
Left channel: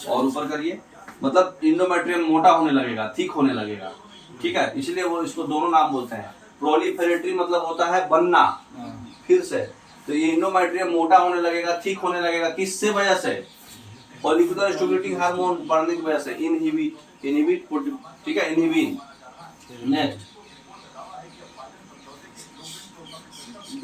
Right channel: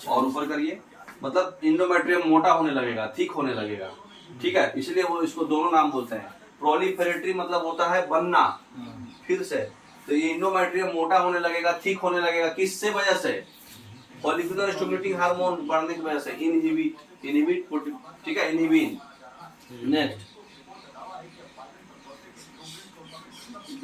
और ऊपर करिए, मतलब इंडोमेट्रियम मोटा होने लगेगा, थिक होने लगेगा। ठीक है, इसलिए वो इसको दोनों नाम बोलते हैं। प्रोलिफेरेटरी मतलब होता है बनना फिर से, तो ये इंडोमेट्रियम मोटा होने लगेगा, थिक होने लगेगा, किससे वजह से? फॉलिकुलर स्टिमुलेटिंग हार्मोन बढ़ने की वजह से। इनहिबिट, ठीक है, इनहिबिन। नेक्स्ट,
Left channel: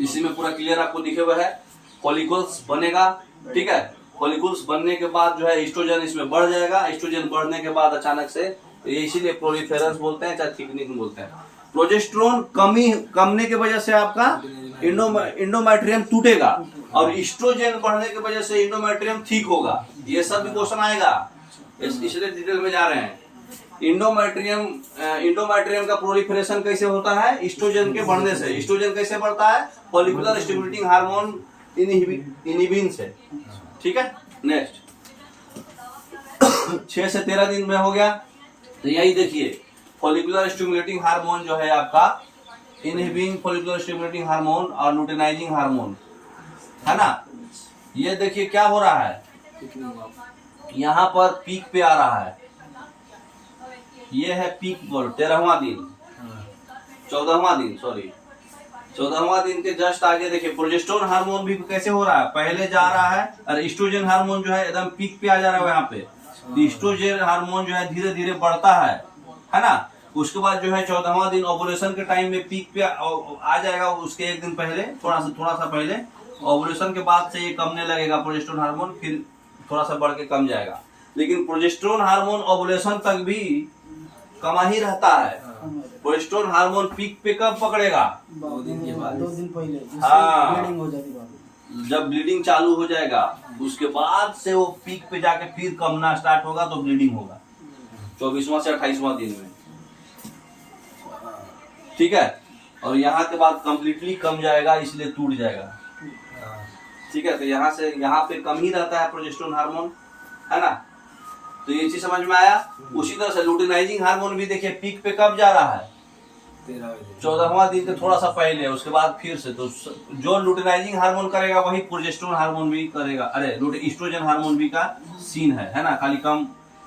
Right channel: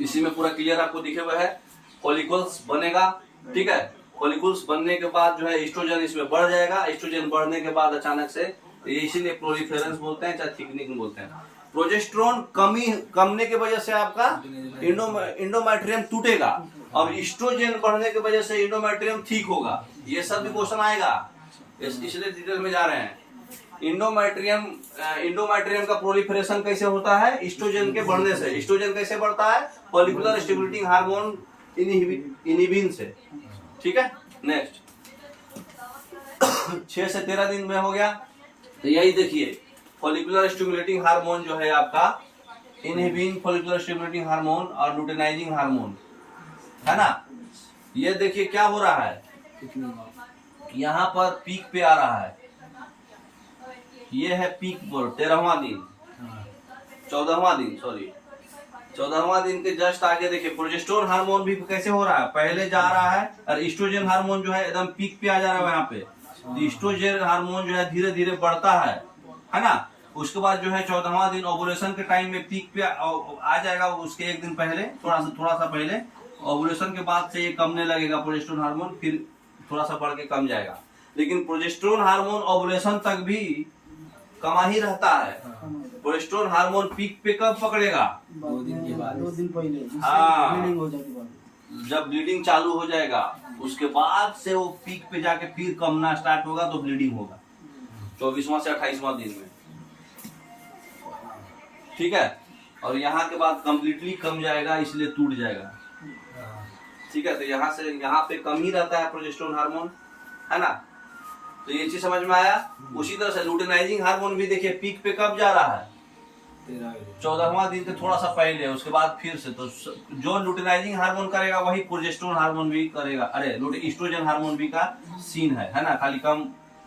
इसी में पूरा क्लियर आपको दिखे हुए है। फॉलिकल्स बनेगा, ठीक है, फॉलिकल्स बनने के बाद जो है एस्ट्रोजन इसमें बढ़ जाएगा। एस्ट्रोजन बढ़ने के बाद अचानक से, इसीलिए प्रोलिफेरेंस बोलते हैं, चाहे थिकनिंग बोलते हैं। प्रोजेस्टेरोन कमने की वजह से आपका इंडोमेट्रियम टूटेगा, और एस्ट्रोजन बढ़ने की वजह से इंडोमेट्रियम ठीक होगा। ये सब भी क्वेश्चन आएगा, इसलिए डिटेल में जा रहे हैं। इंडोमेट्रियम का प्रोलिफरेशन कैसे होता है? एस्ट्रोजन के बढ़ने से। एस्ट्रोजन कैसे बढ़ता है? फॉलिकुलर स्टिमुलेटिंग हार्मोन इनहिबिन से। ठीक है, नेक्स्ट 6 से 13 दिन में हो गया। तो यही देखिए, फॉलिकुलर स्टिमुलेटिंग हार्मोन जो है आपका इनहिबिन फॉलिकुलर स्टिमुलेटिंग हार्मोन और लुटेनाइजिंग हार्मोन है ना। ये देखिए क्या हो रहा है, यहाँ पर पीक पे आ रहा है। ये है पीक पर 13वां दिन, 14वां दिन के जस्ट आगे देखिए प्रोजेस्टेरोन हार्मोन भी कैसे हो रहा है, पहले जा रहा है, और एस्ट्रोजन हार्मोन जो है एकदम पीक पे आ जा रहा है यहाँ पे। तो एस्ट्रोजन हार्मोन जो है धीरे धीरे बढ़ता है ना। उसके बाद जो है 14वां दिन ओवुलेशन के टाइम में पीक पे आ जाएगा, उसके एक दिन पहले थोड़ा सा पहले। ओवुलेशन के बाद से ये कमने लगेगा प्रोजेस्टेरोन हार्मोन, फिर थोड़ा सा बढ़ के कम जाएगा। लेकिन प्रोजेस्टेरोन हार्मोन ओवुलेशन तक भी कमा ही रहता है। प्रोजेस्टेरोन हार्मोन पीक पे कब पकड़ेगा? 2 दिन के बाद, 2 दिन पहले, हाँ, ब्लीडिंग हो जाती है। जब ब्लीडिंग चालू हो जाएगा उसके बाद से वो पीक पे जाके फिर कमना स्टार्ट होगा, तो ब्लीडिंग होगा 24वां से 28वां दिन में। ठीक है, और यहाँ के बाद कंप्लीटली कम जाएगा, इसलिए टूट जाएगा। ठीक है, तो यहाँ से यहाँ पे कम ही रहता है प्रोजेस्टेरोन हार्मोन, है ना। तो ये चीज समझ में आया। उसी तरह से लुटेनाइजिंग हार्मोन भी देखिए पीक पे कब जा रहा है? 14वां दिन के थोड़ा सा पहले, उसके बाद फिर से। तो जो लुटेनाइजिंग हार्मोन करेगा वही प्रोजेस्टेरोन हार्मोन भी करेगा। अरे एस्ट्रोजन हार्मोन भी का सीन है ना, खाली कम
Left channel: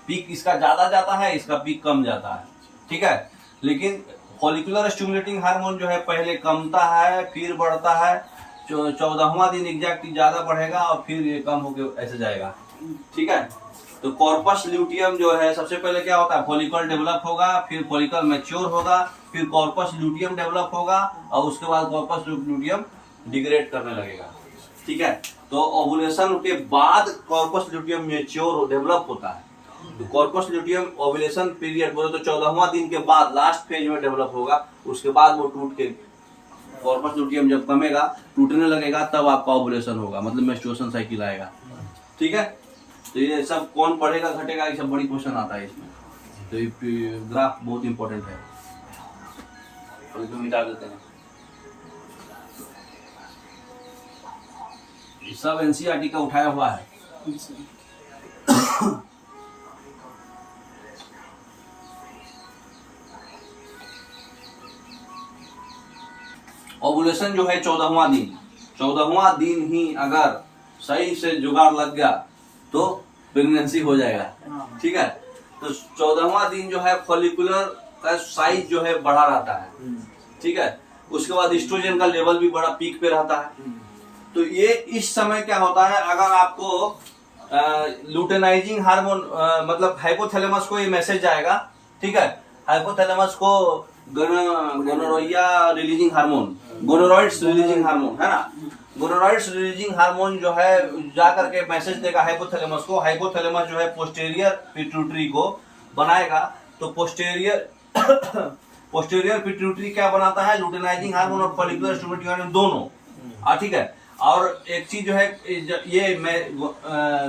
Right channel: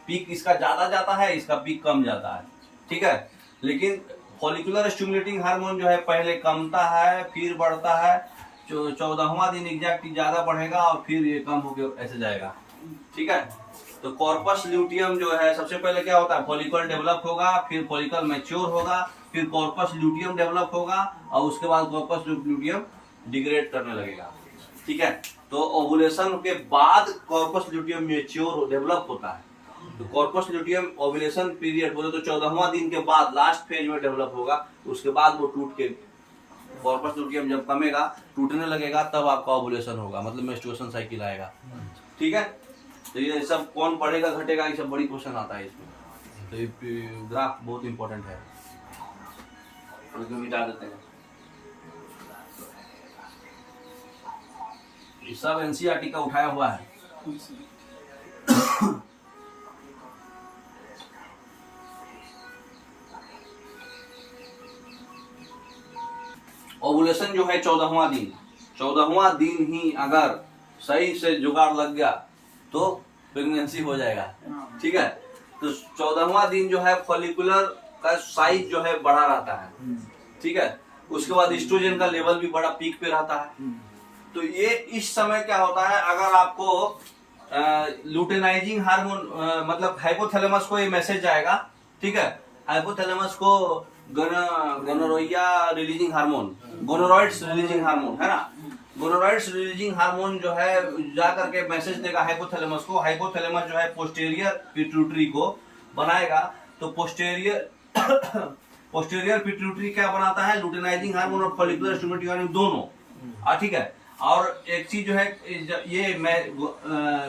पीक इसका ज्यादा जाता है, इसका पीक कम जाता है। ठीक है, लेकिन फॉलिकुलर स्टिमुलेटिंग हार्मोन जो है पहले कमता है फिर बढ़ता है। 14वां दिन एग्जैक्ट ज्यादा बढ़ेगा और फिर ये कम होकर ऐसे जाएगा। ठीक है, तो कॉर्पस ल्यूटियम जो है सबसे पहले क्या होता है? फॉलिकल डेवलप होगा, फिर फॉलिकल मैच्योर होगा, फिर कॉर्पस ल्यूटियम डेवलप होगा, और उसके बाद कॉर्पस ल्यूटियम डिग्रेड करने लगेगा। ठीक है, तो ओवुलेशन के बाद कॉर्पस ल्यूटियम मैच्योर डेवलप होता है। तो कॉर्पस ल्यूटियम ओवुलेशन पीरियड बोले तो 14वां दिन के बाद लास्ट फेज में डेवलप होगा। उसके बाद वो टूट के कॉर्पस ल्यूटियम जब कमेगा, टूटने लगेगा, तब आपका ओवुलेशन होगा, मतलब मेंस्ट्रुएशन साइकिल आएगा। ठीक है, तो ये सब कौन बढ़ेगा घटेगा, ये सब बड़ी क्वेश्चन आता है इसमें। तो ये ग्राफ बहुत इंपॉर्टेंट है, और इसको मिटा देते हैं। ये सब एनसीईआरटी का उठाया हुआ है। ओवुलेशन जो है 14वां दिन ही अगर सही से जुगाड़ लग गया तो प्रेगनेंसी हो जाएगा, ठीक है। तो 14वां दिन जो है फॉलिकुलर का साइज जो है बढ़ा रहता है, ठीक है। उसके बाद एस्ट्रोजन का लेवल भी बड़ा पीक पे रहता है। तो ये इस समय क्या होता है, अगर आपको लुटेनाइजिंग हार्मोन मतलब हाइपोथैलेमस को ये मैसेज जाएगा, ठीक है। हाइपोथैलेमस को गोनोरोइया रिलीजिंग हार्मोन, गोनोरॉइड्स रिलीजिंग हार्मोन है ना, गोनोरॉइड्स रिलीजिंग हार्मोन जो है जा करके मैसेज देगा हाइपोथैलेमस को। हाइपोथैलेमस जो है पोस्टीरियर पिट्यूटरी को बनाएगा। तो पोस्टीरियर पिट्यूटरी क्या बनाता है, लुटेनाइजिंग हार्मोन और फॉलिकुलर स्टिमुलेटिंग हार्मोन दोनों, ठीक है। और एक चीज जो है ये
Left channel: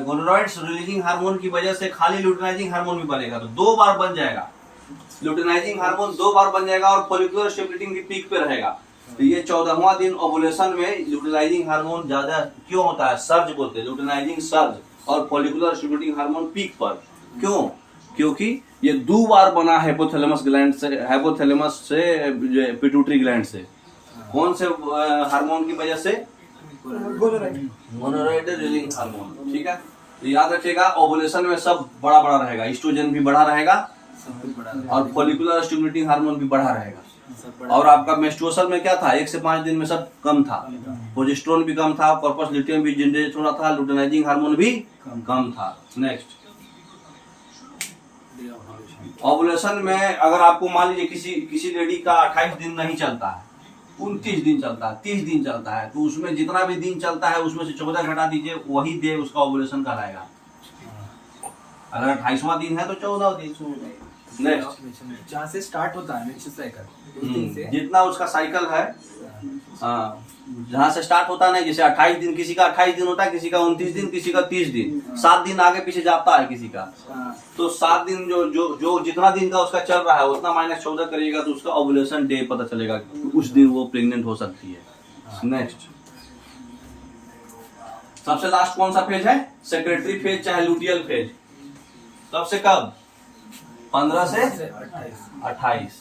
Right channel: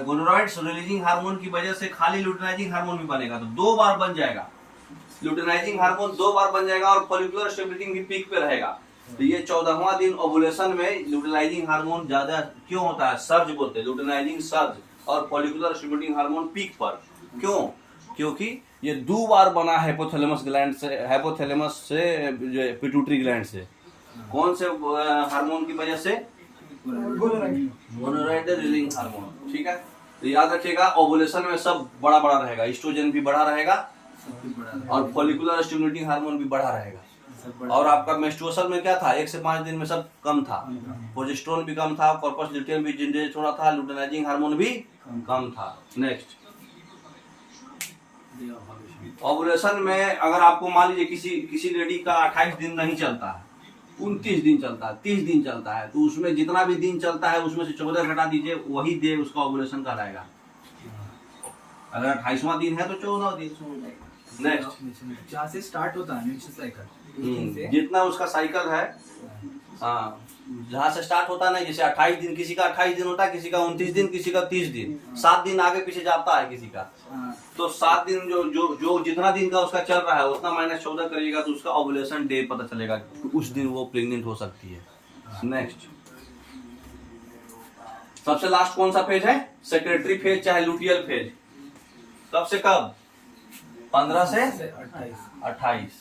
गोनोरॉइड्स रिलीजिंग हार्मोन की वजह से खाली लुटेनाइजिंग हार्मोन भी बनेगा, तो 2 बार बन जाएगा। लुटेनाइजिंग हार्मोन 2 बार बन जाएगा और फॉलिकुलर स्टिमुलेटिंग भी पीक पे रहेगा। तो ये 14वां दिन ओवुलेशन में लुटेनाइजिंग हार्मोन ज्यादा क्यों होता है, सर्ज बोलते हैं, लुटेनाइजिंग सर्ज, और फॉलिकुलर स्टिमुलेटिंग हार्मोन पीक पर। क्यों? क्योंकि ये 2 बार बना हाइपोथैलेमस ग्लैंड से, हाइपोथैलेमस से पिट्यूटरी ग्लैंड से। कौन से हार्मोन की वजह से, गोनोरॉइड रिलीजिंग हार्मोन, ठीक है। तो याद रखिएगा ओवुलेशन में सब बड़ा बड़ा रहेगा, एस्ट्रोजन भी बड़ा रहेगा और फॉलिकुलर स्टिमुलेटिंग हार्मोन भी बढ़ा रहेगा। और आपका मेंस्ट्रुएशन में क्या था, 1 से 5 दिन में सब कम था, प्रोजेस्टेरोन भी कम था, कॉर्पस ल्यूटियम भी जनरेट हो रहा था, लुटेनाइजिंग हार्मोन भी कम था। नेक्स्ट, ओवुलेशन में अगर आपको मान लीजिए किसी लेडी का 28 दिन नहीं चलता है, 29 दिन चलता है, 30 दिन चलता है, तो उसमें जितना भी दिन चलता है उसमें से 14 घटा दीजिए, वही डे उसका ओवुलेशन कहलाएगा। अगर 28वां दिन है तो 14 दिन। नेक्स्ट, जहाँ से स्टार्ट होता है मेंस्ट्रुअल साइकिल, जितना उसका साइकिल है, हाँ, जहाँ से स्टार्ट होता है ना, जैसे 28 दिन, किसी का 28 दिन होता है, किसी का 29 दिन, किसी का 30 दिन, 7 दिन आगे पीछे जाता है किसी का। तो 7 दिन जो जितना दिन का उसका चल रहा है उतना -14 करिएगा तो उसका ओवुलेशन डे पता चलेगा, उस दिन वो प्रेग्नेंट हो सकती है। नेक्स्ट, सबसे लास्ट कौन सा फेज है, सेक्रेटरी फेज चाहे लुटियल फेज। कब से कब, 15 से 28।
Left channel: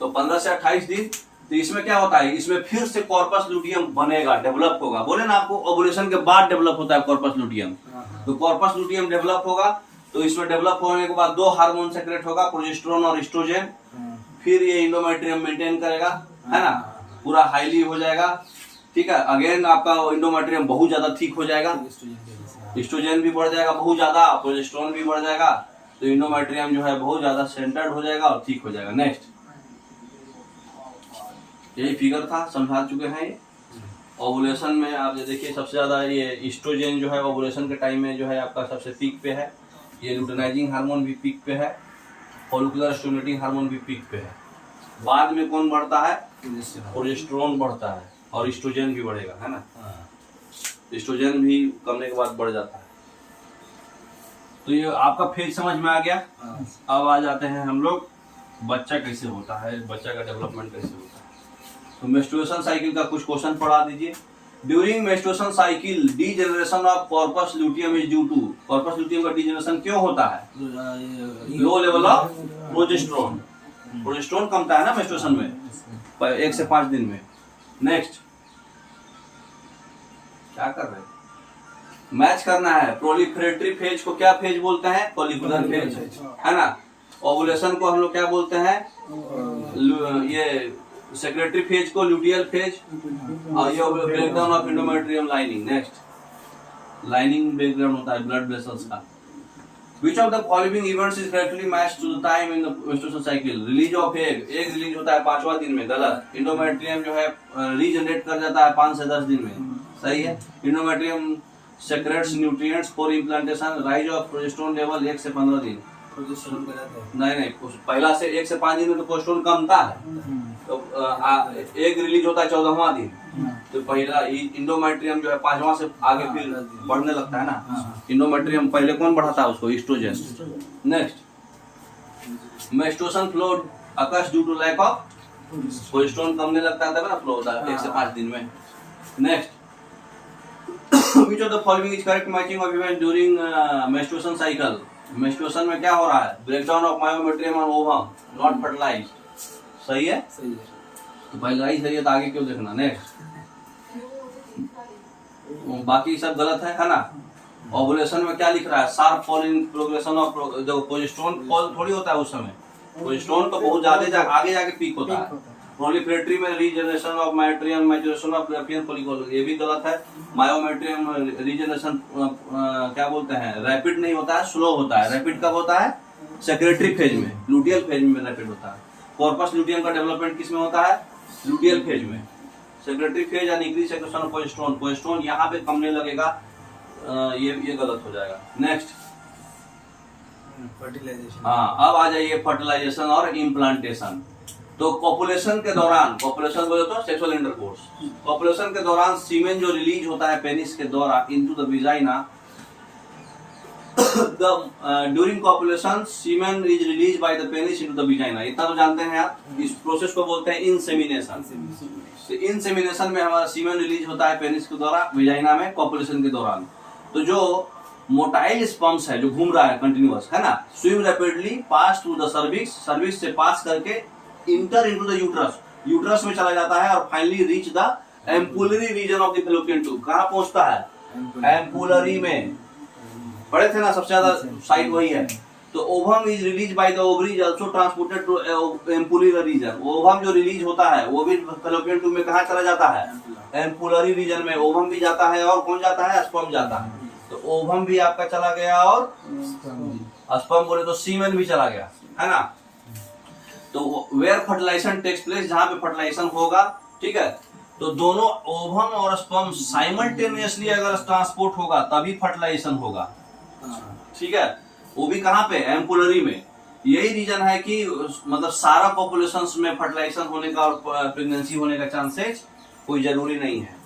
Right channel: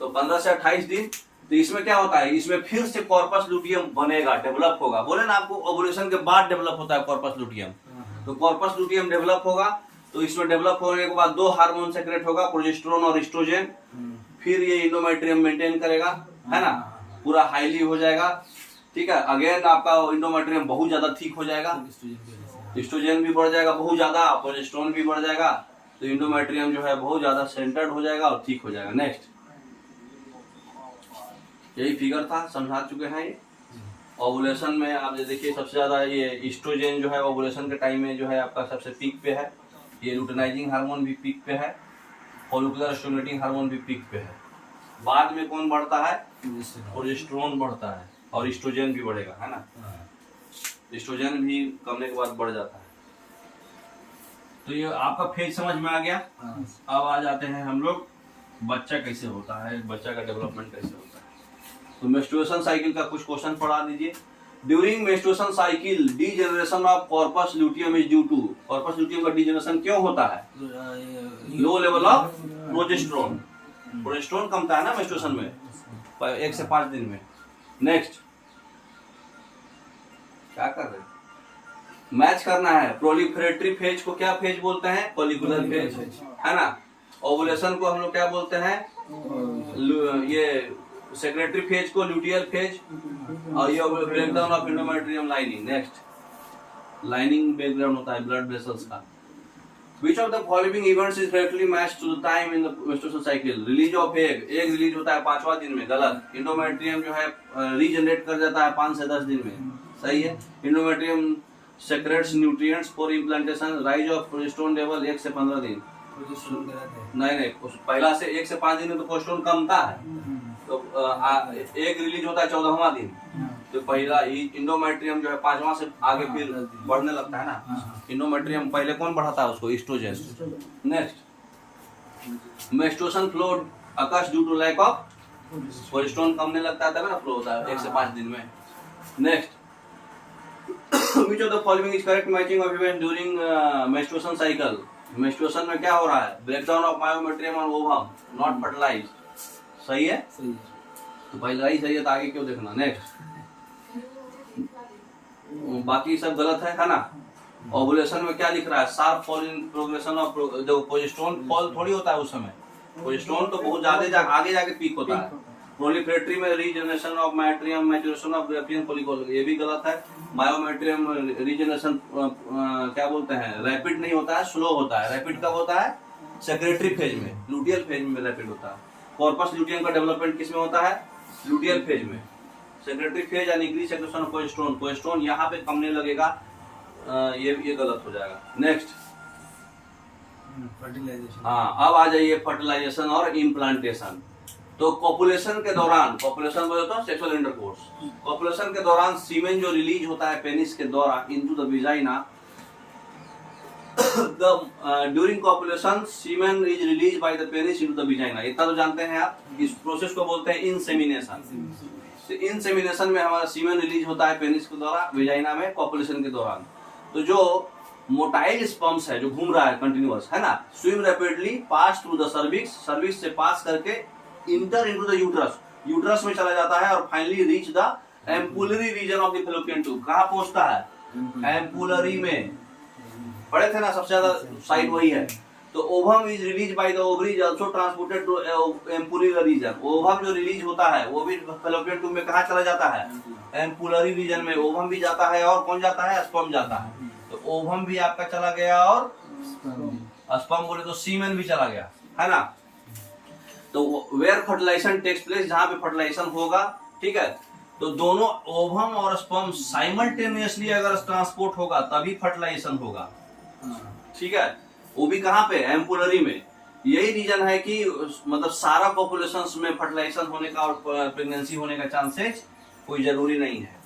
तो 15 से 28 दिन। तो इसमें क्या होता है, इसमें फिर से कॉर्पस लुटियम बनेगा, डेवलप होगा। बोले ना आपको ओवुलेशन के बाद डेवलप होता है कॉर्पस लुटियम। तो कॉर्पस लुटियम डेवलप होगा, तो इसमें डेवलप होने के बाद 2 हार्मोन सेक्रेट होगा, प्रोजेस्टेरोन और एस्ट्रोजन। फिर ये इंडोमेट्रियम मेंटेन करेगा, है ना, पूरा हाईली हो जाएगा, ठीक है। अगेन आपका इंडोमेट्रियम बहुत ज्यादा थिक हो जाएगा, एस्ट्रोजन भी बढ़ जाएगा बहुत ज्यादा, प्रोजेस्टेरोन भी बढ़ जाएगा, तो इंडोमेट्रियम जो है बहुत ज्यादा सेंटर्ड हो जाएगा और ठीक हो जाएगा। नेक्स्ट, यही फिगर था, समझा चुके हैं। ये ओवुलेशन में आप देखिए सबसे ज्यादा ये एस्ट्रोजन जो है ओवुलेशन के टाइम में जो है आपका सबसे पीक पे है, ये लुटेनाइजिंग हार्मोन भी पीक पे है, फॉलिकुलर स्टिमुलेटिंग हार्मोन भी पीक पे है। बाद में कौन बढ़ता है, प्रोजेस्टेरोन बढ़ता है और एस्ट्रोजन भी बढ़ेगा, है ना। एस्ट्रोजन भी कमने के बाद बढ़ जाता है। तो ये आपका फेज समझ में आ गया। अब आ जाते हैं हम लोग बच्चा कैसे होता है, बच्चा का डेवलपमेंट कैसे होता है। तो मेंस्ट्रुएशन साइकिल का कुछ क्वेश्चन पढ़ा दीजिए। During menstruation cycle degeneration of corpus luteum is due to, corpus luteum का डीजेनरेशन क्यों होता है, low level of progesterone, progesterone कम था ना मेंस्ट्रुएशन में 1 से 5 दिन में। नेक्स्ट, क्या कर रहे हैं, मैच करना है। प्रोलिफरेटरी फेज को क्या फेज बोलते हैं, फॉलिकुलर फेज, है ना। ओवुलेशन को हम लोग क्या बोलते हैं, ये सेक्रेटरी फेज को लुटियल फेज, और ये breakdown of endometrium lining. Next, lining breakdown होता है ब्लड वेसल्स का। Which of the following events is correctly matched to the time in the menstruation cycle? Release of egg, egg release होता है 5वां दिन में, गलत। इंडोमेट्रियम जो है रीजनरेट कर जाता है 5 से 10 दिन में, सही है। Endometrium secretes nutrients for implantation, rise of progesterone level 1 से 15 दिन। प्रोजेस्टेरोन गलत है, नहीं, पहला से 1 से 5 दिन में तो प्रोजेस्टेरोन कम था, तो एग रिलीज होता है 14वां दिन, तो पहला इंडोमेट्रियम जो है 5वां से आगे फिर बढ़ने लगता है ना। इंडोमेट्रियम पहले कौन बढ़ाता है उसको? Oestrogen. Next, menstruation flow occurs due to lack of progesterone, कमने लगता है तब ना फ्लो होता है 1 से 5 दिन में। Next, which of the following is correct matching of event during menstruation cycle? menstruation में क्या हो रहा है? breakdown of myometrium and ovum, not fertilized। सही है? सही है। तो पहला ही सही है तो आगे क्यों देखना। नेक्स्ट, बाकी सब गलत है ना। ओवुलेशन में क्या लिख रहा है? Sharp fall in progression of, देखो प्रोजेस्टेरोन फॉल थोड़ी होता है उस समय, प्रोजेस्टेरोन तो बहुत ज्यादा आगे जाके पीक होता है। प्रोलिफरेटरी में regeneration of myometrium, maturation of Graafian follicle, ये भी गलत है। मायोमेट्रियम रीजनरेशन क्या बोलते हैं, रैपिड नहीं होता है, स्लो होता है। रैपिड कब होता है? सेक्रेटरी फेज में, लुटियल फेज में रैपिड होता है। कॉर्पस लुटियम का डेवलपमेंट किस में होता है? लुटियल फेज में। सेक्रेटरी फेज यानी increase secretion of progesterone, progesterone यहाँ पे कमने लगेगा, ये गलत हो जाएगा। Next, fertilization. हाँ, अब आ जाइए फर्टिलाइजेशन और इम्प्लांटेशन। तो कॉपुलेशन के दौरान, कॉपुलेशन बोले तो सेक्सुअल इंटरकोर्स, कॉपुलेशन के दौरान सीमेन जो रिलीज होता है पेनिस के द्वारा into the vagina, during copulation semen is release by the penis into the vagina. इतना तो जानते हैं आप, इस प्रोसेस को बोलते हैं इंसेमिनेशन। तो इंसेमिनेशन में हमारा सीमेन रिलीज होता है पेनिस के द्वारा विजाइना में कॉपुलेशन के दौरान। तो जो मोटाइल स्पर्म्स है जो घूम रहा है कंटिन्यूअस, है ना, swim rapidly pass through the cervix, cervix से पास करके inter into the uterus, uterus में चला जाता है और finally reach the ampullary region of the fallopian tube. कहाँ पहुंचता है? एम्पुलरी में। पढ़े थे ना, सबसे ज्यादा साइट वही है। तो ovum is release by the ovaries also transported to ampullary region. Ovum जो रिलीज होता है वो भी फैलोपियन ट्यूब में कहाँ चला जाता है? एम्पुलरी रीजन में। ओवम भी जाता है और कौन जाता है? स्पर्म जाता है। तो ओवम भी आपका चला गया और स्पर्म बोले तो सीमेन भी चला गया, है ना। तो वेयर फर्टिलाइजेशन टेक्स प्लेस, जहां पे फर्टिलाइजेशन होगा, ठीक है। तो दोनों ओवम और स्पर्म साइमल्टेनियसली अगर ट्रांसपोर्ट होगा तभी फर्टिलाइजेशन होगा, ठीक है। वो भी कहाँ पे? एम्पुलरी में। यही रीजन है कि मतलब सारा पॉपुलेशन में फर्टिलाइजेशन होने का और प्रेगनेंसी होने का चांसेस कोई जरूरी नहीं है।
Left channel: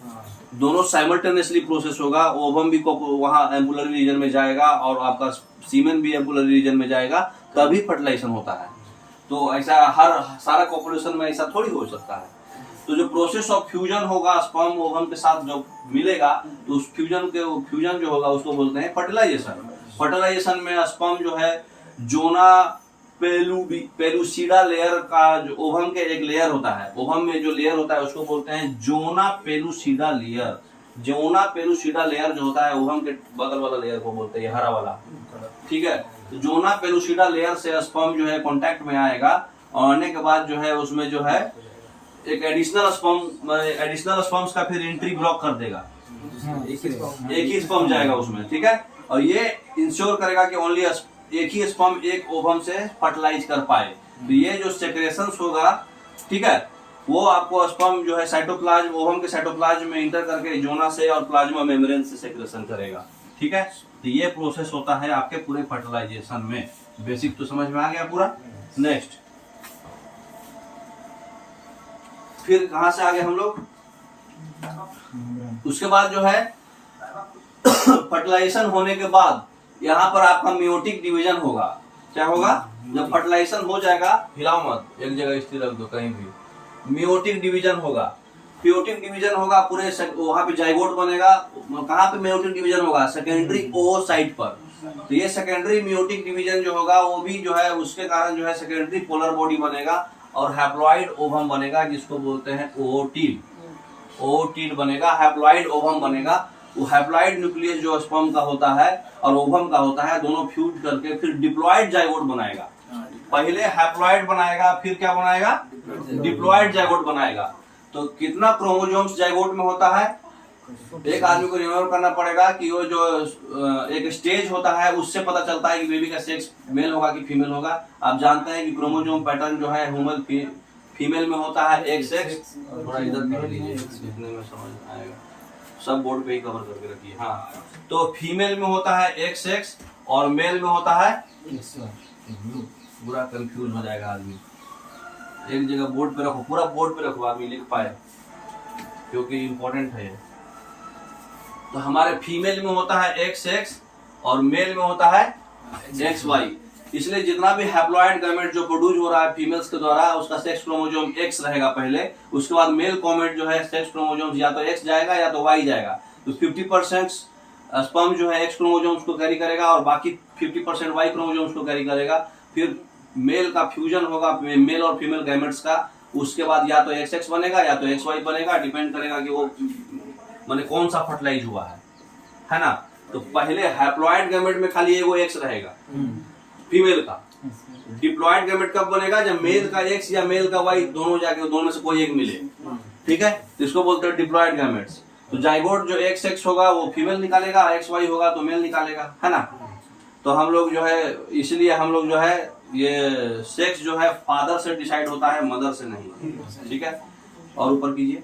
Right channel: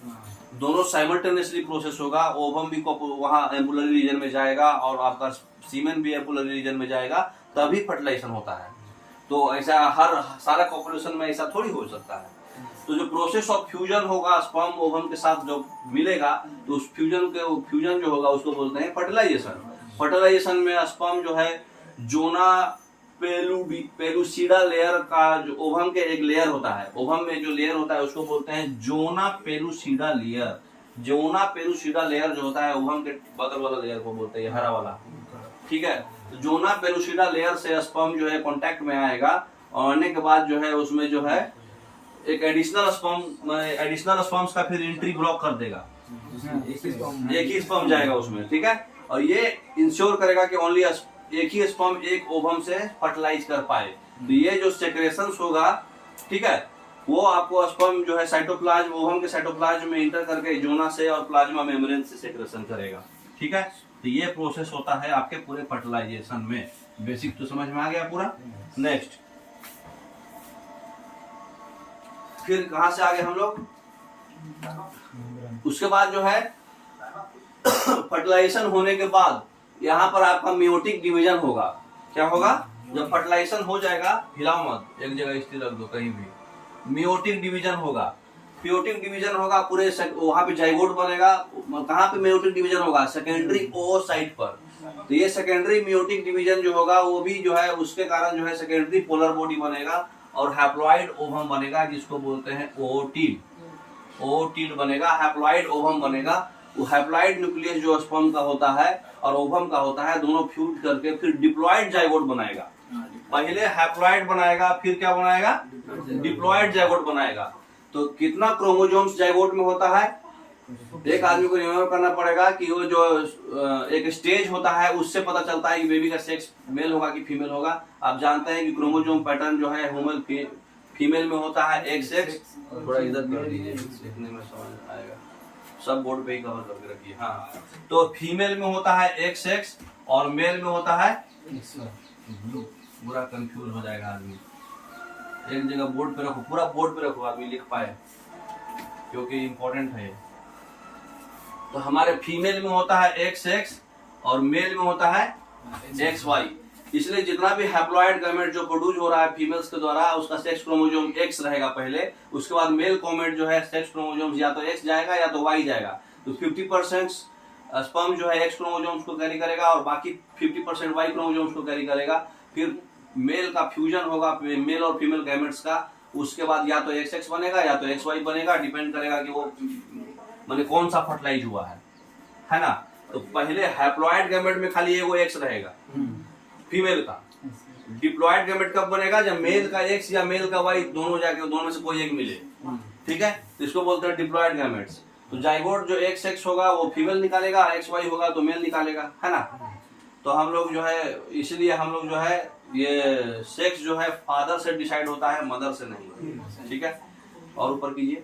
दोनों साइमल्टेनियसली प्रोसेस होगा। ओवम भी वहां एम्पुलरी रीजन में जाएगा और आपका सीमेन भी एम्पुलरी रीजन में जाएगा, तभी फर्टिलाइजेशन होता है। तो ऐसा हर सारा पॉपुलेशन में ऐसा थोड़ी हो सकता है। तो जो प्रोसेस ऑफ फ्यूजन होगा स्पर्म ओवम के साथ जो मिलेगा, तो उस फ्यूजन जो होगा उसको बोलते हैं फर्टिलाइजेशन। फर्टिलाइजेशन में स्पर्म जो है जोना पेलुसिडा लेयर का, जो ओवम के एक लेयर होता है, ओवम में जो लेयर होता है उसको बोलते हैं zona pellucida layer. Zona pellucida layer जो होता है ओवम के बगल वाला लेयर को बोलते हैं, हरा वाला, ठीक है। तो जोना पेलुसिडा लेयर से स्पर्म जो है कांटेक्ट में आएगा और आने के बाद जो है उसमें जो है एक एडिशनल स्पर्म्स का फिर एंट्री ब्लॉक कर देगा। एक ही स्पर्म जाएगा उसमें, ठीक है। और ये इंश्योर करेगा कि ओनली एक ही स्पर्म एक ओवम से फर्टिलाइज कर पाए। तो ये जो सेक्रेशंस होगा, ठीक है, वो आपको स्पर्म जो है साइटोप्लाज्म, ओवम के साइटोप्लाज्म में इंटर करके जोना से और प्लाज्मा मेम्ब्रेन से सेक्रेशन करेगा, ठीक है। तो ये प्रोसेस होता है आपके पूरे फर्टिलाइजेशन में। बेसिक तो समझ में आ गया पूरा। नेक्स्ट, फिर कहां से आगे हम लोग? उसके बाद जो है फर्टिलाइजेशन होने के बाद यहाँ पर आपका मियोटिक डिवीजन होगा। क्या होगा? जब फर्टिलाइजेशन हो जाएगा, हिलाओ मत, एक जगह स्थिर रख दो कहीं भी। मियोटिक डिवीजन होगा। मियोटिक डिवीजन होगा पूरे वहां पे जाइगोट बनेगा। कहाँ पे मियोटिक डिवीजन होगा? सेकेंडरी ओसाइट पर। तो ये सेकेंडरी मियोटिक डिवीजन जो होगा वो भी जो है उसके कारण जो है सेकेंडरी पोलर बॉडी बनेगा और हैप्लॉइड ओवम बनेगा, जिसको बोलते हैं ओटिड। ओटिड बनेगा, हैप्लॉइड ओवम बनेगा। वो हैप्लॉइड न्यूक्लियस जो स्पर्म का होता है और ओवम का होता है, दोनों फ्यूज करके फिर डिप्लॉइड जाइगोट बनाएगा। पहले हैप्लॉइड बनाएगा, फिर क्या बनाएगा? डिप्लॉइड जाइगोट बनाएगा। तो कितना क्रोमोसोम्स जाइगोट में होता है? एक आदमी को रिमेम्बर करना पड़ेगा कि वो जो एक स्टेज होता है उससे पता चलता है कि बेबी का सेक्स मेल होगा कि फीमेल होगा। आप जानते हैं कि क्रोमोसोम पैटर्न जो है ह्यूमन फीमेल में होता है एक सेक्स। थोड़ा इधर कर लीजिए, इतने में समझ आएगा। सब बोर्ड पे ही कवर करके रखिए। हाँ, तो फीमेल में होता है एक सेक्स और मेल में होता है, पूरा कंफ्यूज हो जाएगा आदमी। एक जगह बोर्ड पे रखो, पूरा बोर्ड पे रखो, आदमी लिख पाए। क्योंकि इम्पोर्टेंट है। तो हमारे फीमेल में होता है XX और मेल में होता है XY। इसलिए जितना भी हैप्लॉइड गैमेट जो प्रोड्यूस हो रहा है फीमेल्स के द्वारा, उसका सेक्स क्रोमोसोम X रहेगा पहले, उसके बाद मेल गैमेट जो है सेक्स क्रोमोसोम या तो X जाएगा या तो Y जाएगा। तो 50% स्पर्म जो है X क्रोमोसोम्स को कैरी करेगा और बाकी 50% Y क्रोमोसोम्स को कैरी करेगा। फिर मेल का फ्यूजन होगा मेल और फीमेल गैमेट्स का, उसके बाद या तो XX बनेगा या तो XY बनेगा, डिपेंड करेगा कि वो माने कौन सा फर्टिलाइज हुआ है ना। तो पहले हैप्लॉइड गैमेट में खाली एगो X रहेगा फीमेल का। डिप्लॉइड गैमेट कब बनेगा? जब मेल का X या मेल का Y दोनों जाके दोनों में से कोई एक मिले, ठीक है, तो इसको बोलते हैं डिप्लॉइड गैमेट्स। तो जाइगोट जो XX होगा वो फीमेल निकालेगा, XY होगा तो मेल निकालेगा, है ना। तो हम लोग जो है, इसलिए हम लोग जो है ये सेक्स जो है फादर से डिसाइड होता है, मदर से नहीं, ठीक है। और ऊपर कीजिए।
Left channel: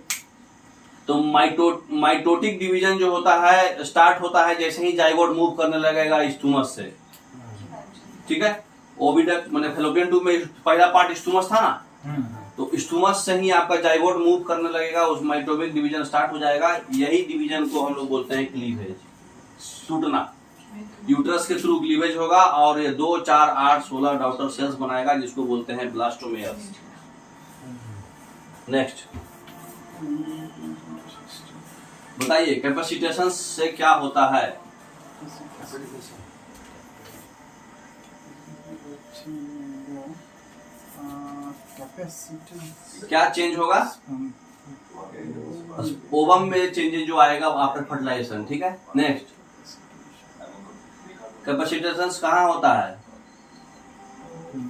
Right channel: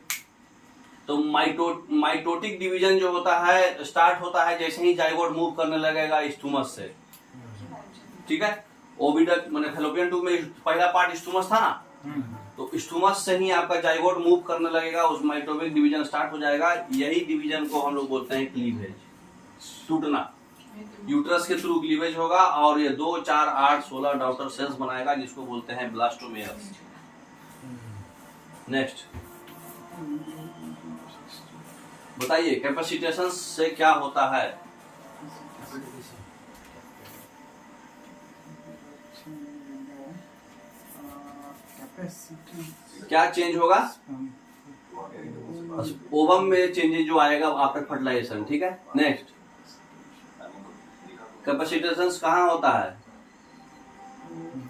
तो माइटोटिक डिवीजन जो होता है स्टार्ट होता है जैसे ही जाइगोट मूव करने लगेगा स्टूमस से, ठीक है। ओविडक्ट माने फैलोपियन ट्यूब में पहला पार्ट स्टूमस था ना, तो स्टूमस से ही आपका जाइगोट मूव करने लगेगा, उस माइटोटिक डिवीजन स्टार्ट हो जाएगा। यही डिवीजन को हम लोग बोलते हैं क्लीवेज, टूटना। यूट्रस के थ्रू क्लीवेज होगा और ये 2, 4, 8, 16 डॉटर सेल्स बनाएगा जिसको बोलते हैं ब्लास्टोमेयर्स। नेक्स्ट बताइए कैपेसिटेशन से क्या होता है? क्या चेंज होगा? ओवम में चेंजेस जो आएगा आफ्टर फर्टिलाइजेशन, ठीक है। नेक्स्ट कैपेसिटेशन कहाँ होता है?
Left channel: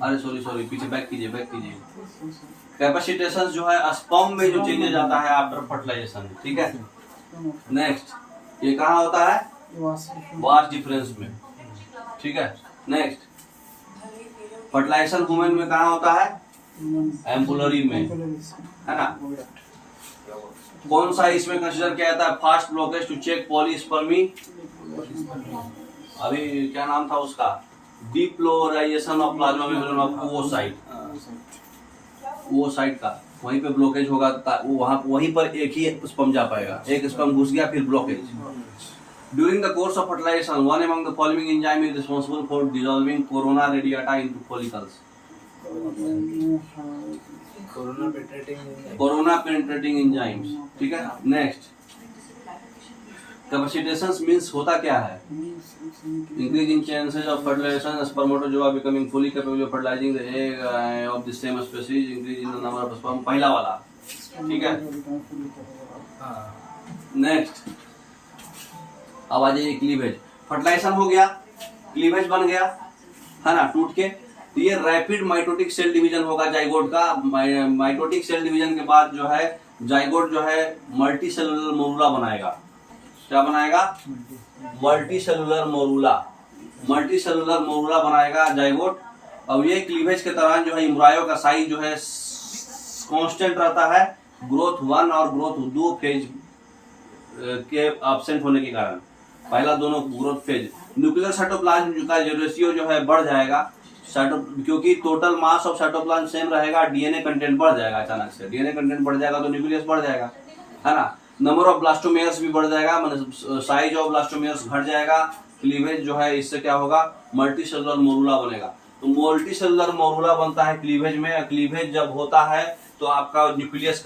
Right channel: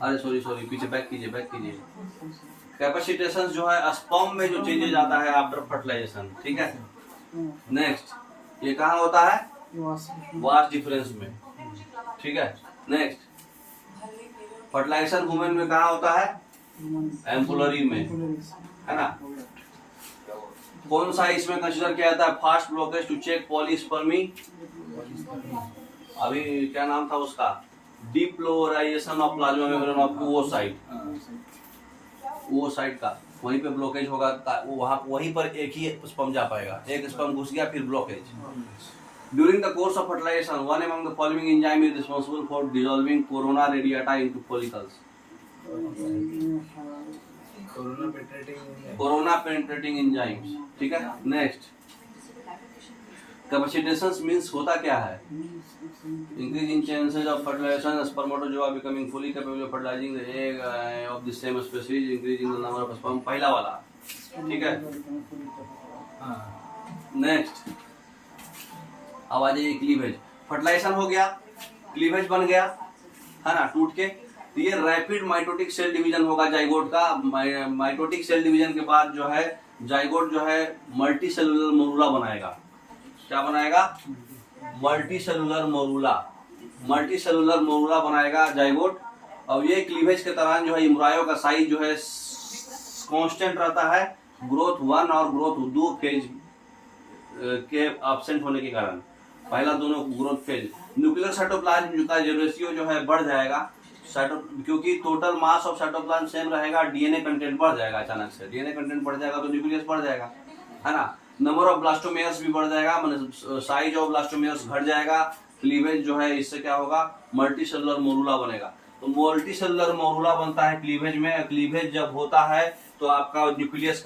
अरे सॉरी पीछे बैक कीजिए। कैपेसिटेशन जो है स्पर्म में जो चेंजेस आता है आफ्टर फर्टिलाइजेशन, ठीक है। नेक्स्ट ये कहाँ होता है? वाश डिफरेंस में, ठीक है। नेक्स्ट फर्टिलाइजेशन वुमेन में कहाँ होता है? एम्पुलरी में, है ना। कौन सा इसमें कंसीडर किया जाता है fast blockage to check polyspermy? अभी क्या नाम था उसका? Depolarisation of plasma membrane of oocyte का, वहीं पे ब्लॉकेज होगा, वहीं पर एक ही स्पर्म जा पाएगा, एक स्पर्म घुस गया फिर blockage. During the course of fertilization one among the following enzyme is responsible for dissolving corona radiata into follicles. Corona penetrating enzymes, ठीक है। नेक्स्ट कैपेसिटेशन मींस होता क्या है? Increase in chances of fertilization, spermatozoa becoming fully capable of fertilizing the egg of the same species, increase in the number of sperm, पहला वाला, ठीक है। Next अब आ जाइए क्लीवेज। फर्टिलाइजेशन हो गया, क्लीवेज बन गया, है ना, टूट के। तो ये रैपिड माइटोटिक सेल डिवीजन होगा जाइगोट का। माइटोटिक सेल डिवीजन के बाद जो है जाइगोट जो है मल्टी सेलुलर मोरूला बनाएगा। क्या बनाएगा? मल्टी सेलुलर मोरूला बनाएगा जाइगोट। अब ये क्लीवेज के दौरान जो है एम्ब्रायो का साइज जो है कांस्टेंट रहता है, ग्रोथ 1 और ग्रोथ 2 फेज के एब्सेंट होने के कारण। पहला दोनों ग्रोथ फेज, न्यूक्लियर साइटोप्लाज्म का जो रेशियो जो है बढ़ जाएगा, क्योंकि total mass of cytoplasm same रहेगा, डीएनए कंटेंट बढ़ जाएगा। अचानक से डीएनए कंटेंट बढ़ जाएगा तो न्यूक्लियस बढ़ जाएगा, है ना। नंबर ऑफ ब्लास्टोमेयर्स भी बढ़ जाएगा, मतलब साइज ऑफ ब्लास्टोमेयर्स घट जाएगा। क्लीवेज जो है इससे क्या होगा? मल्टी सेलुलर मोरूला बनेगा। तो मल्टी सेलुलर मोरूला बनता है क्लीवेज में। क्लीवेज जब होता है तो आपका न्यूक्लियस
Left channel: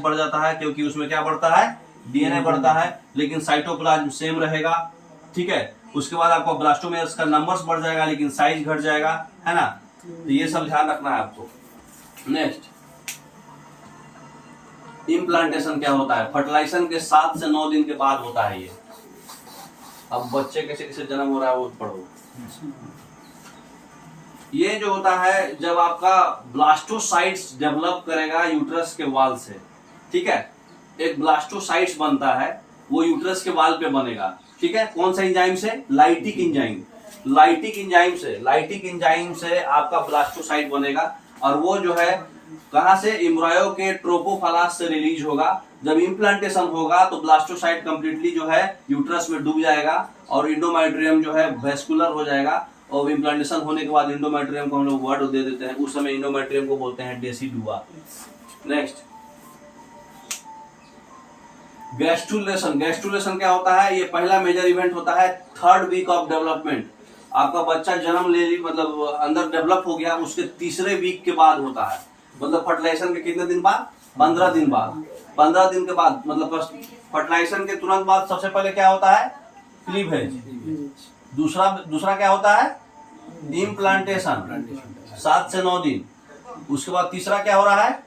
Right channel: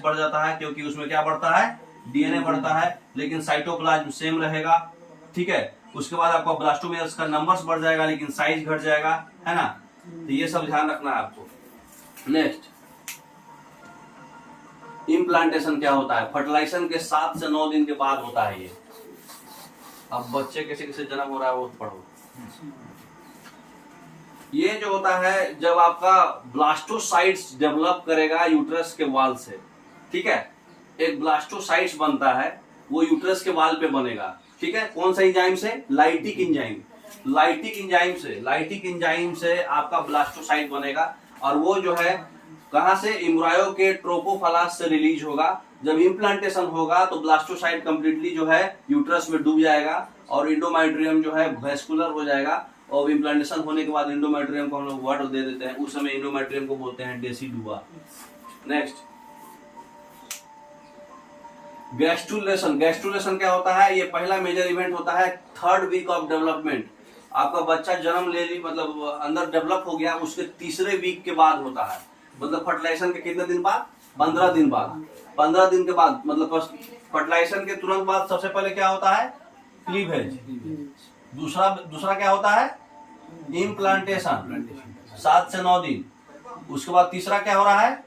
बढ़ जाता है, क्योंकि उसमें क्या बढ़ता है? डीएनए बढ़ता है, लेकिन साइटोप्लाज्म सेम रहेगा, ठीक है। उसके बाद आपका ब्लास्टोमेयर्स का नंबर्स बढ़ जाएगा लेकिन साइज घट जाएगा, है ना। तो ये सब ध्यान रखना है आपको। नेक्स्ट इम्प्लांटेशन क्या होता है? फर्टिलाइजेशन के 7 से 9 दिन के बाद होता है ये। अब बच्चे कैसे कैसे जन्म हो रहा है वो पढ़ो। ये जो होता है जब आपका ब्लास्टोसाइट्स डेवलप करेगा यूट्रस के वाल से, ठीक है। एक ब्लास्टोसाइट्स बनता है, वो यूट्रस के वाल पे बनेगा, ठीक है। कौन सा एंजाइम से? लाइटिक एंजाइम से आपका ब्लास्टोसाइट बनेगा। और वो जो है कहां से? एम्ब्रायो के ट्रोपोफालस से रिलीज होगा। जब इम्प्लांटेशन होगा तो ब्लास्टोसाइट कंप्लीटली जो है यूट्रस में डूब जाएगा और इंडोमेट्रियम जो है वेस्कुलर हो जाएगा। और इम्प्लांटेशन होने के बाद इंडोमेट्रियम को हम लोग वर्ड दे देते हैं, उस समय इंडोमेट्रियम को बोलते हैं डेसिडुआ। नेक्स्ट गैस्ट्रुलेशन, गैस्ट्रुलेशन क्या होता है? ये पहला मेजर इवेंट होता है 3rd वीक ऑफ डेवलपमेंट। आपका बच्चा जन्म ले ली, मतलब अंदर डेवलप हो गया, उसके 3रे वीक के बाद होता है। मतलब फर्टिलाइजेशन के कितने दिन बाद? 15 दिन बाद। 15 दिन के बाद मतलब फर्टिलाइजेशन के तुरंत बाद सबसे पहले क्या होता है? क्लीवेज। दूसरा क्या होता है? इम्प्लांटेशन, 7 से 9 दिन। उसके बाद तीसरा क्या हो रहा है?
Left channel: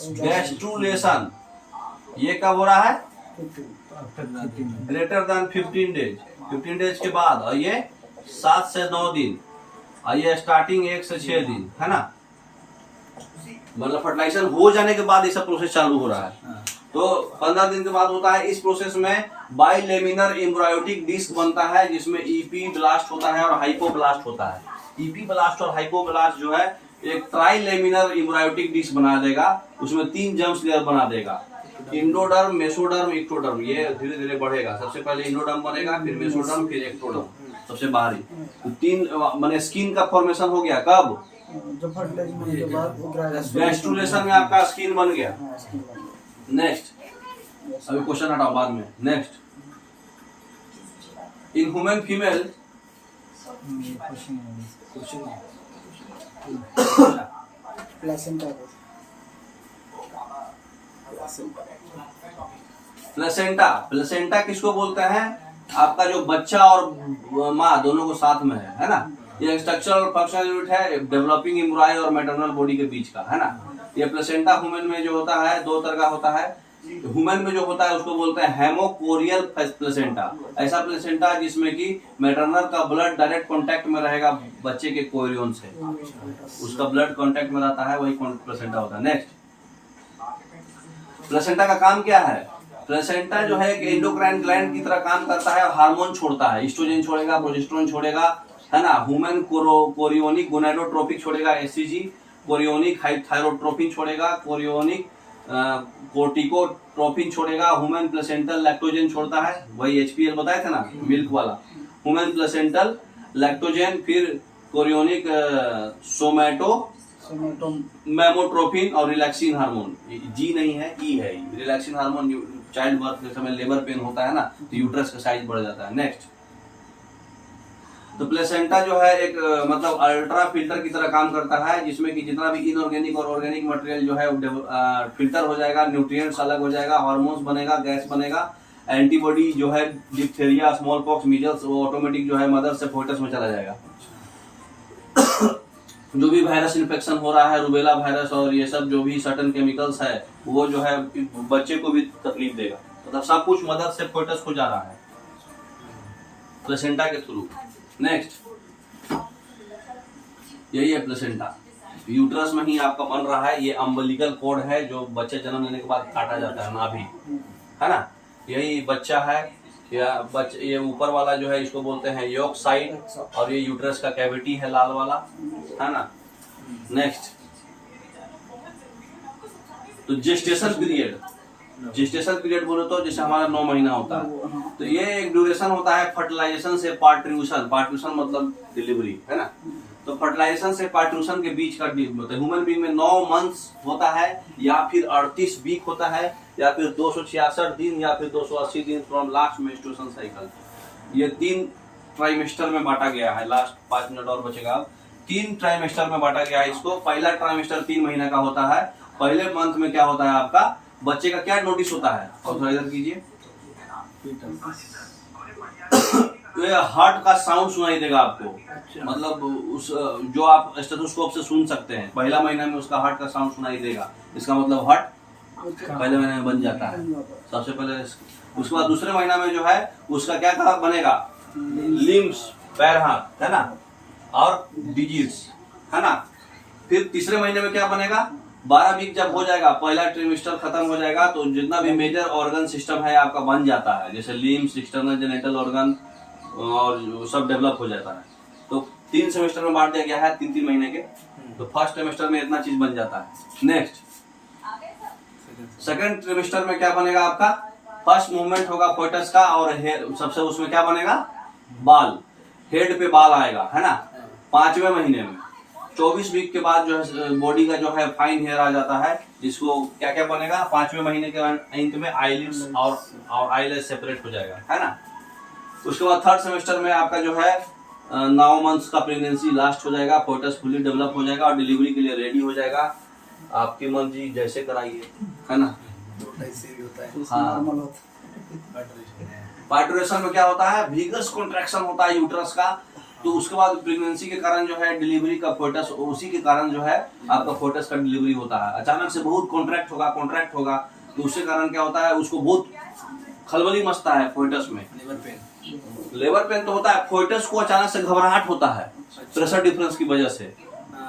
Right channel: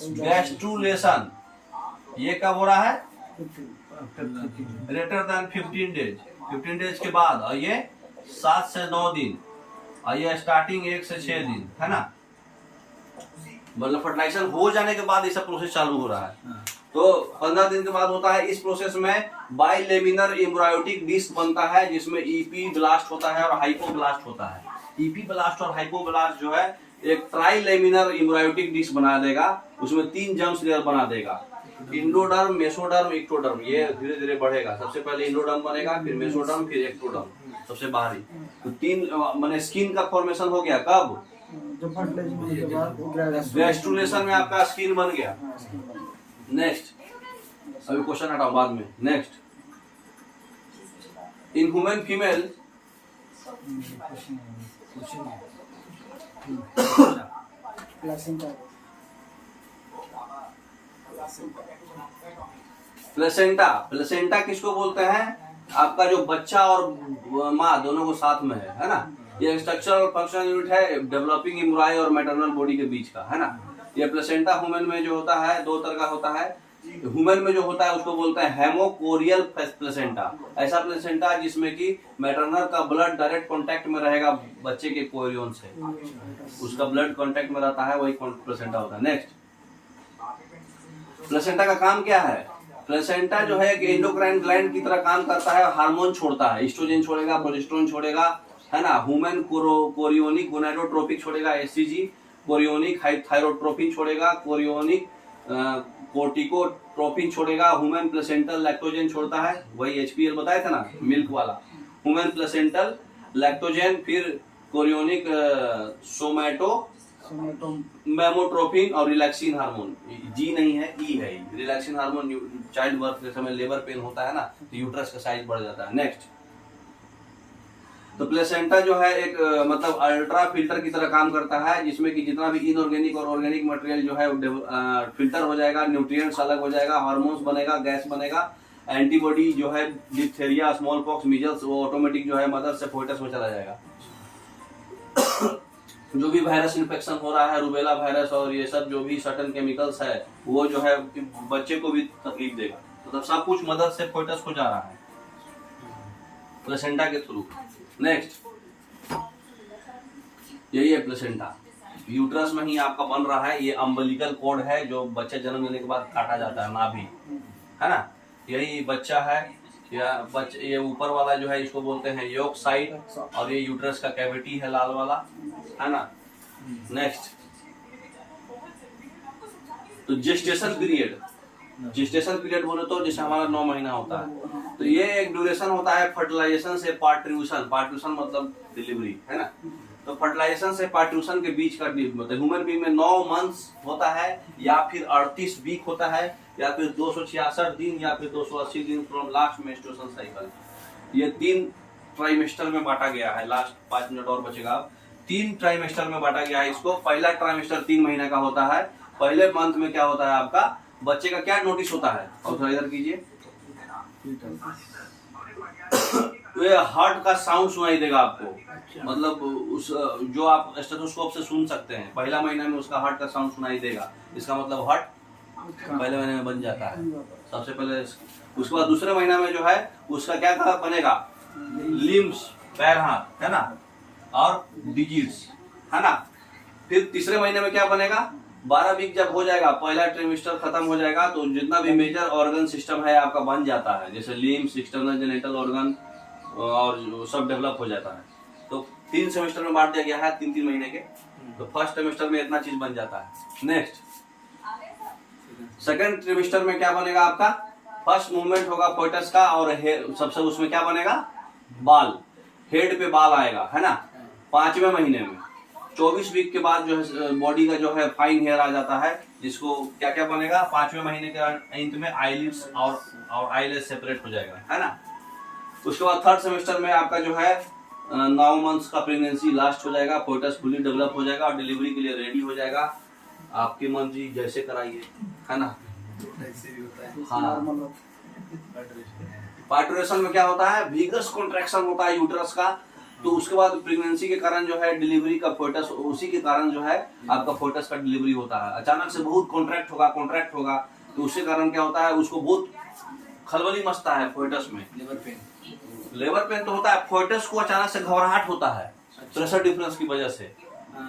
गैस्ट्रुलेशन। ये कब हो रहा है? Greater than 15 days. 15 डेज के बाद, और ये 7 से 9 दिन, और ये स्टार्टिंग 1 से 6 दिन, है ना। मतलब फर्टिलाइजेशन हो जाने के बाद ये सब प्रोसेस चालू हो रहा है। तो 15 दिन के बाद होता है। इस प्रोसेस में बाइलेमिनर एम्ब्रायोटिक डिस्क बनता है, जिसमें ईपी ब्लास्ट होता है और हाइपोब्लास्ट होता है। ईपी ब्लास्ट और हाइपोब्लास्ट जो है एक ट्राइलेमिनर एम्ब्रायोटिक डिस्क बना देगा, उसमें 3 जर्म्स लेयर बना देगा, इंडोडर्म, मेसोडर्म, एक्टोडर्म। ये धीरे धीरे बढ़ेगा। सबसे पहले इंडोडर्म बनेगा, फिर मेसोडर्म, फिर एक्टोडर्म, सबसे बाहरी। तो 3 माने स्किन का फॉर्मेशन हो गया। कब? जब फर्टिलाइजेशन के बाद गैस्ट्रुलेशन में आपका स्किन बन गया। नेक्स्ट, अभी क्वेश्चन हटाओ बाद में। Next, in human female placenta placenta. Placenta किसको बोलते हैं? आपका जो बच्चा और माँ दोनों को साथ में है ना। ये स्ट्रक्चरल और फंक्शनल यूनिट है डेवलपिंग एम्ब्रायो और मैटरनल बॉडी के बीच का, है ना। ये प्लेसेंटा ह्यूमन में जो होता है 2 तरह का होता है। ह्यूमन में जो होता है उसको बोलते हैं हेमोकोरियल प्लेसेंटा। ऐसा प्लेसेंटा जिसमें कि मैटरनल का ब्लड डायरेक्ट कांटेक्ट में रहेगा बच्चे के कोरियन से, उसका ब्लड कांटेक्ट में रहता है, वही प्लेसेंटा होता है। नेक्स्ट, प्लेसेंटा का काम क्या है? प्लेसेंटा जो है कि एंडोक्राइन ग्लैंड की तरह काम करता है, हार्मोन छोड़ता है, एस्ट्रोजन छोड़ेगा, प्रोजेस्टेरोन छोड़ेगा, है ना। ह्यूमन कोरियोनिक गोनाडोट्रोपिक छोड़ेगा, एचसीजी, कोरियोनिक थायरोट्रोपिन छोड़ेगा, कोरियोनिक कोर्टिकोट्रोपिन छोड़ेगा, ह्यूमन प्लेसेंटल लैक्टोजन छोड़ता है, वही एचपीएल बताए थे ना, मिल्क वाला। ह्यूमन प्लेसेंटल लैक्टोजन, फिर कोरियोनिक सोमैटो मेमोट्रोपिन और रिलैक्सिन हार्मोन। जी नहीं है, ई है। रिलैक्सिन हार्मोन चाइल्ड बर्थ के समय लेबर पेन होता है ना, तो यूट्रस का साइज बढ़ जाता है। नेक्स्ट, तो प्लेसेंटा जो है एक मतलब अल्ट्रा फिल्टर की तरह काम करता है, जिसमें कि जितना भी इनऑर्गेनिक और ऑर्गेनिक मटेरियल जो है फिल्टर हो जाएगा, न्यूट्रिएंट्स अलग हो जाएगा, हार्मोन्स बनेगा, गैस बनेगा, एंटीबॉडी जो है डिप्थेरिया, स्मॉल पॉक्स, मीजल्स, वो ऑटोमेटिक जो है मदर से फोइटस में चला जाएगा। जो भी वायरस इन्फेक्शन हो रहा है, रूबेला वायरस और ये सब जो भी सर्टेन केमिकल्स है, वो जो है बच्चे को भी तकलीफ देगा। मतलब सब कुछ मदर से फोइटस को जा रहा है प्लेसेंटा के थ्रू। नेक्स्ट, यही है प्लेसेंटा। यूट्रस में ही आपका बन रहा है। ये अम्बिलिकल कॉर्ड है जो बच्चे जन्म लेने के बाद काटा जाता है, नाभि, है ना। यही बच्चा है, या ये ऊपर वाला जो है इसको बोलते हैं योक साइड, और ये यूट्रस का कैविटी है लाल वाला, है ना। नेक्स्ट, तो जेस्टेशन पीरियड। जेस्टेशन पीरियड बोले तो जैसे हमारा 9 महीना होता है, तो ये एक ड्यूरेशन होता है फर्टिलाइजेशन से पार्ट्यूशन। पार्ट्यूशन मतलब डिलीवरी, है ना। तो फर्टिलाइजेशन से पार्ट्यूशन के बीच का मतलब ह्यूमन बीइंग में 9 मंथ्स होता है, या फिर 38 वीक होता है, या फिर 266 दिन, या फिर 280 दिन फ्रॉम लास्ट मेंस्ट्रुएशन साइकिल। ये 3 ट्राइमेस्टर में बांटा गया है। लास्ट 5 मिनट और बचेगा। 3 ट्राइमेस्टर में बांटा गया है इसको। पहला ट्राइमेस्टर 3 महीने का होता है। पहले मंथ में क्या होता है आपका बच्चे का क्या नोटिस होता है, और थोड़ा इधर कीजिए, ये हार्ट का साउंड सुनाई देगा आपको। मतलब उस जो आप स्टेथोस्कोप से सुन सकते हैं, पहला महीना में उसका हार्ट का साउंड सुनाई देगा। इसका मतलब हार्ट पहले महीने में बन जाता है सबसे पहले। उसके बाद दूसरे महीना में जो है उसका क्या बनेगा, लिम्स, पैर हाथ, है ना, और डिजीज, है ना। फिर तीसरे महीने में क्या बनेगा, 12 वीक जब हो जाएगा, पहला ट्रिमेस्टर खत्म हो जाएगा, तो जितना भी मेजर ऑर्गन सिस्टम है आपका बन जाता है, जैसे लिम्स, एक्सटर्नल जेनिटल ऑर्गन, और सब डेवलप हो जाता है। तो 3 सेमेस्टर में बांट दिया गया है, 3-3 महीने के। तो फर्स्ट ट्रिमेस्टर में इतना चीज बन जाता है। नेक्स्ट, सेकंड ट्रिमेस्टर में क्या बनेगा आपका, फर्स्ट मूवमेंट होगा फोइटस का, और सबसे उसमें क्या बनेगा, बाल, हेड पे बाल आएगा, है ना, 5वें महीने में। 24 वीक के बाद जो है बॉडी का जो है फाइन हेयर आ जाता है, जिसको क्या क्या बनेगा, 5वें महीने के अंत में आईलिड्स और आईलेस सेपरेट हो जाएगा, है ना। उसके बाद 3rd सेमेस्टर में आपका जो है 9 मंथ्स का प्रेगनेंसी लास्ट हो जाएगा, फोटस फुली डेवलप हो जाएगा और डिलीवरी के लिए रेडी हो जाएगा। आपकी मर्जी जैसे कराइए, है ना। ऐसे भी होता है। हाँ। नॉर्मल होता पार्टुरेशन में क्या होता है, विगस कॉन्ट्रैक्शन होता है यूट्रस का, तो उसके बाद प्रेगनेंसी के कारण जो है डिलीवरी का फोटस, उसी के कारण जो है आपका फोटस का डिलीवरी होता है। अचानक से बहुत कॉन्ट्रैक्ट होगा तो उसके कारण क्या होता है, उसको बहुत खलबली मचता है फोटस में। लेबर पेन तो होता है, फोटस को अचानक से घबराहट होता है प्रेशर डिफरेंस की वजह से।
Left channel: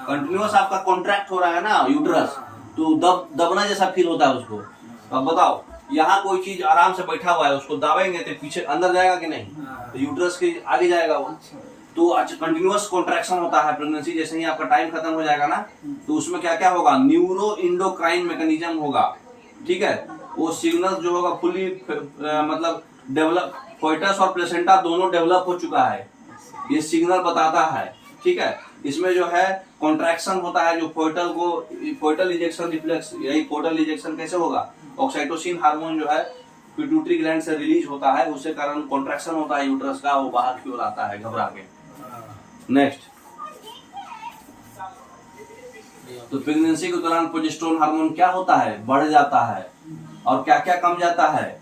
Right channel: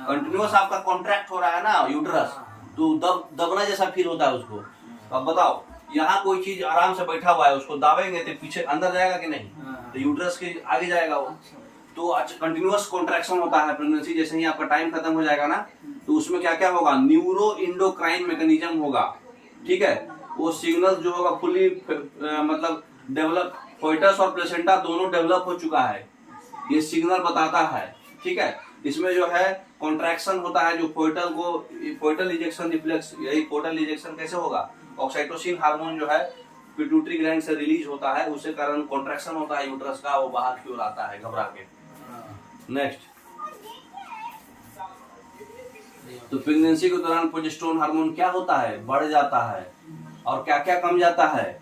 कंटिन्यूअस आपका कॉन्ट्रैक्ट हो रहा है ना यूट्रस, तो दबना जैसा फील होता है उसको। अब बताओ, यहाँ कोई चीज आराम से बैठा हुआ है, उसको दाबेंगे तो पीछे अंदर जाएगा कि नहीं, तो यूट्रस के आगे जाएगा वो। तो कंटिन्यूअस कॉन्ट्रैक्शन होता है प्रेगनेंसी, जैसे ही आपका टाइम खत्म हो जाएगा ना, तो उसमें क्या क्या होगा, न्यूरो इंडोक्राइन मैकेनिज्म होगा, ठीक है। वो सिग्नल जो होगा फुली मतलब डेवलप, फोइटस और प्लेसेंटा दोनों डेवलप हो चुका है, ये सिग्नल बताता है, ठीक है। इसमें जो है कॉन्ट्रैक्शन होता है, जो फोइटल इजेक्शन रिफ्लेक्स, यही फोइटल इजेक्शन कैसे होगा, ऑक्सीटोसिन हार्मोन जो है पिट्यूटरी ग्लैंड से रिलीज होता है, उसके कारण कॉन्ट्रैक्शन होता है यूट्रस का, वो बाहर की ओर आता है घबरा के। नेक्स्ट, तो प्रेगनेंसी के दौरान प्रोजेस्टेरोन हार्मोन क्या होता है, बढ़ जाता है, और क्या क्या कम जाता है,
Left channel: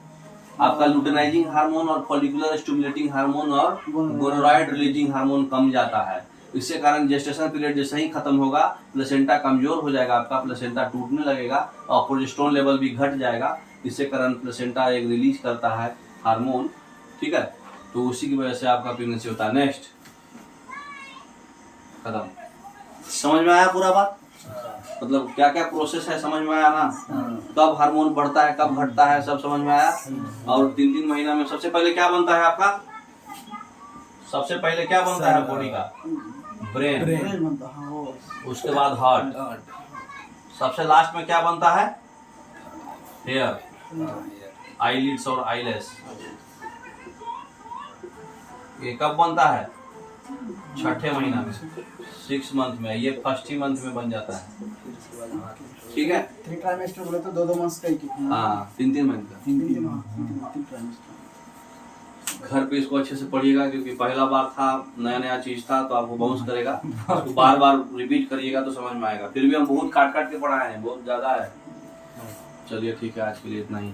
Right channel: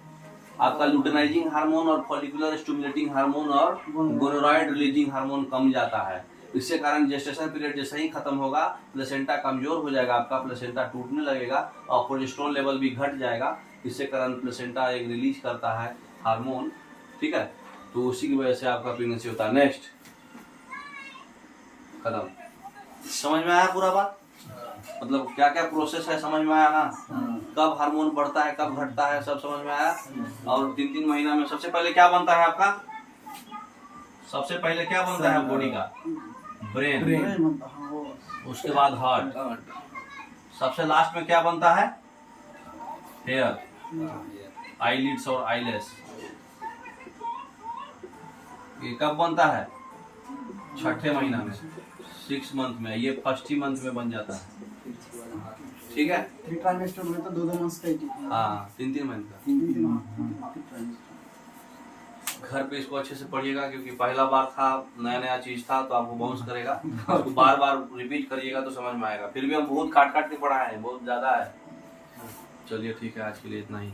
आपका लुटेनाइजिंग हार्मोन और फॉलिकुलर स्टिमुलेटिंग हार्मोन और गोनोरॉइड रिलीजिंग हार्मोन कम जाता है। इसके कारण जेस्टेशन पीरियड जैसे ही खत्म होगा, प्लेसेंटा कमजोर हो जाएगा, आपका प्लेसेंटा टूटने लगेगा और प्रोजेस्टेरोन लेवल भी घट जाएगा। इसके कारण प्लेसेंटा एक रिलीज करता है हार्मोन, ठीक है। तो उसी की वजह से आपका प्रेगनेंसी होता है। नेक्स्ट कदम, समझ में आया पूरा बात, मतलब क्या क्या प्रोसेस है समझ में आया ना, कब हार्मोन बढ़ता है कब घटता है सब समझ में आया। और 3-3 महीना में सबसे पहले क्या बनता है आपका, सबसे पहले क्या बनता है बॉडी का, ब्रेन, बनता हाँ वो। उसके बाद हार्ट, सबसे लास्ट में क्या बनता है, हेयर, आईलिड्स और आईलेस। ये कब बनता है, 6ठे महीना में, 6 मंथ में, ये 1st मंथ में बन जाता है, ठीक है। 3 ट्राइमेस्टर में तो 2-2 मंथ का ही। हाँ 3-3 मंथ का। 3 ट्राइमेस्टर। घर पे इसको अच्छे से पढ़िएगा, क्योंकि पहला बार था, नया नया चीज था, तो आपको बाउंस करेगा, तो बार बार रिपीट करिएगा तो समझ में आएगा। फिर भी हम बहुत काट काट के पढ़ाए हैं, बहुत ज्यादा है। चलिए ठीक है, आज के लिए इतना ही।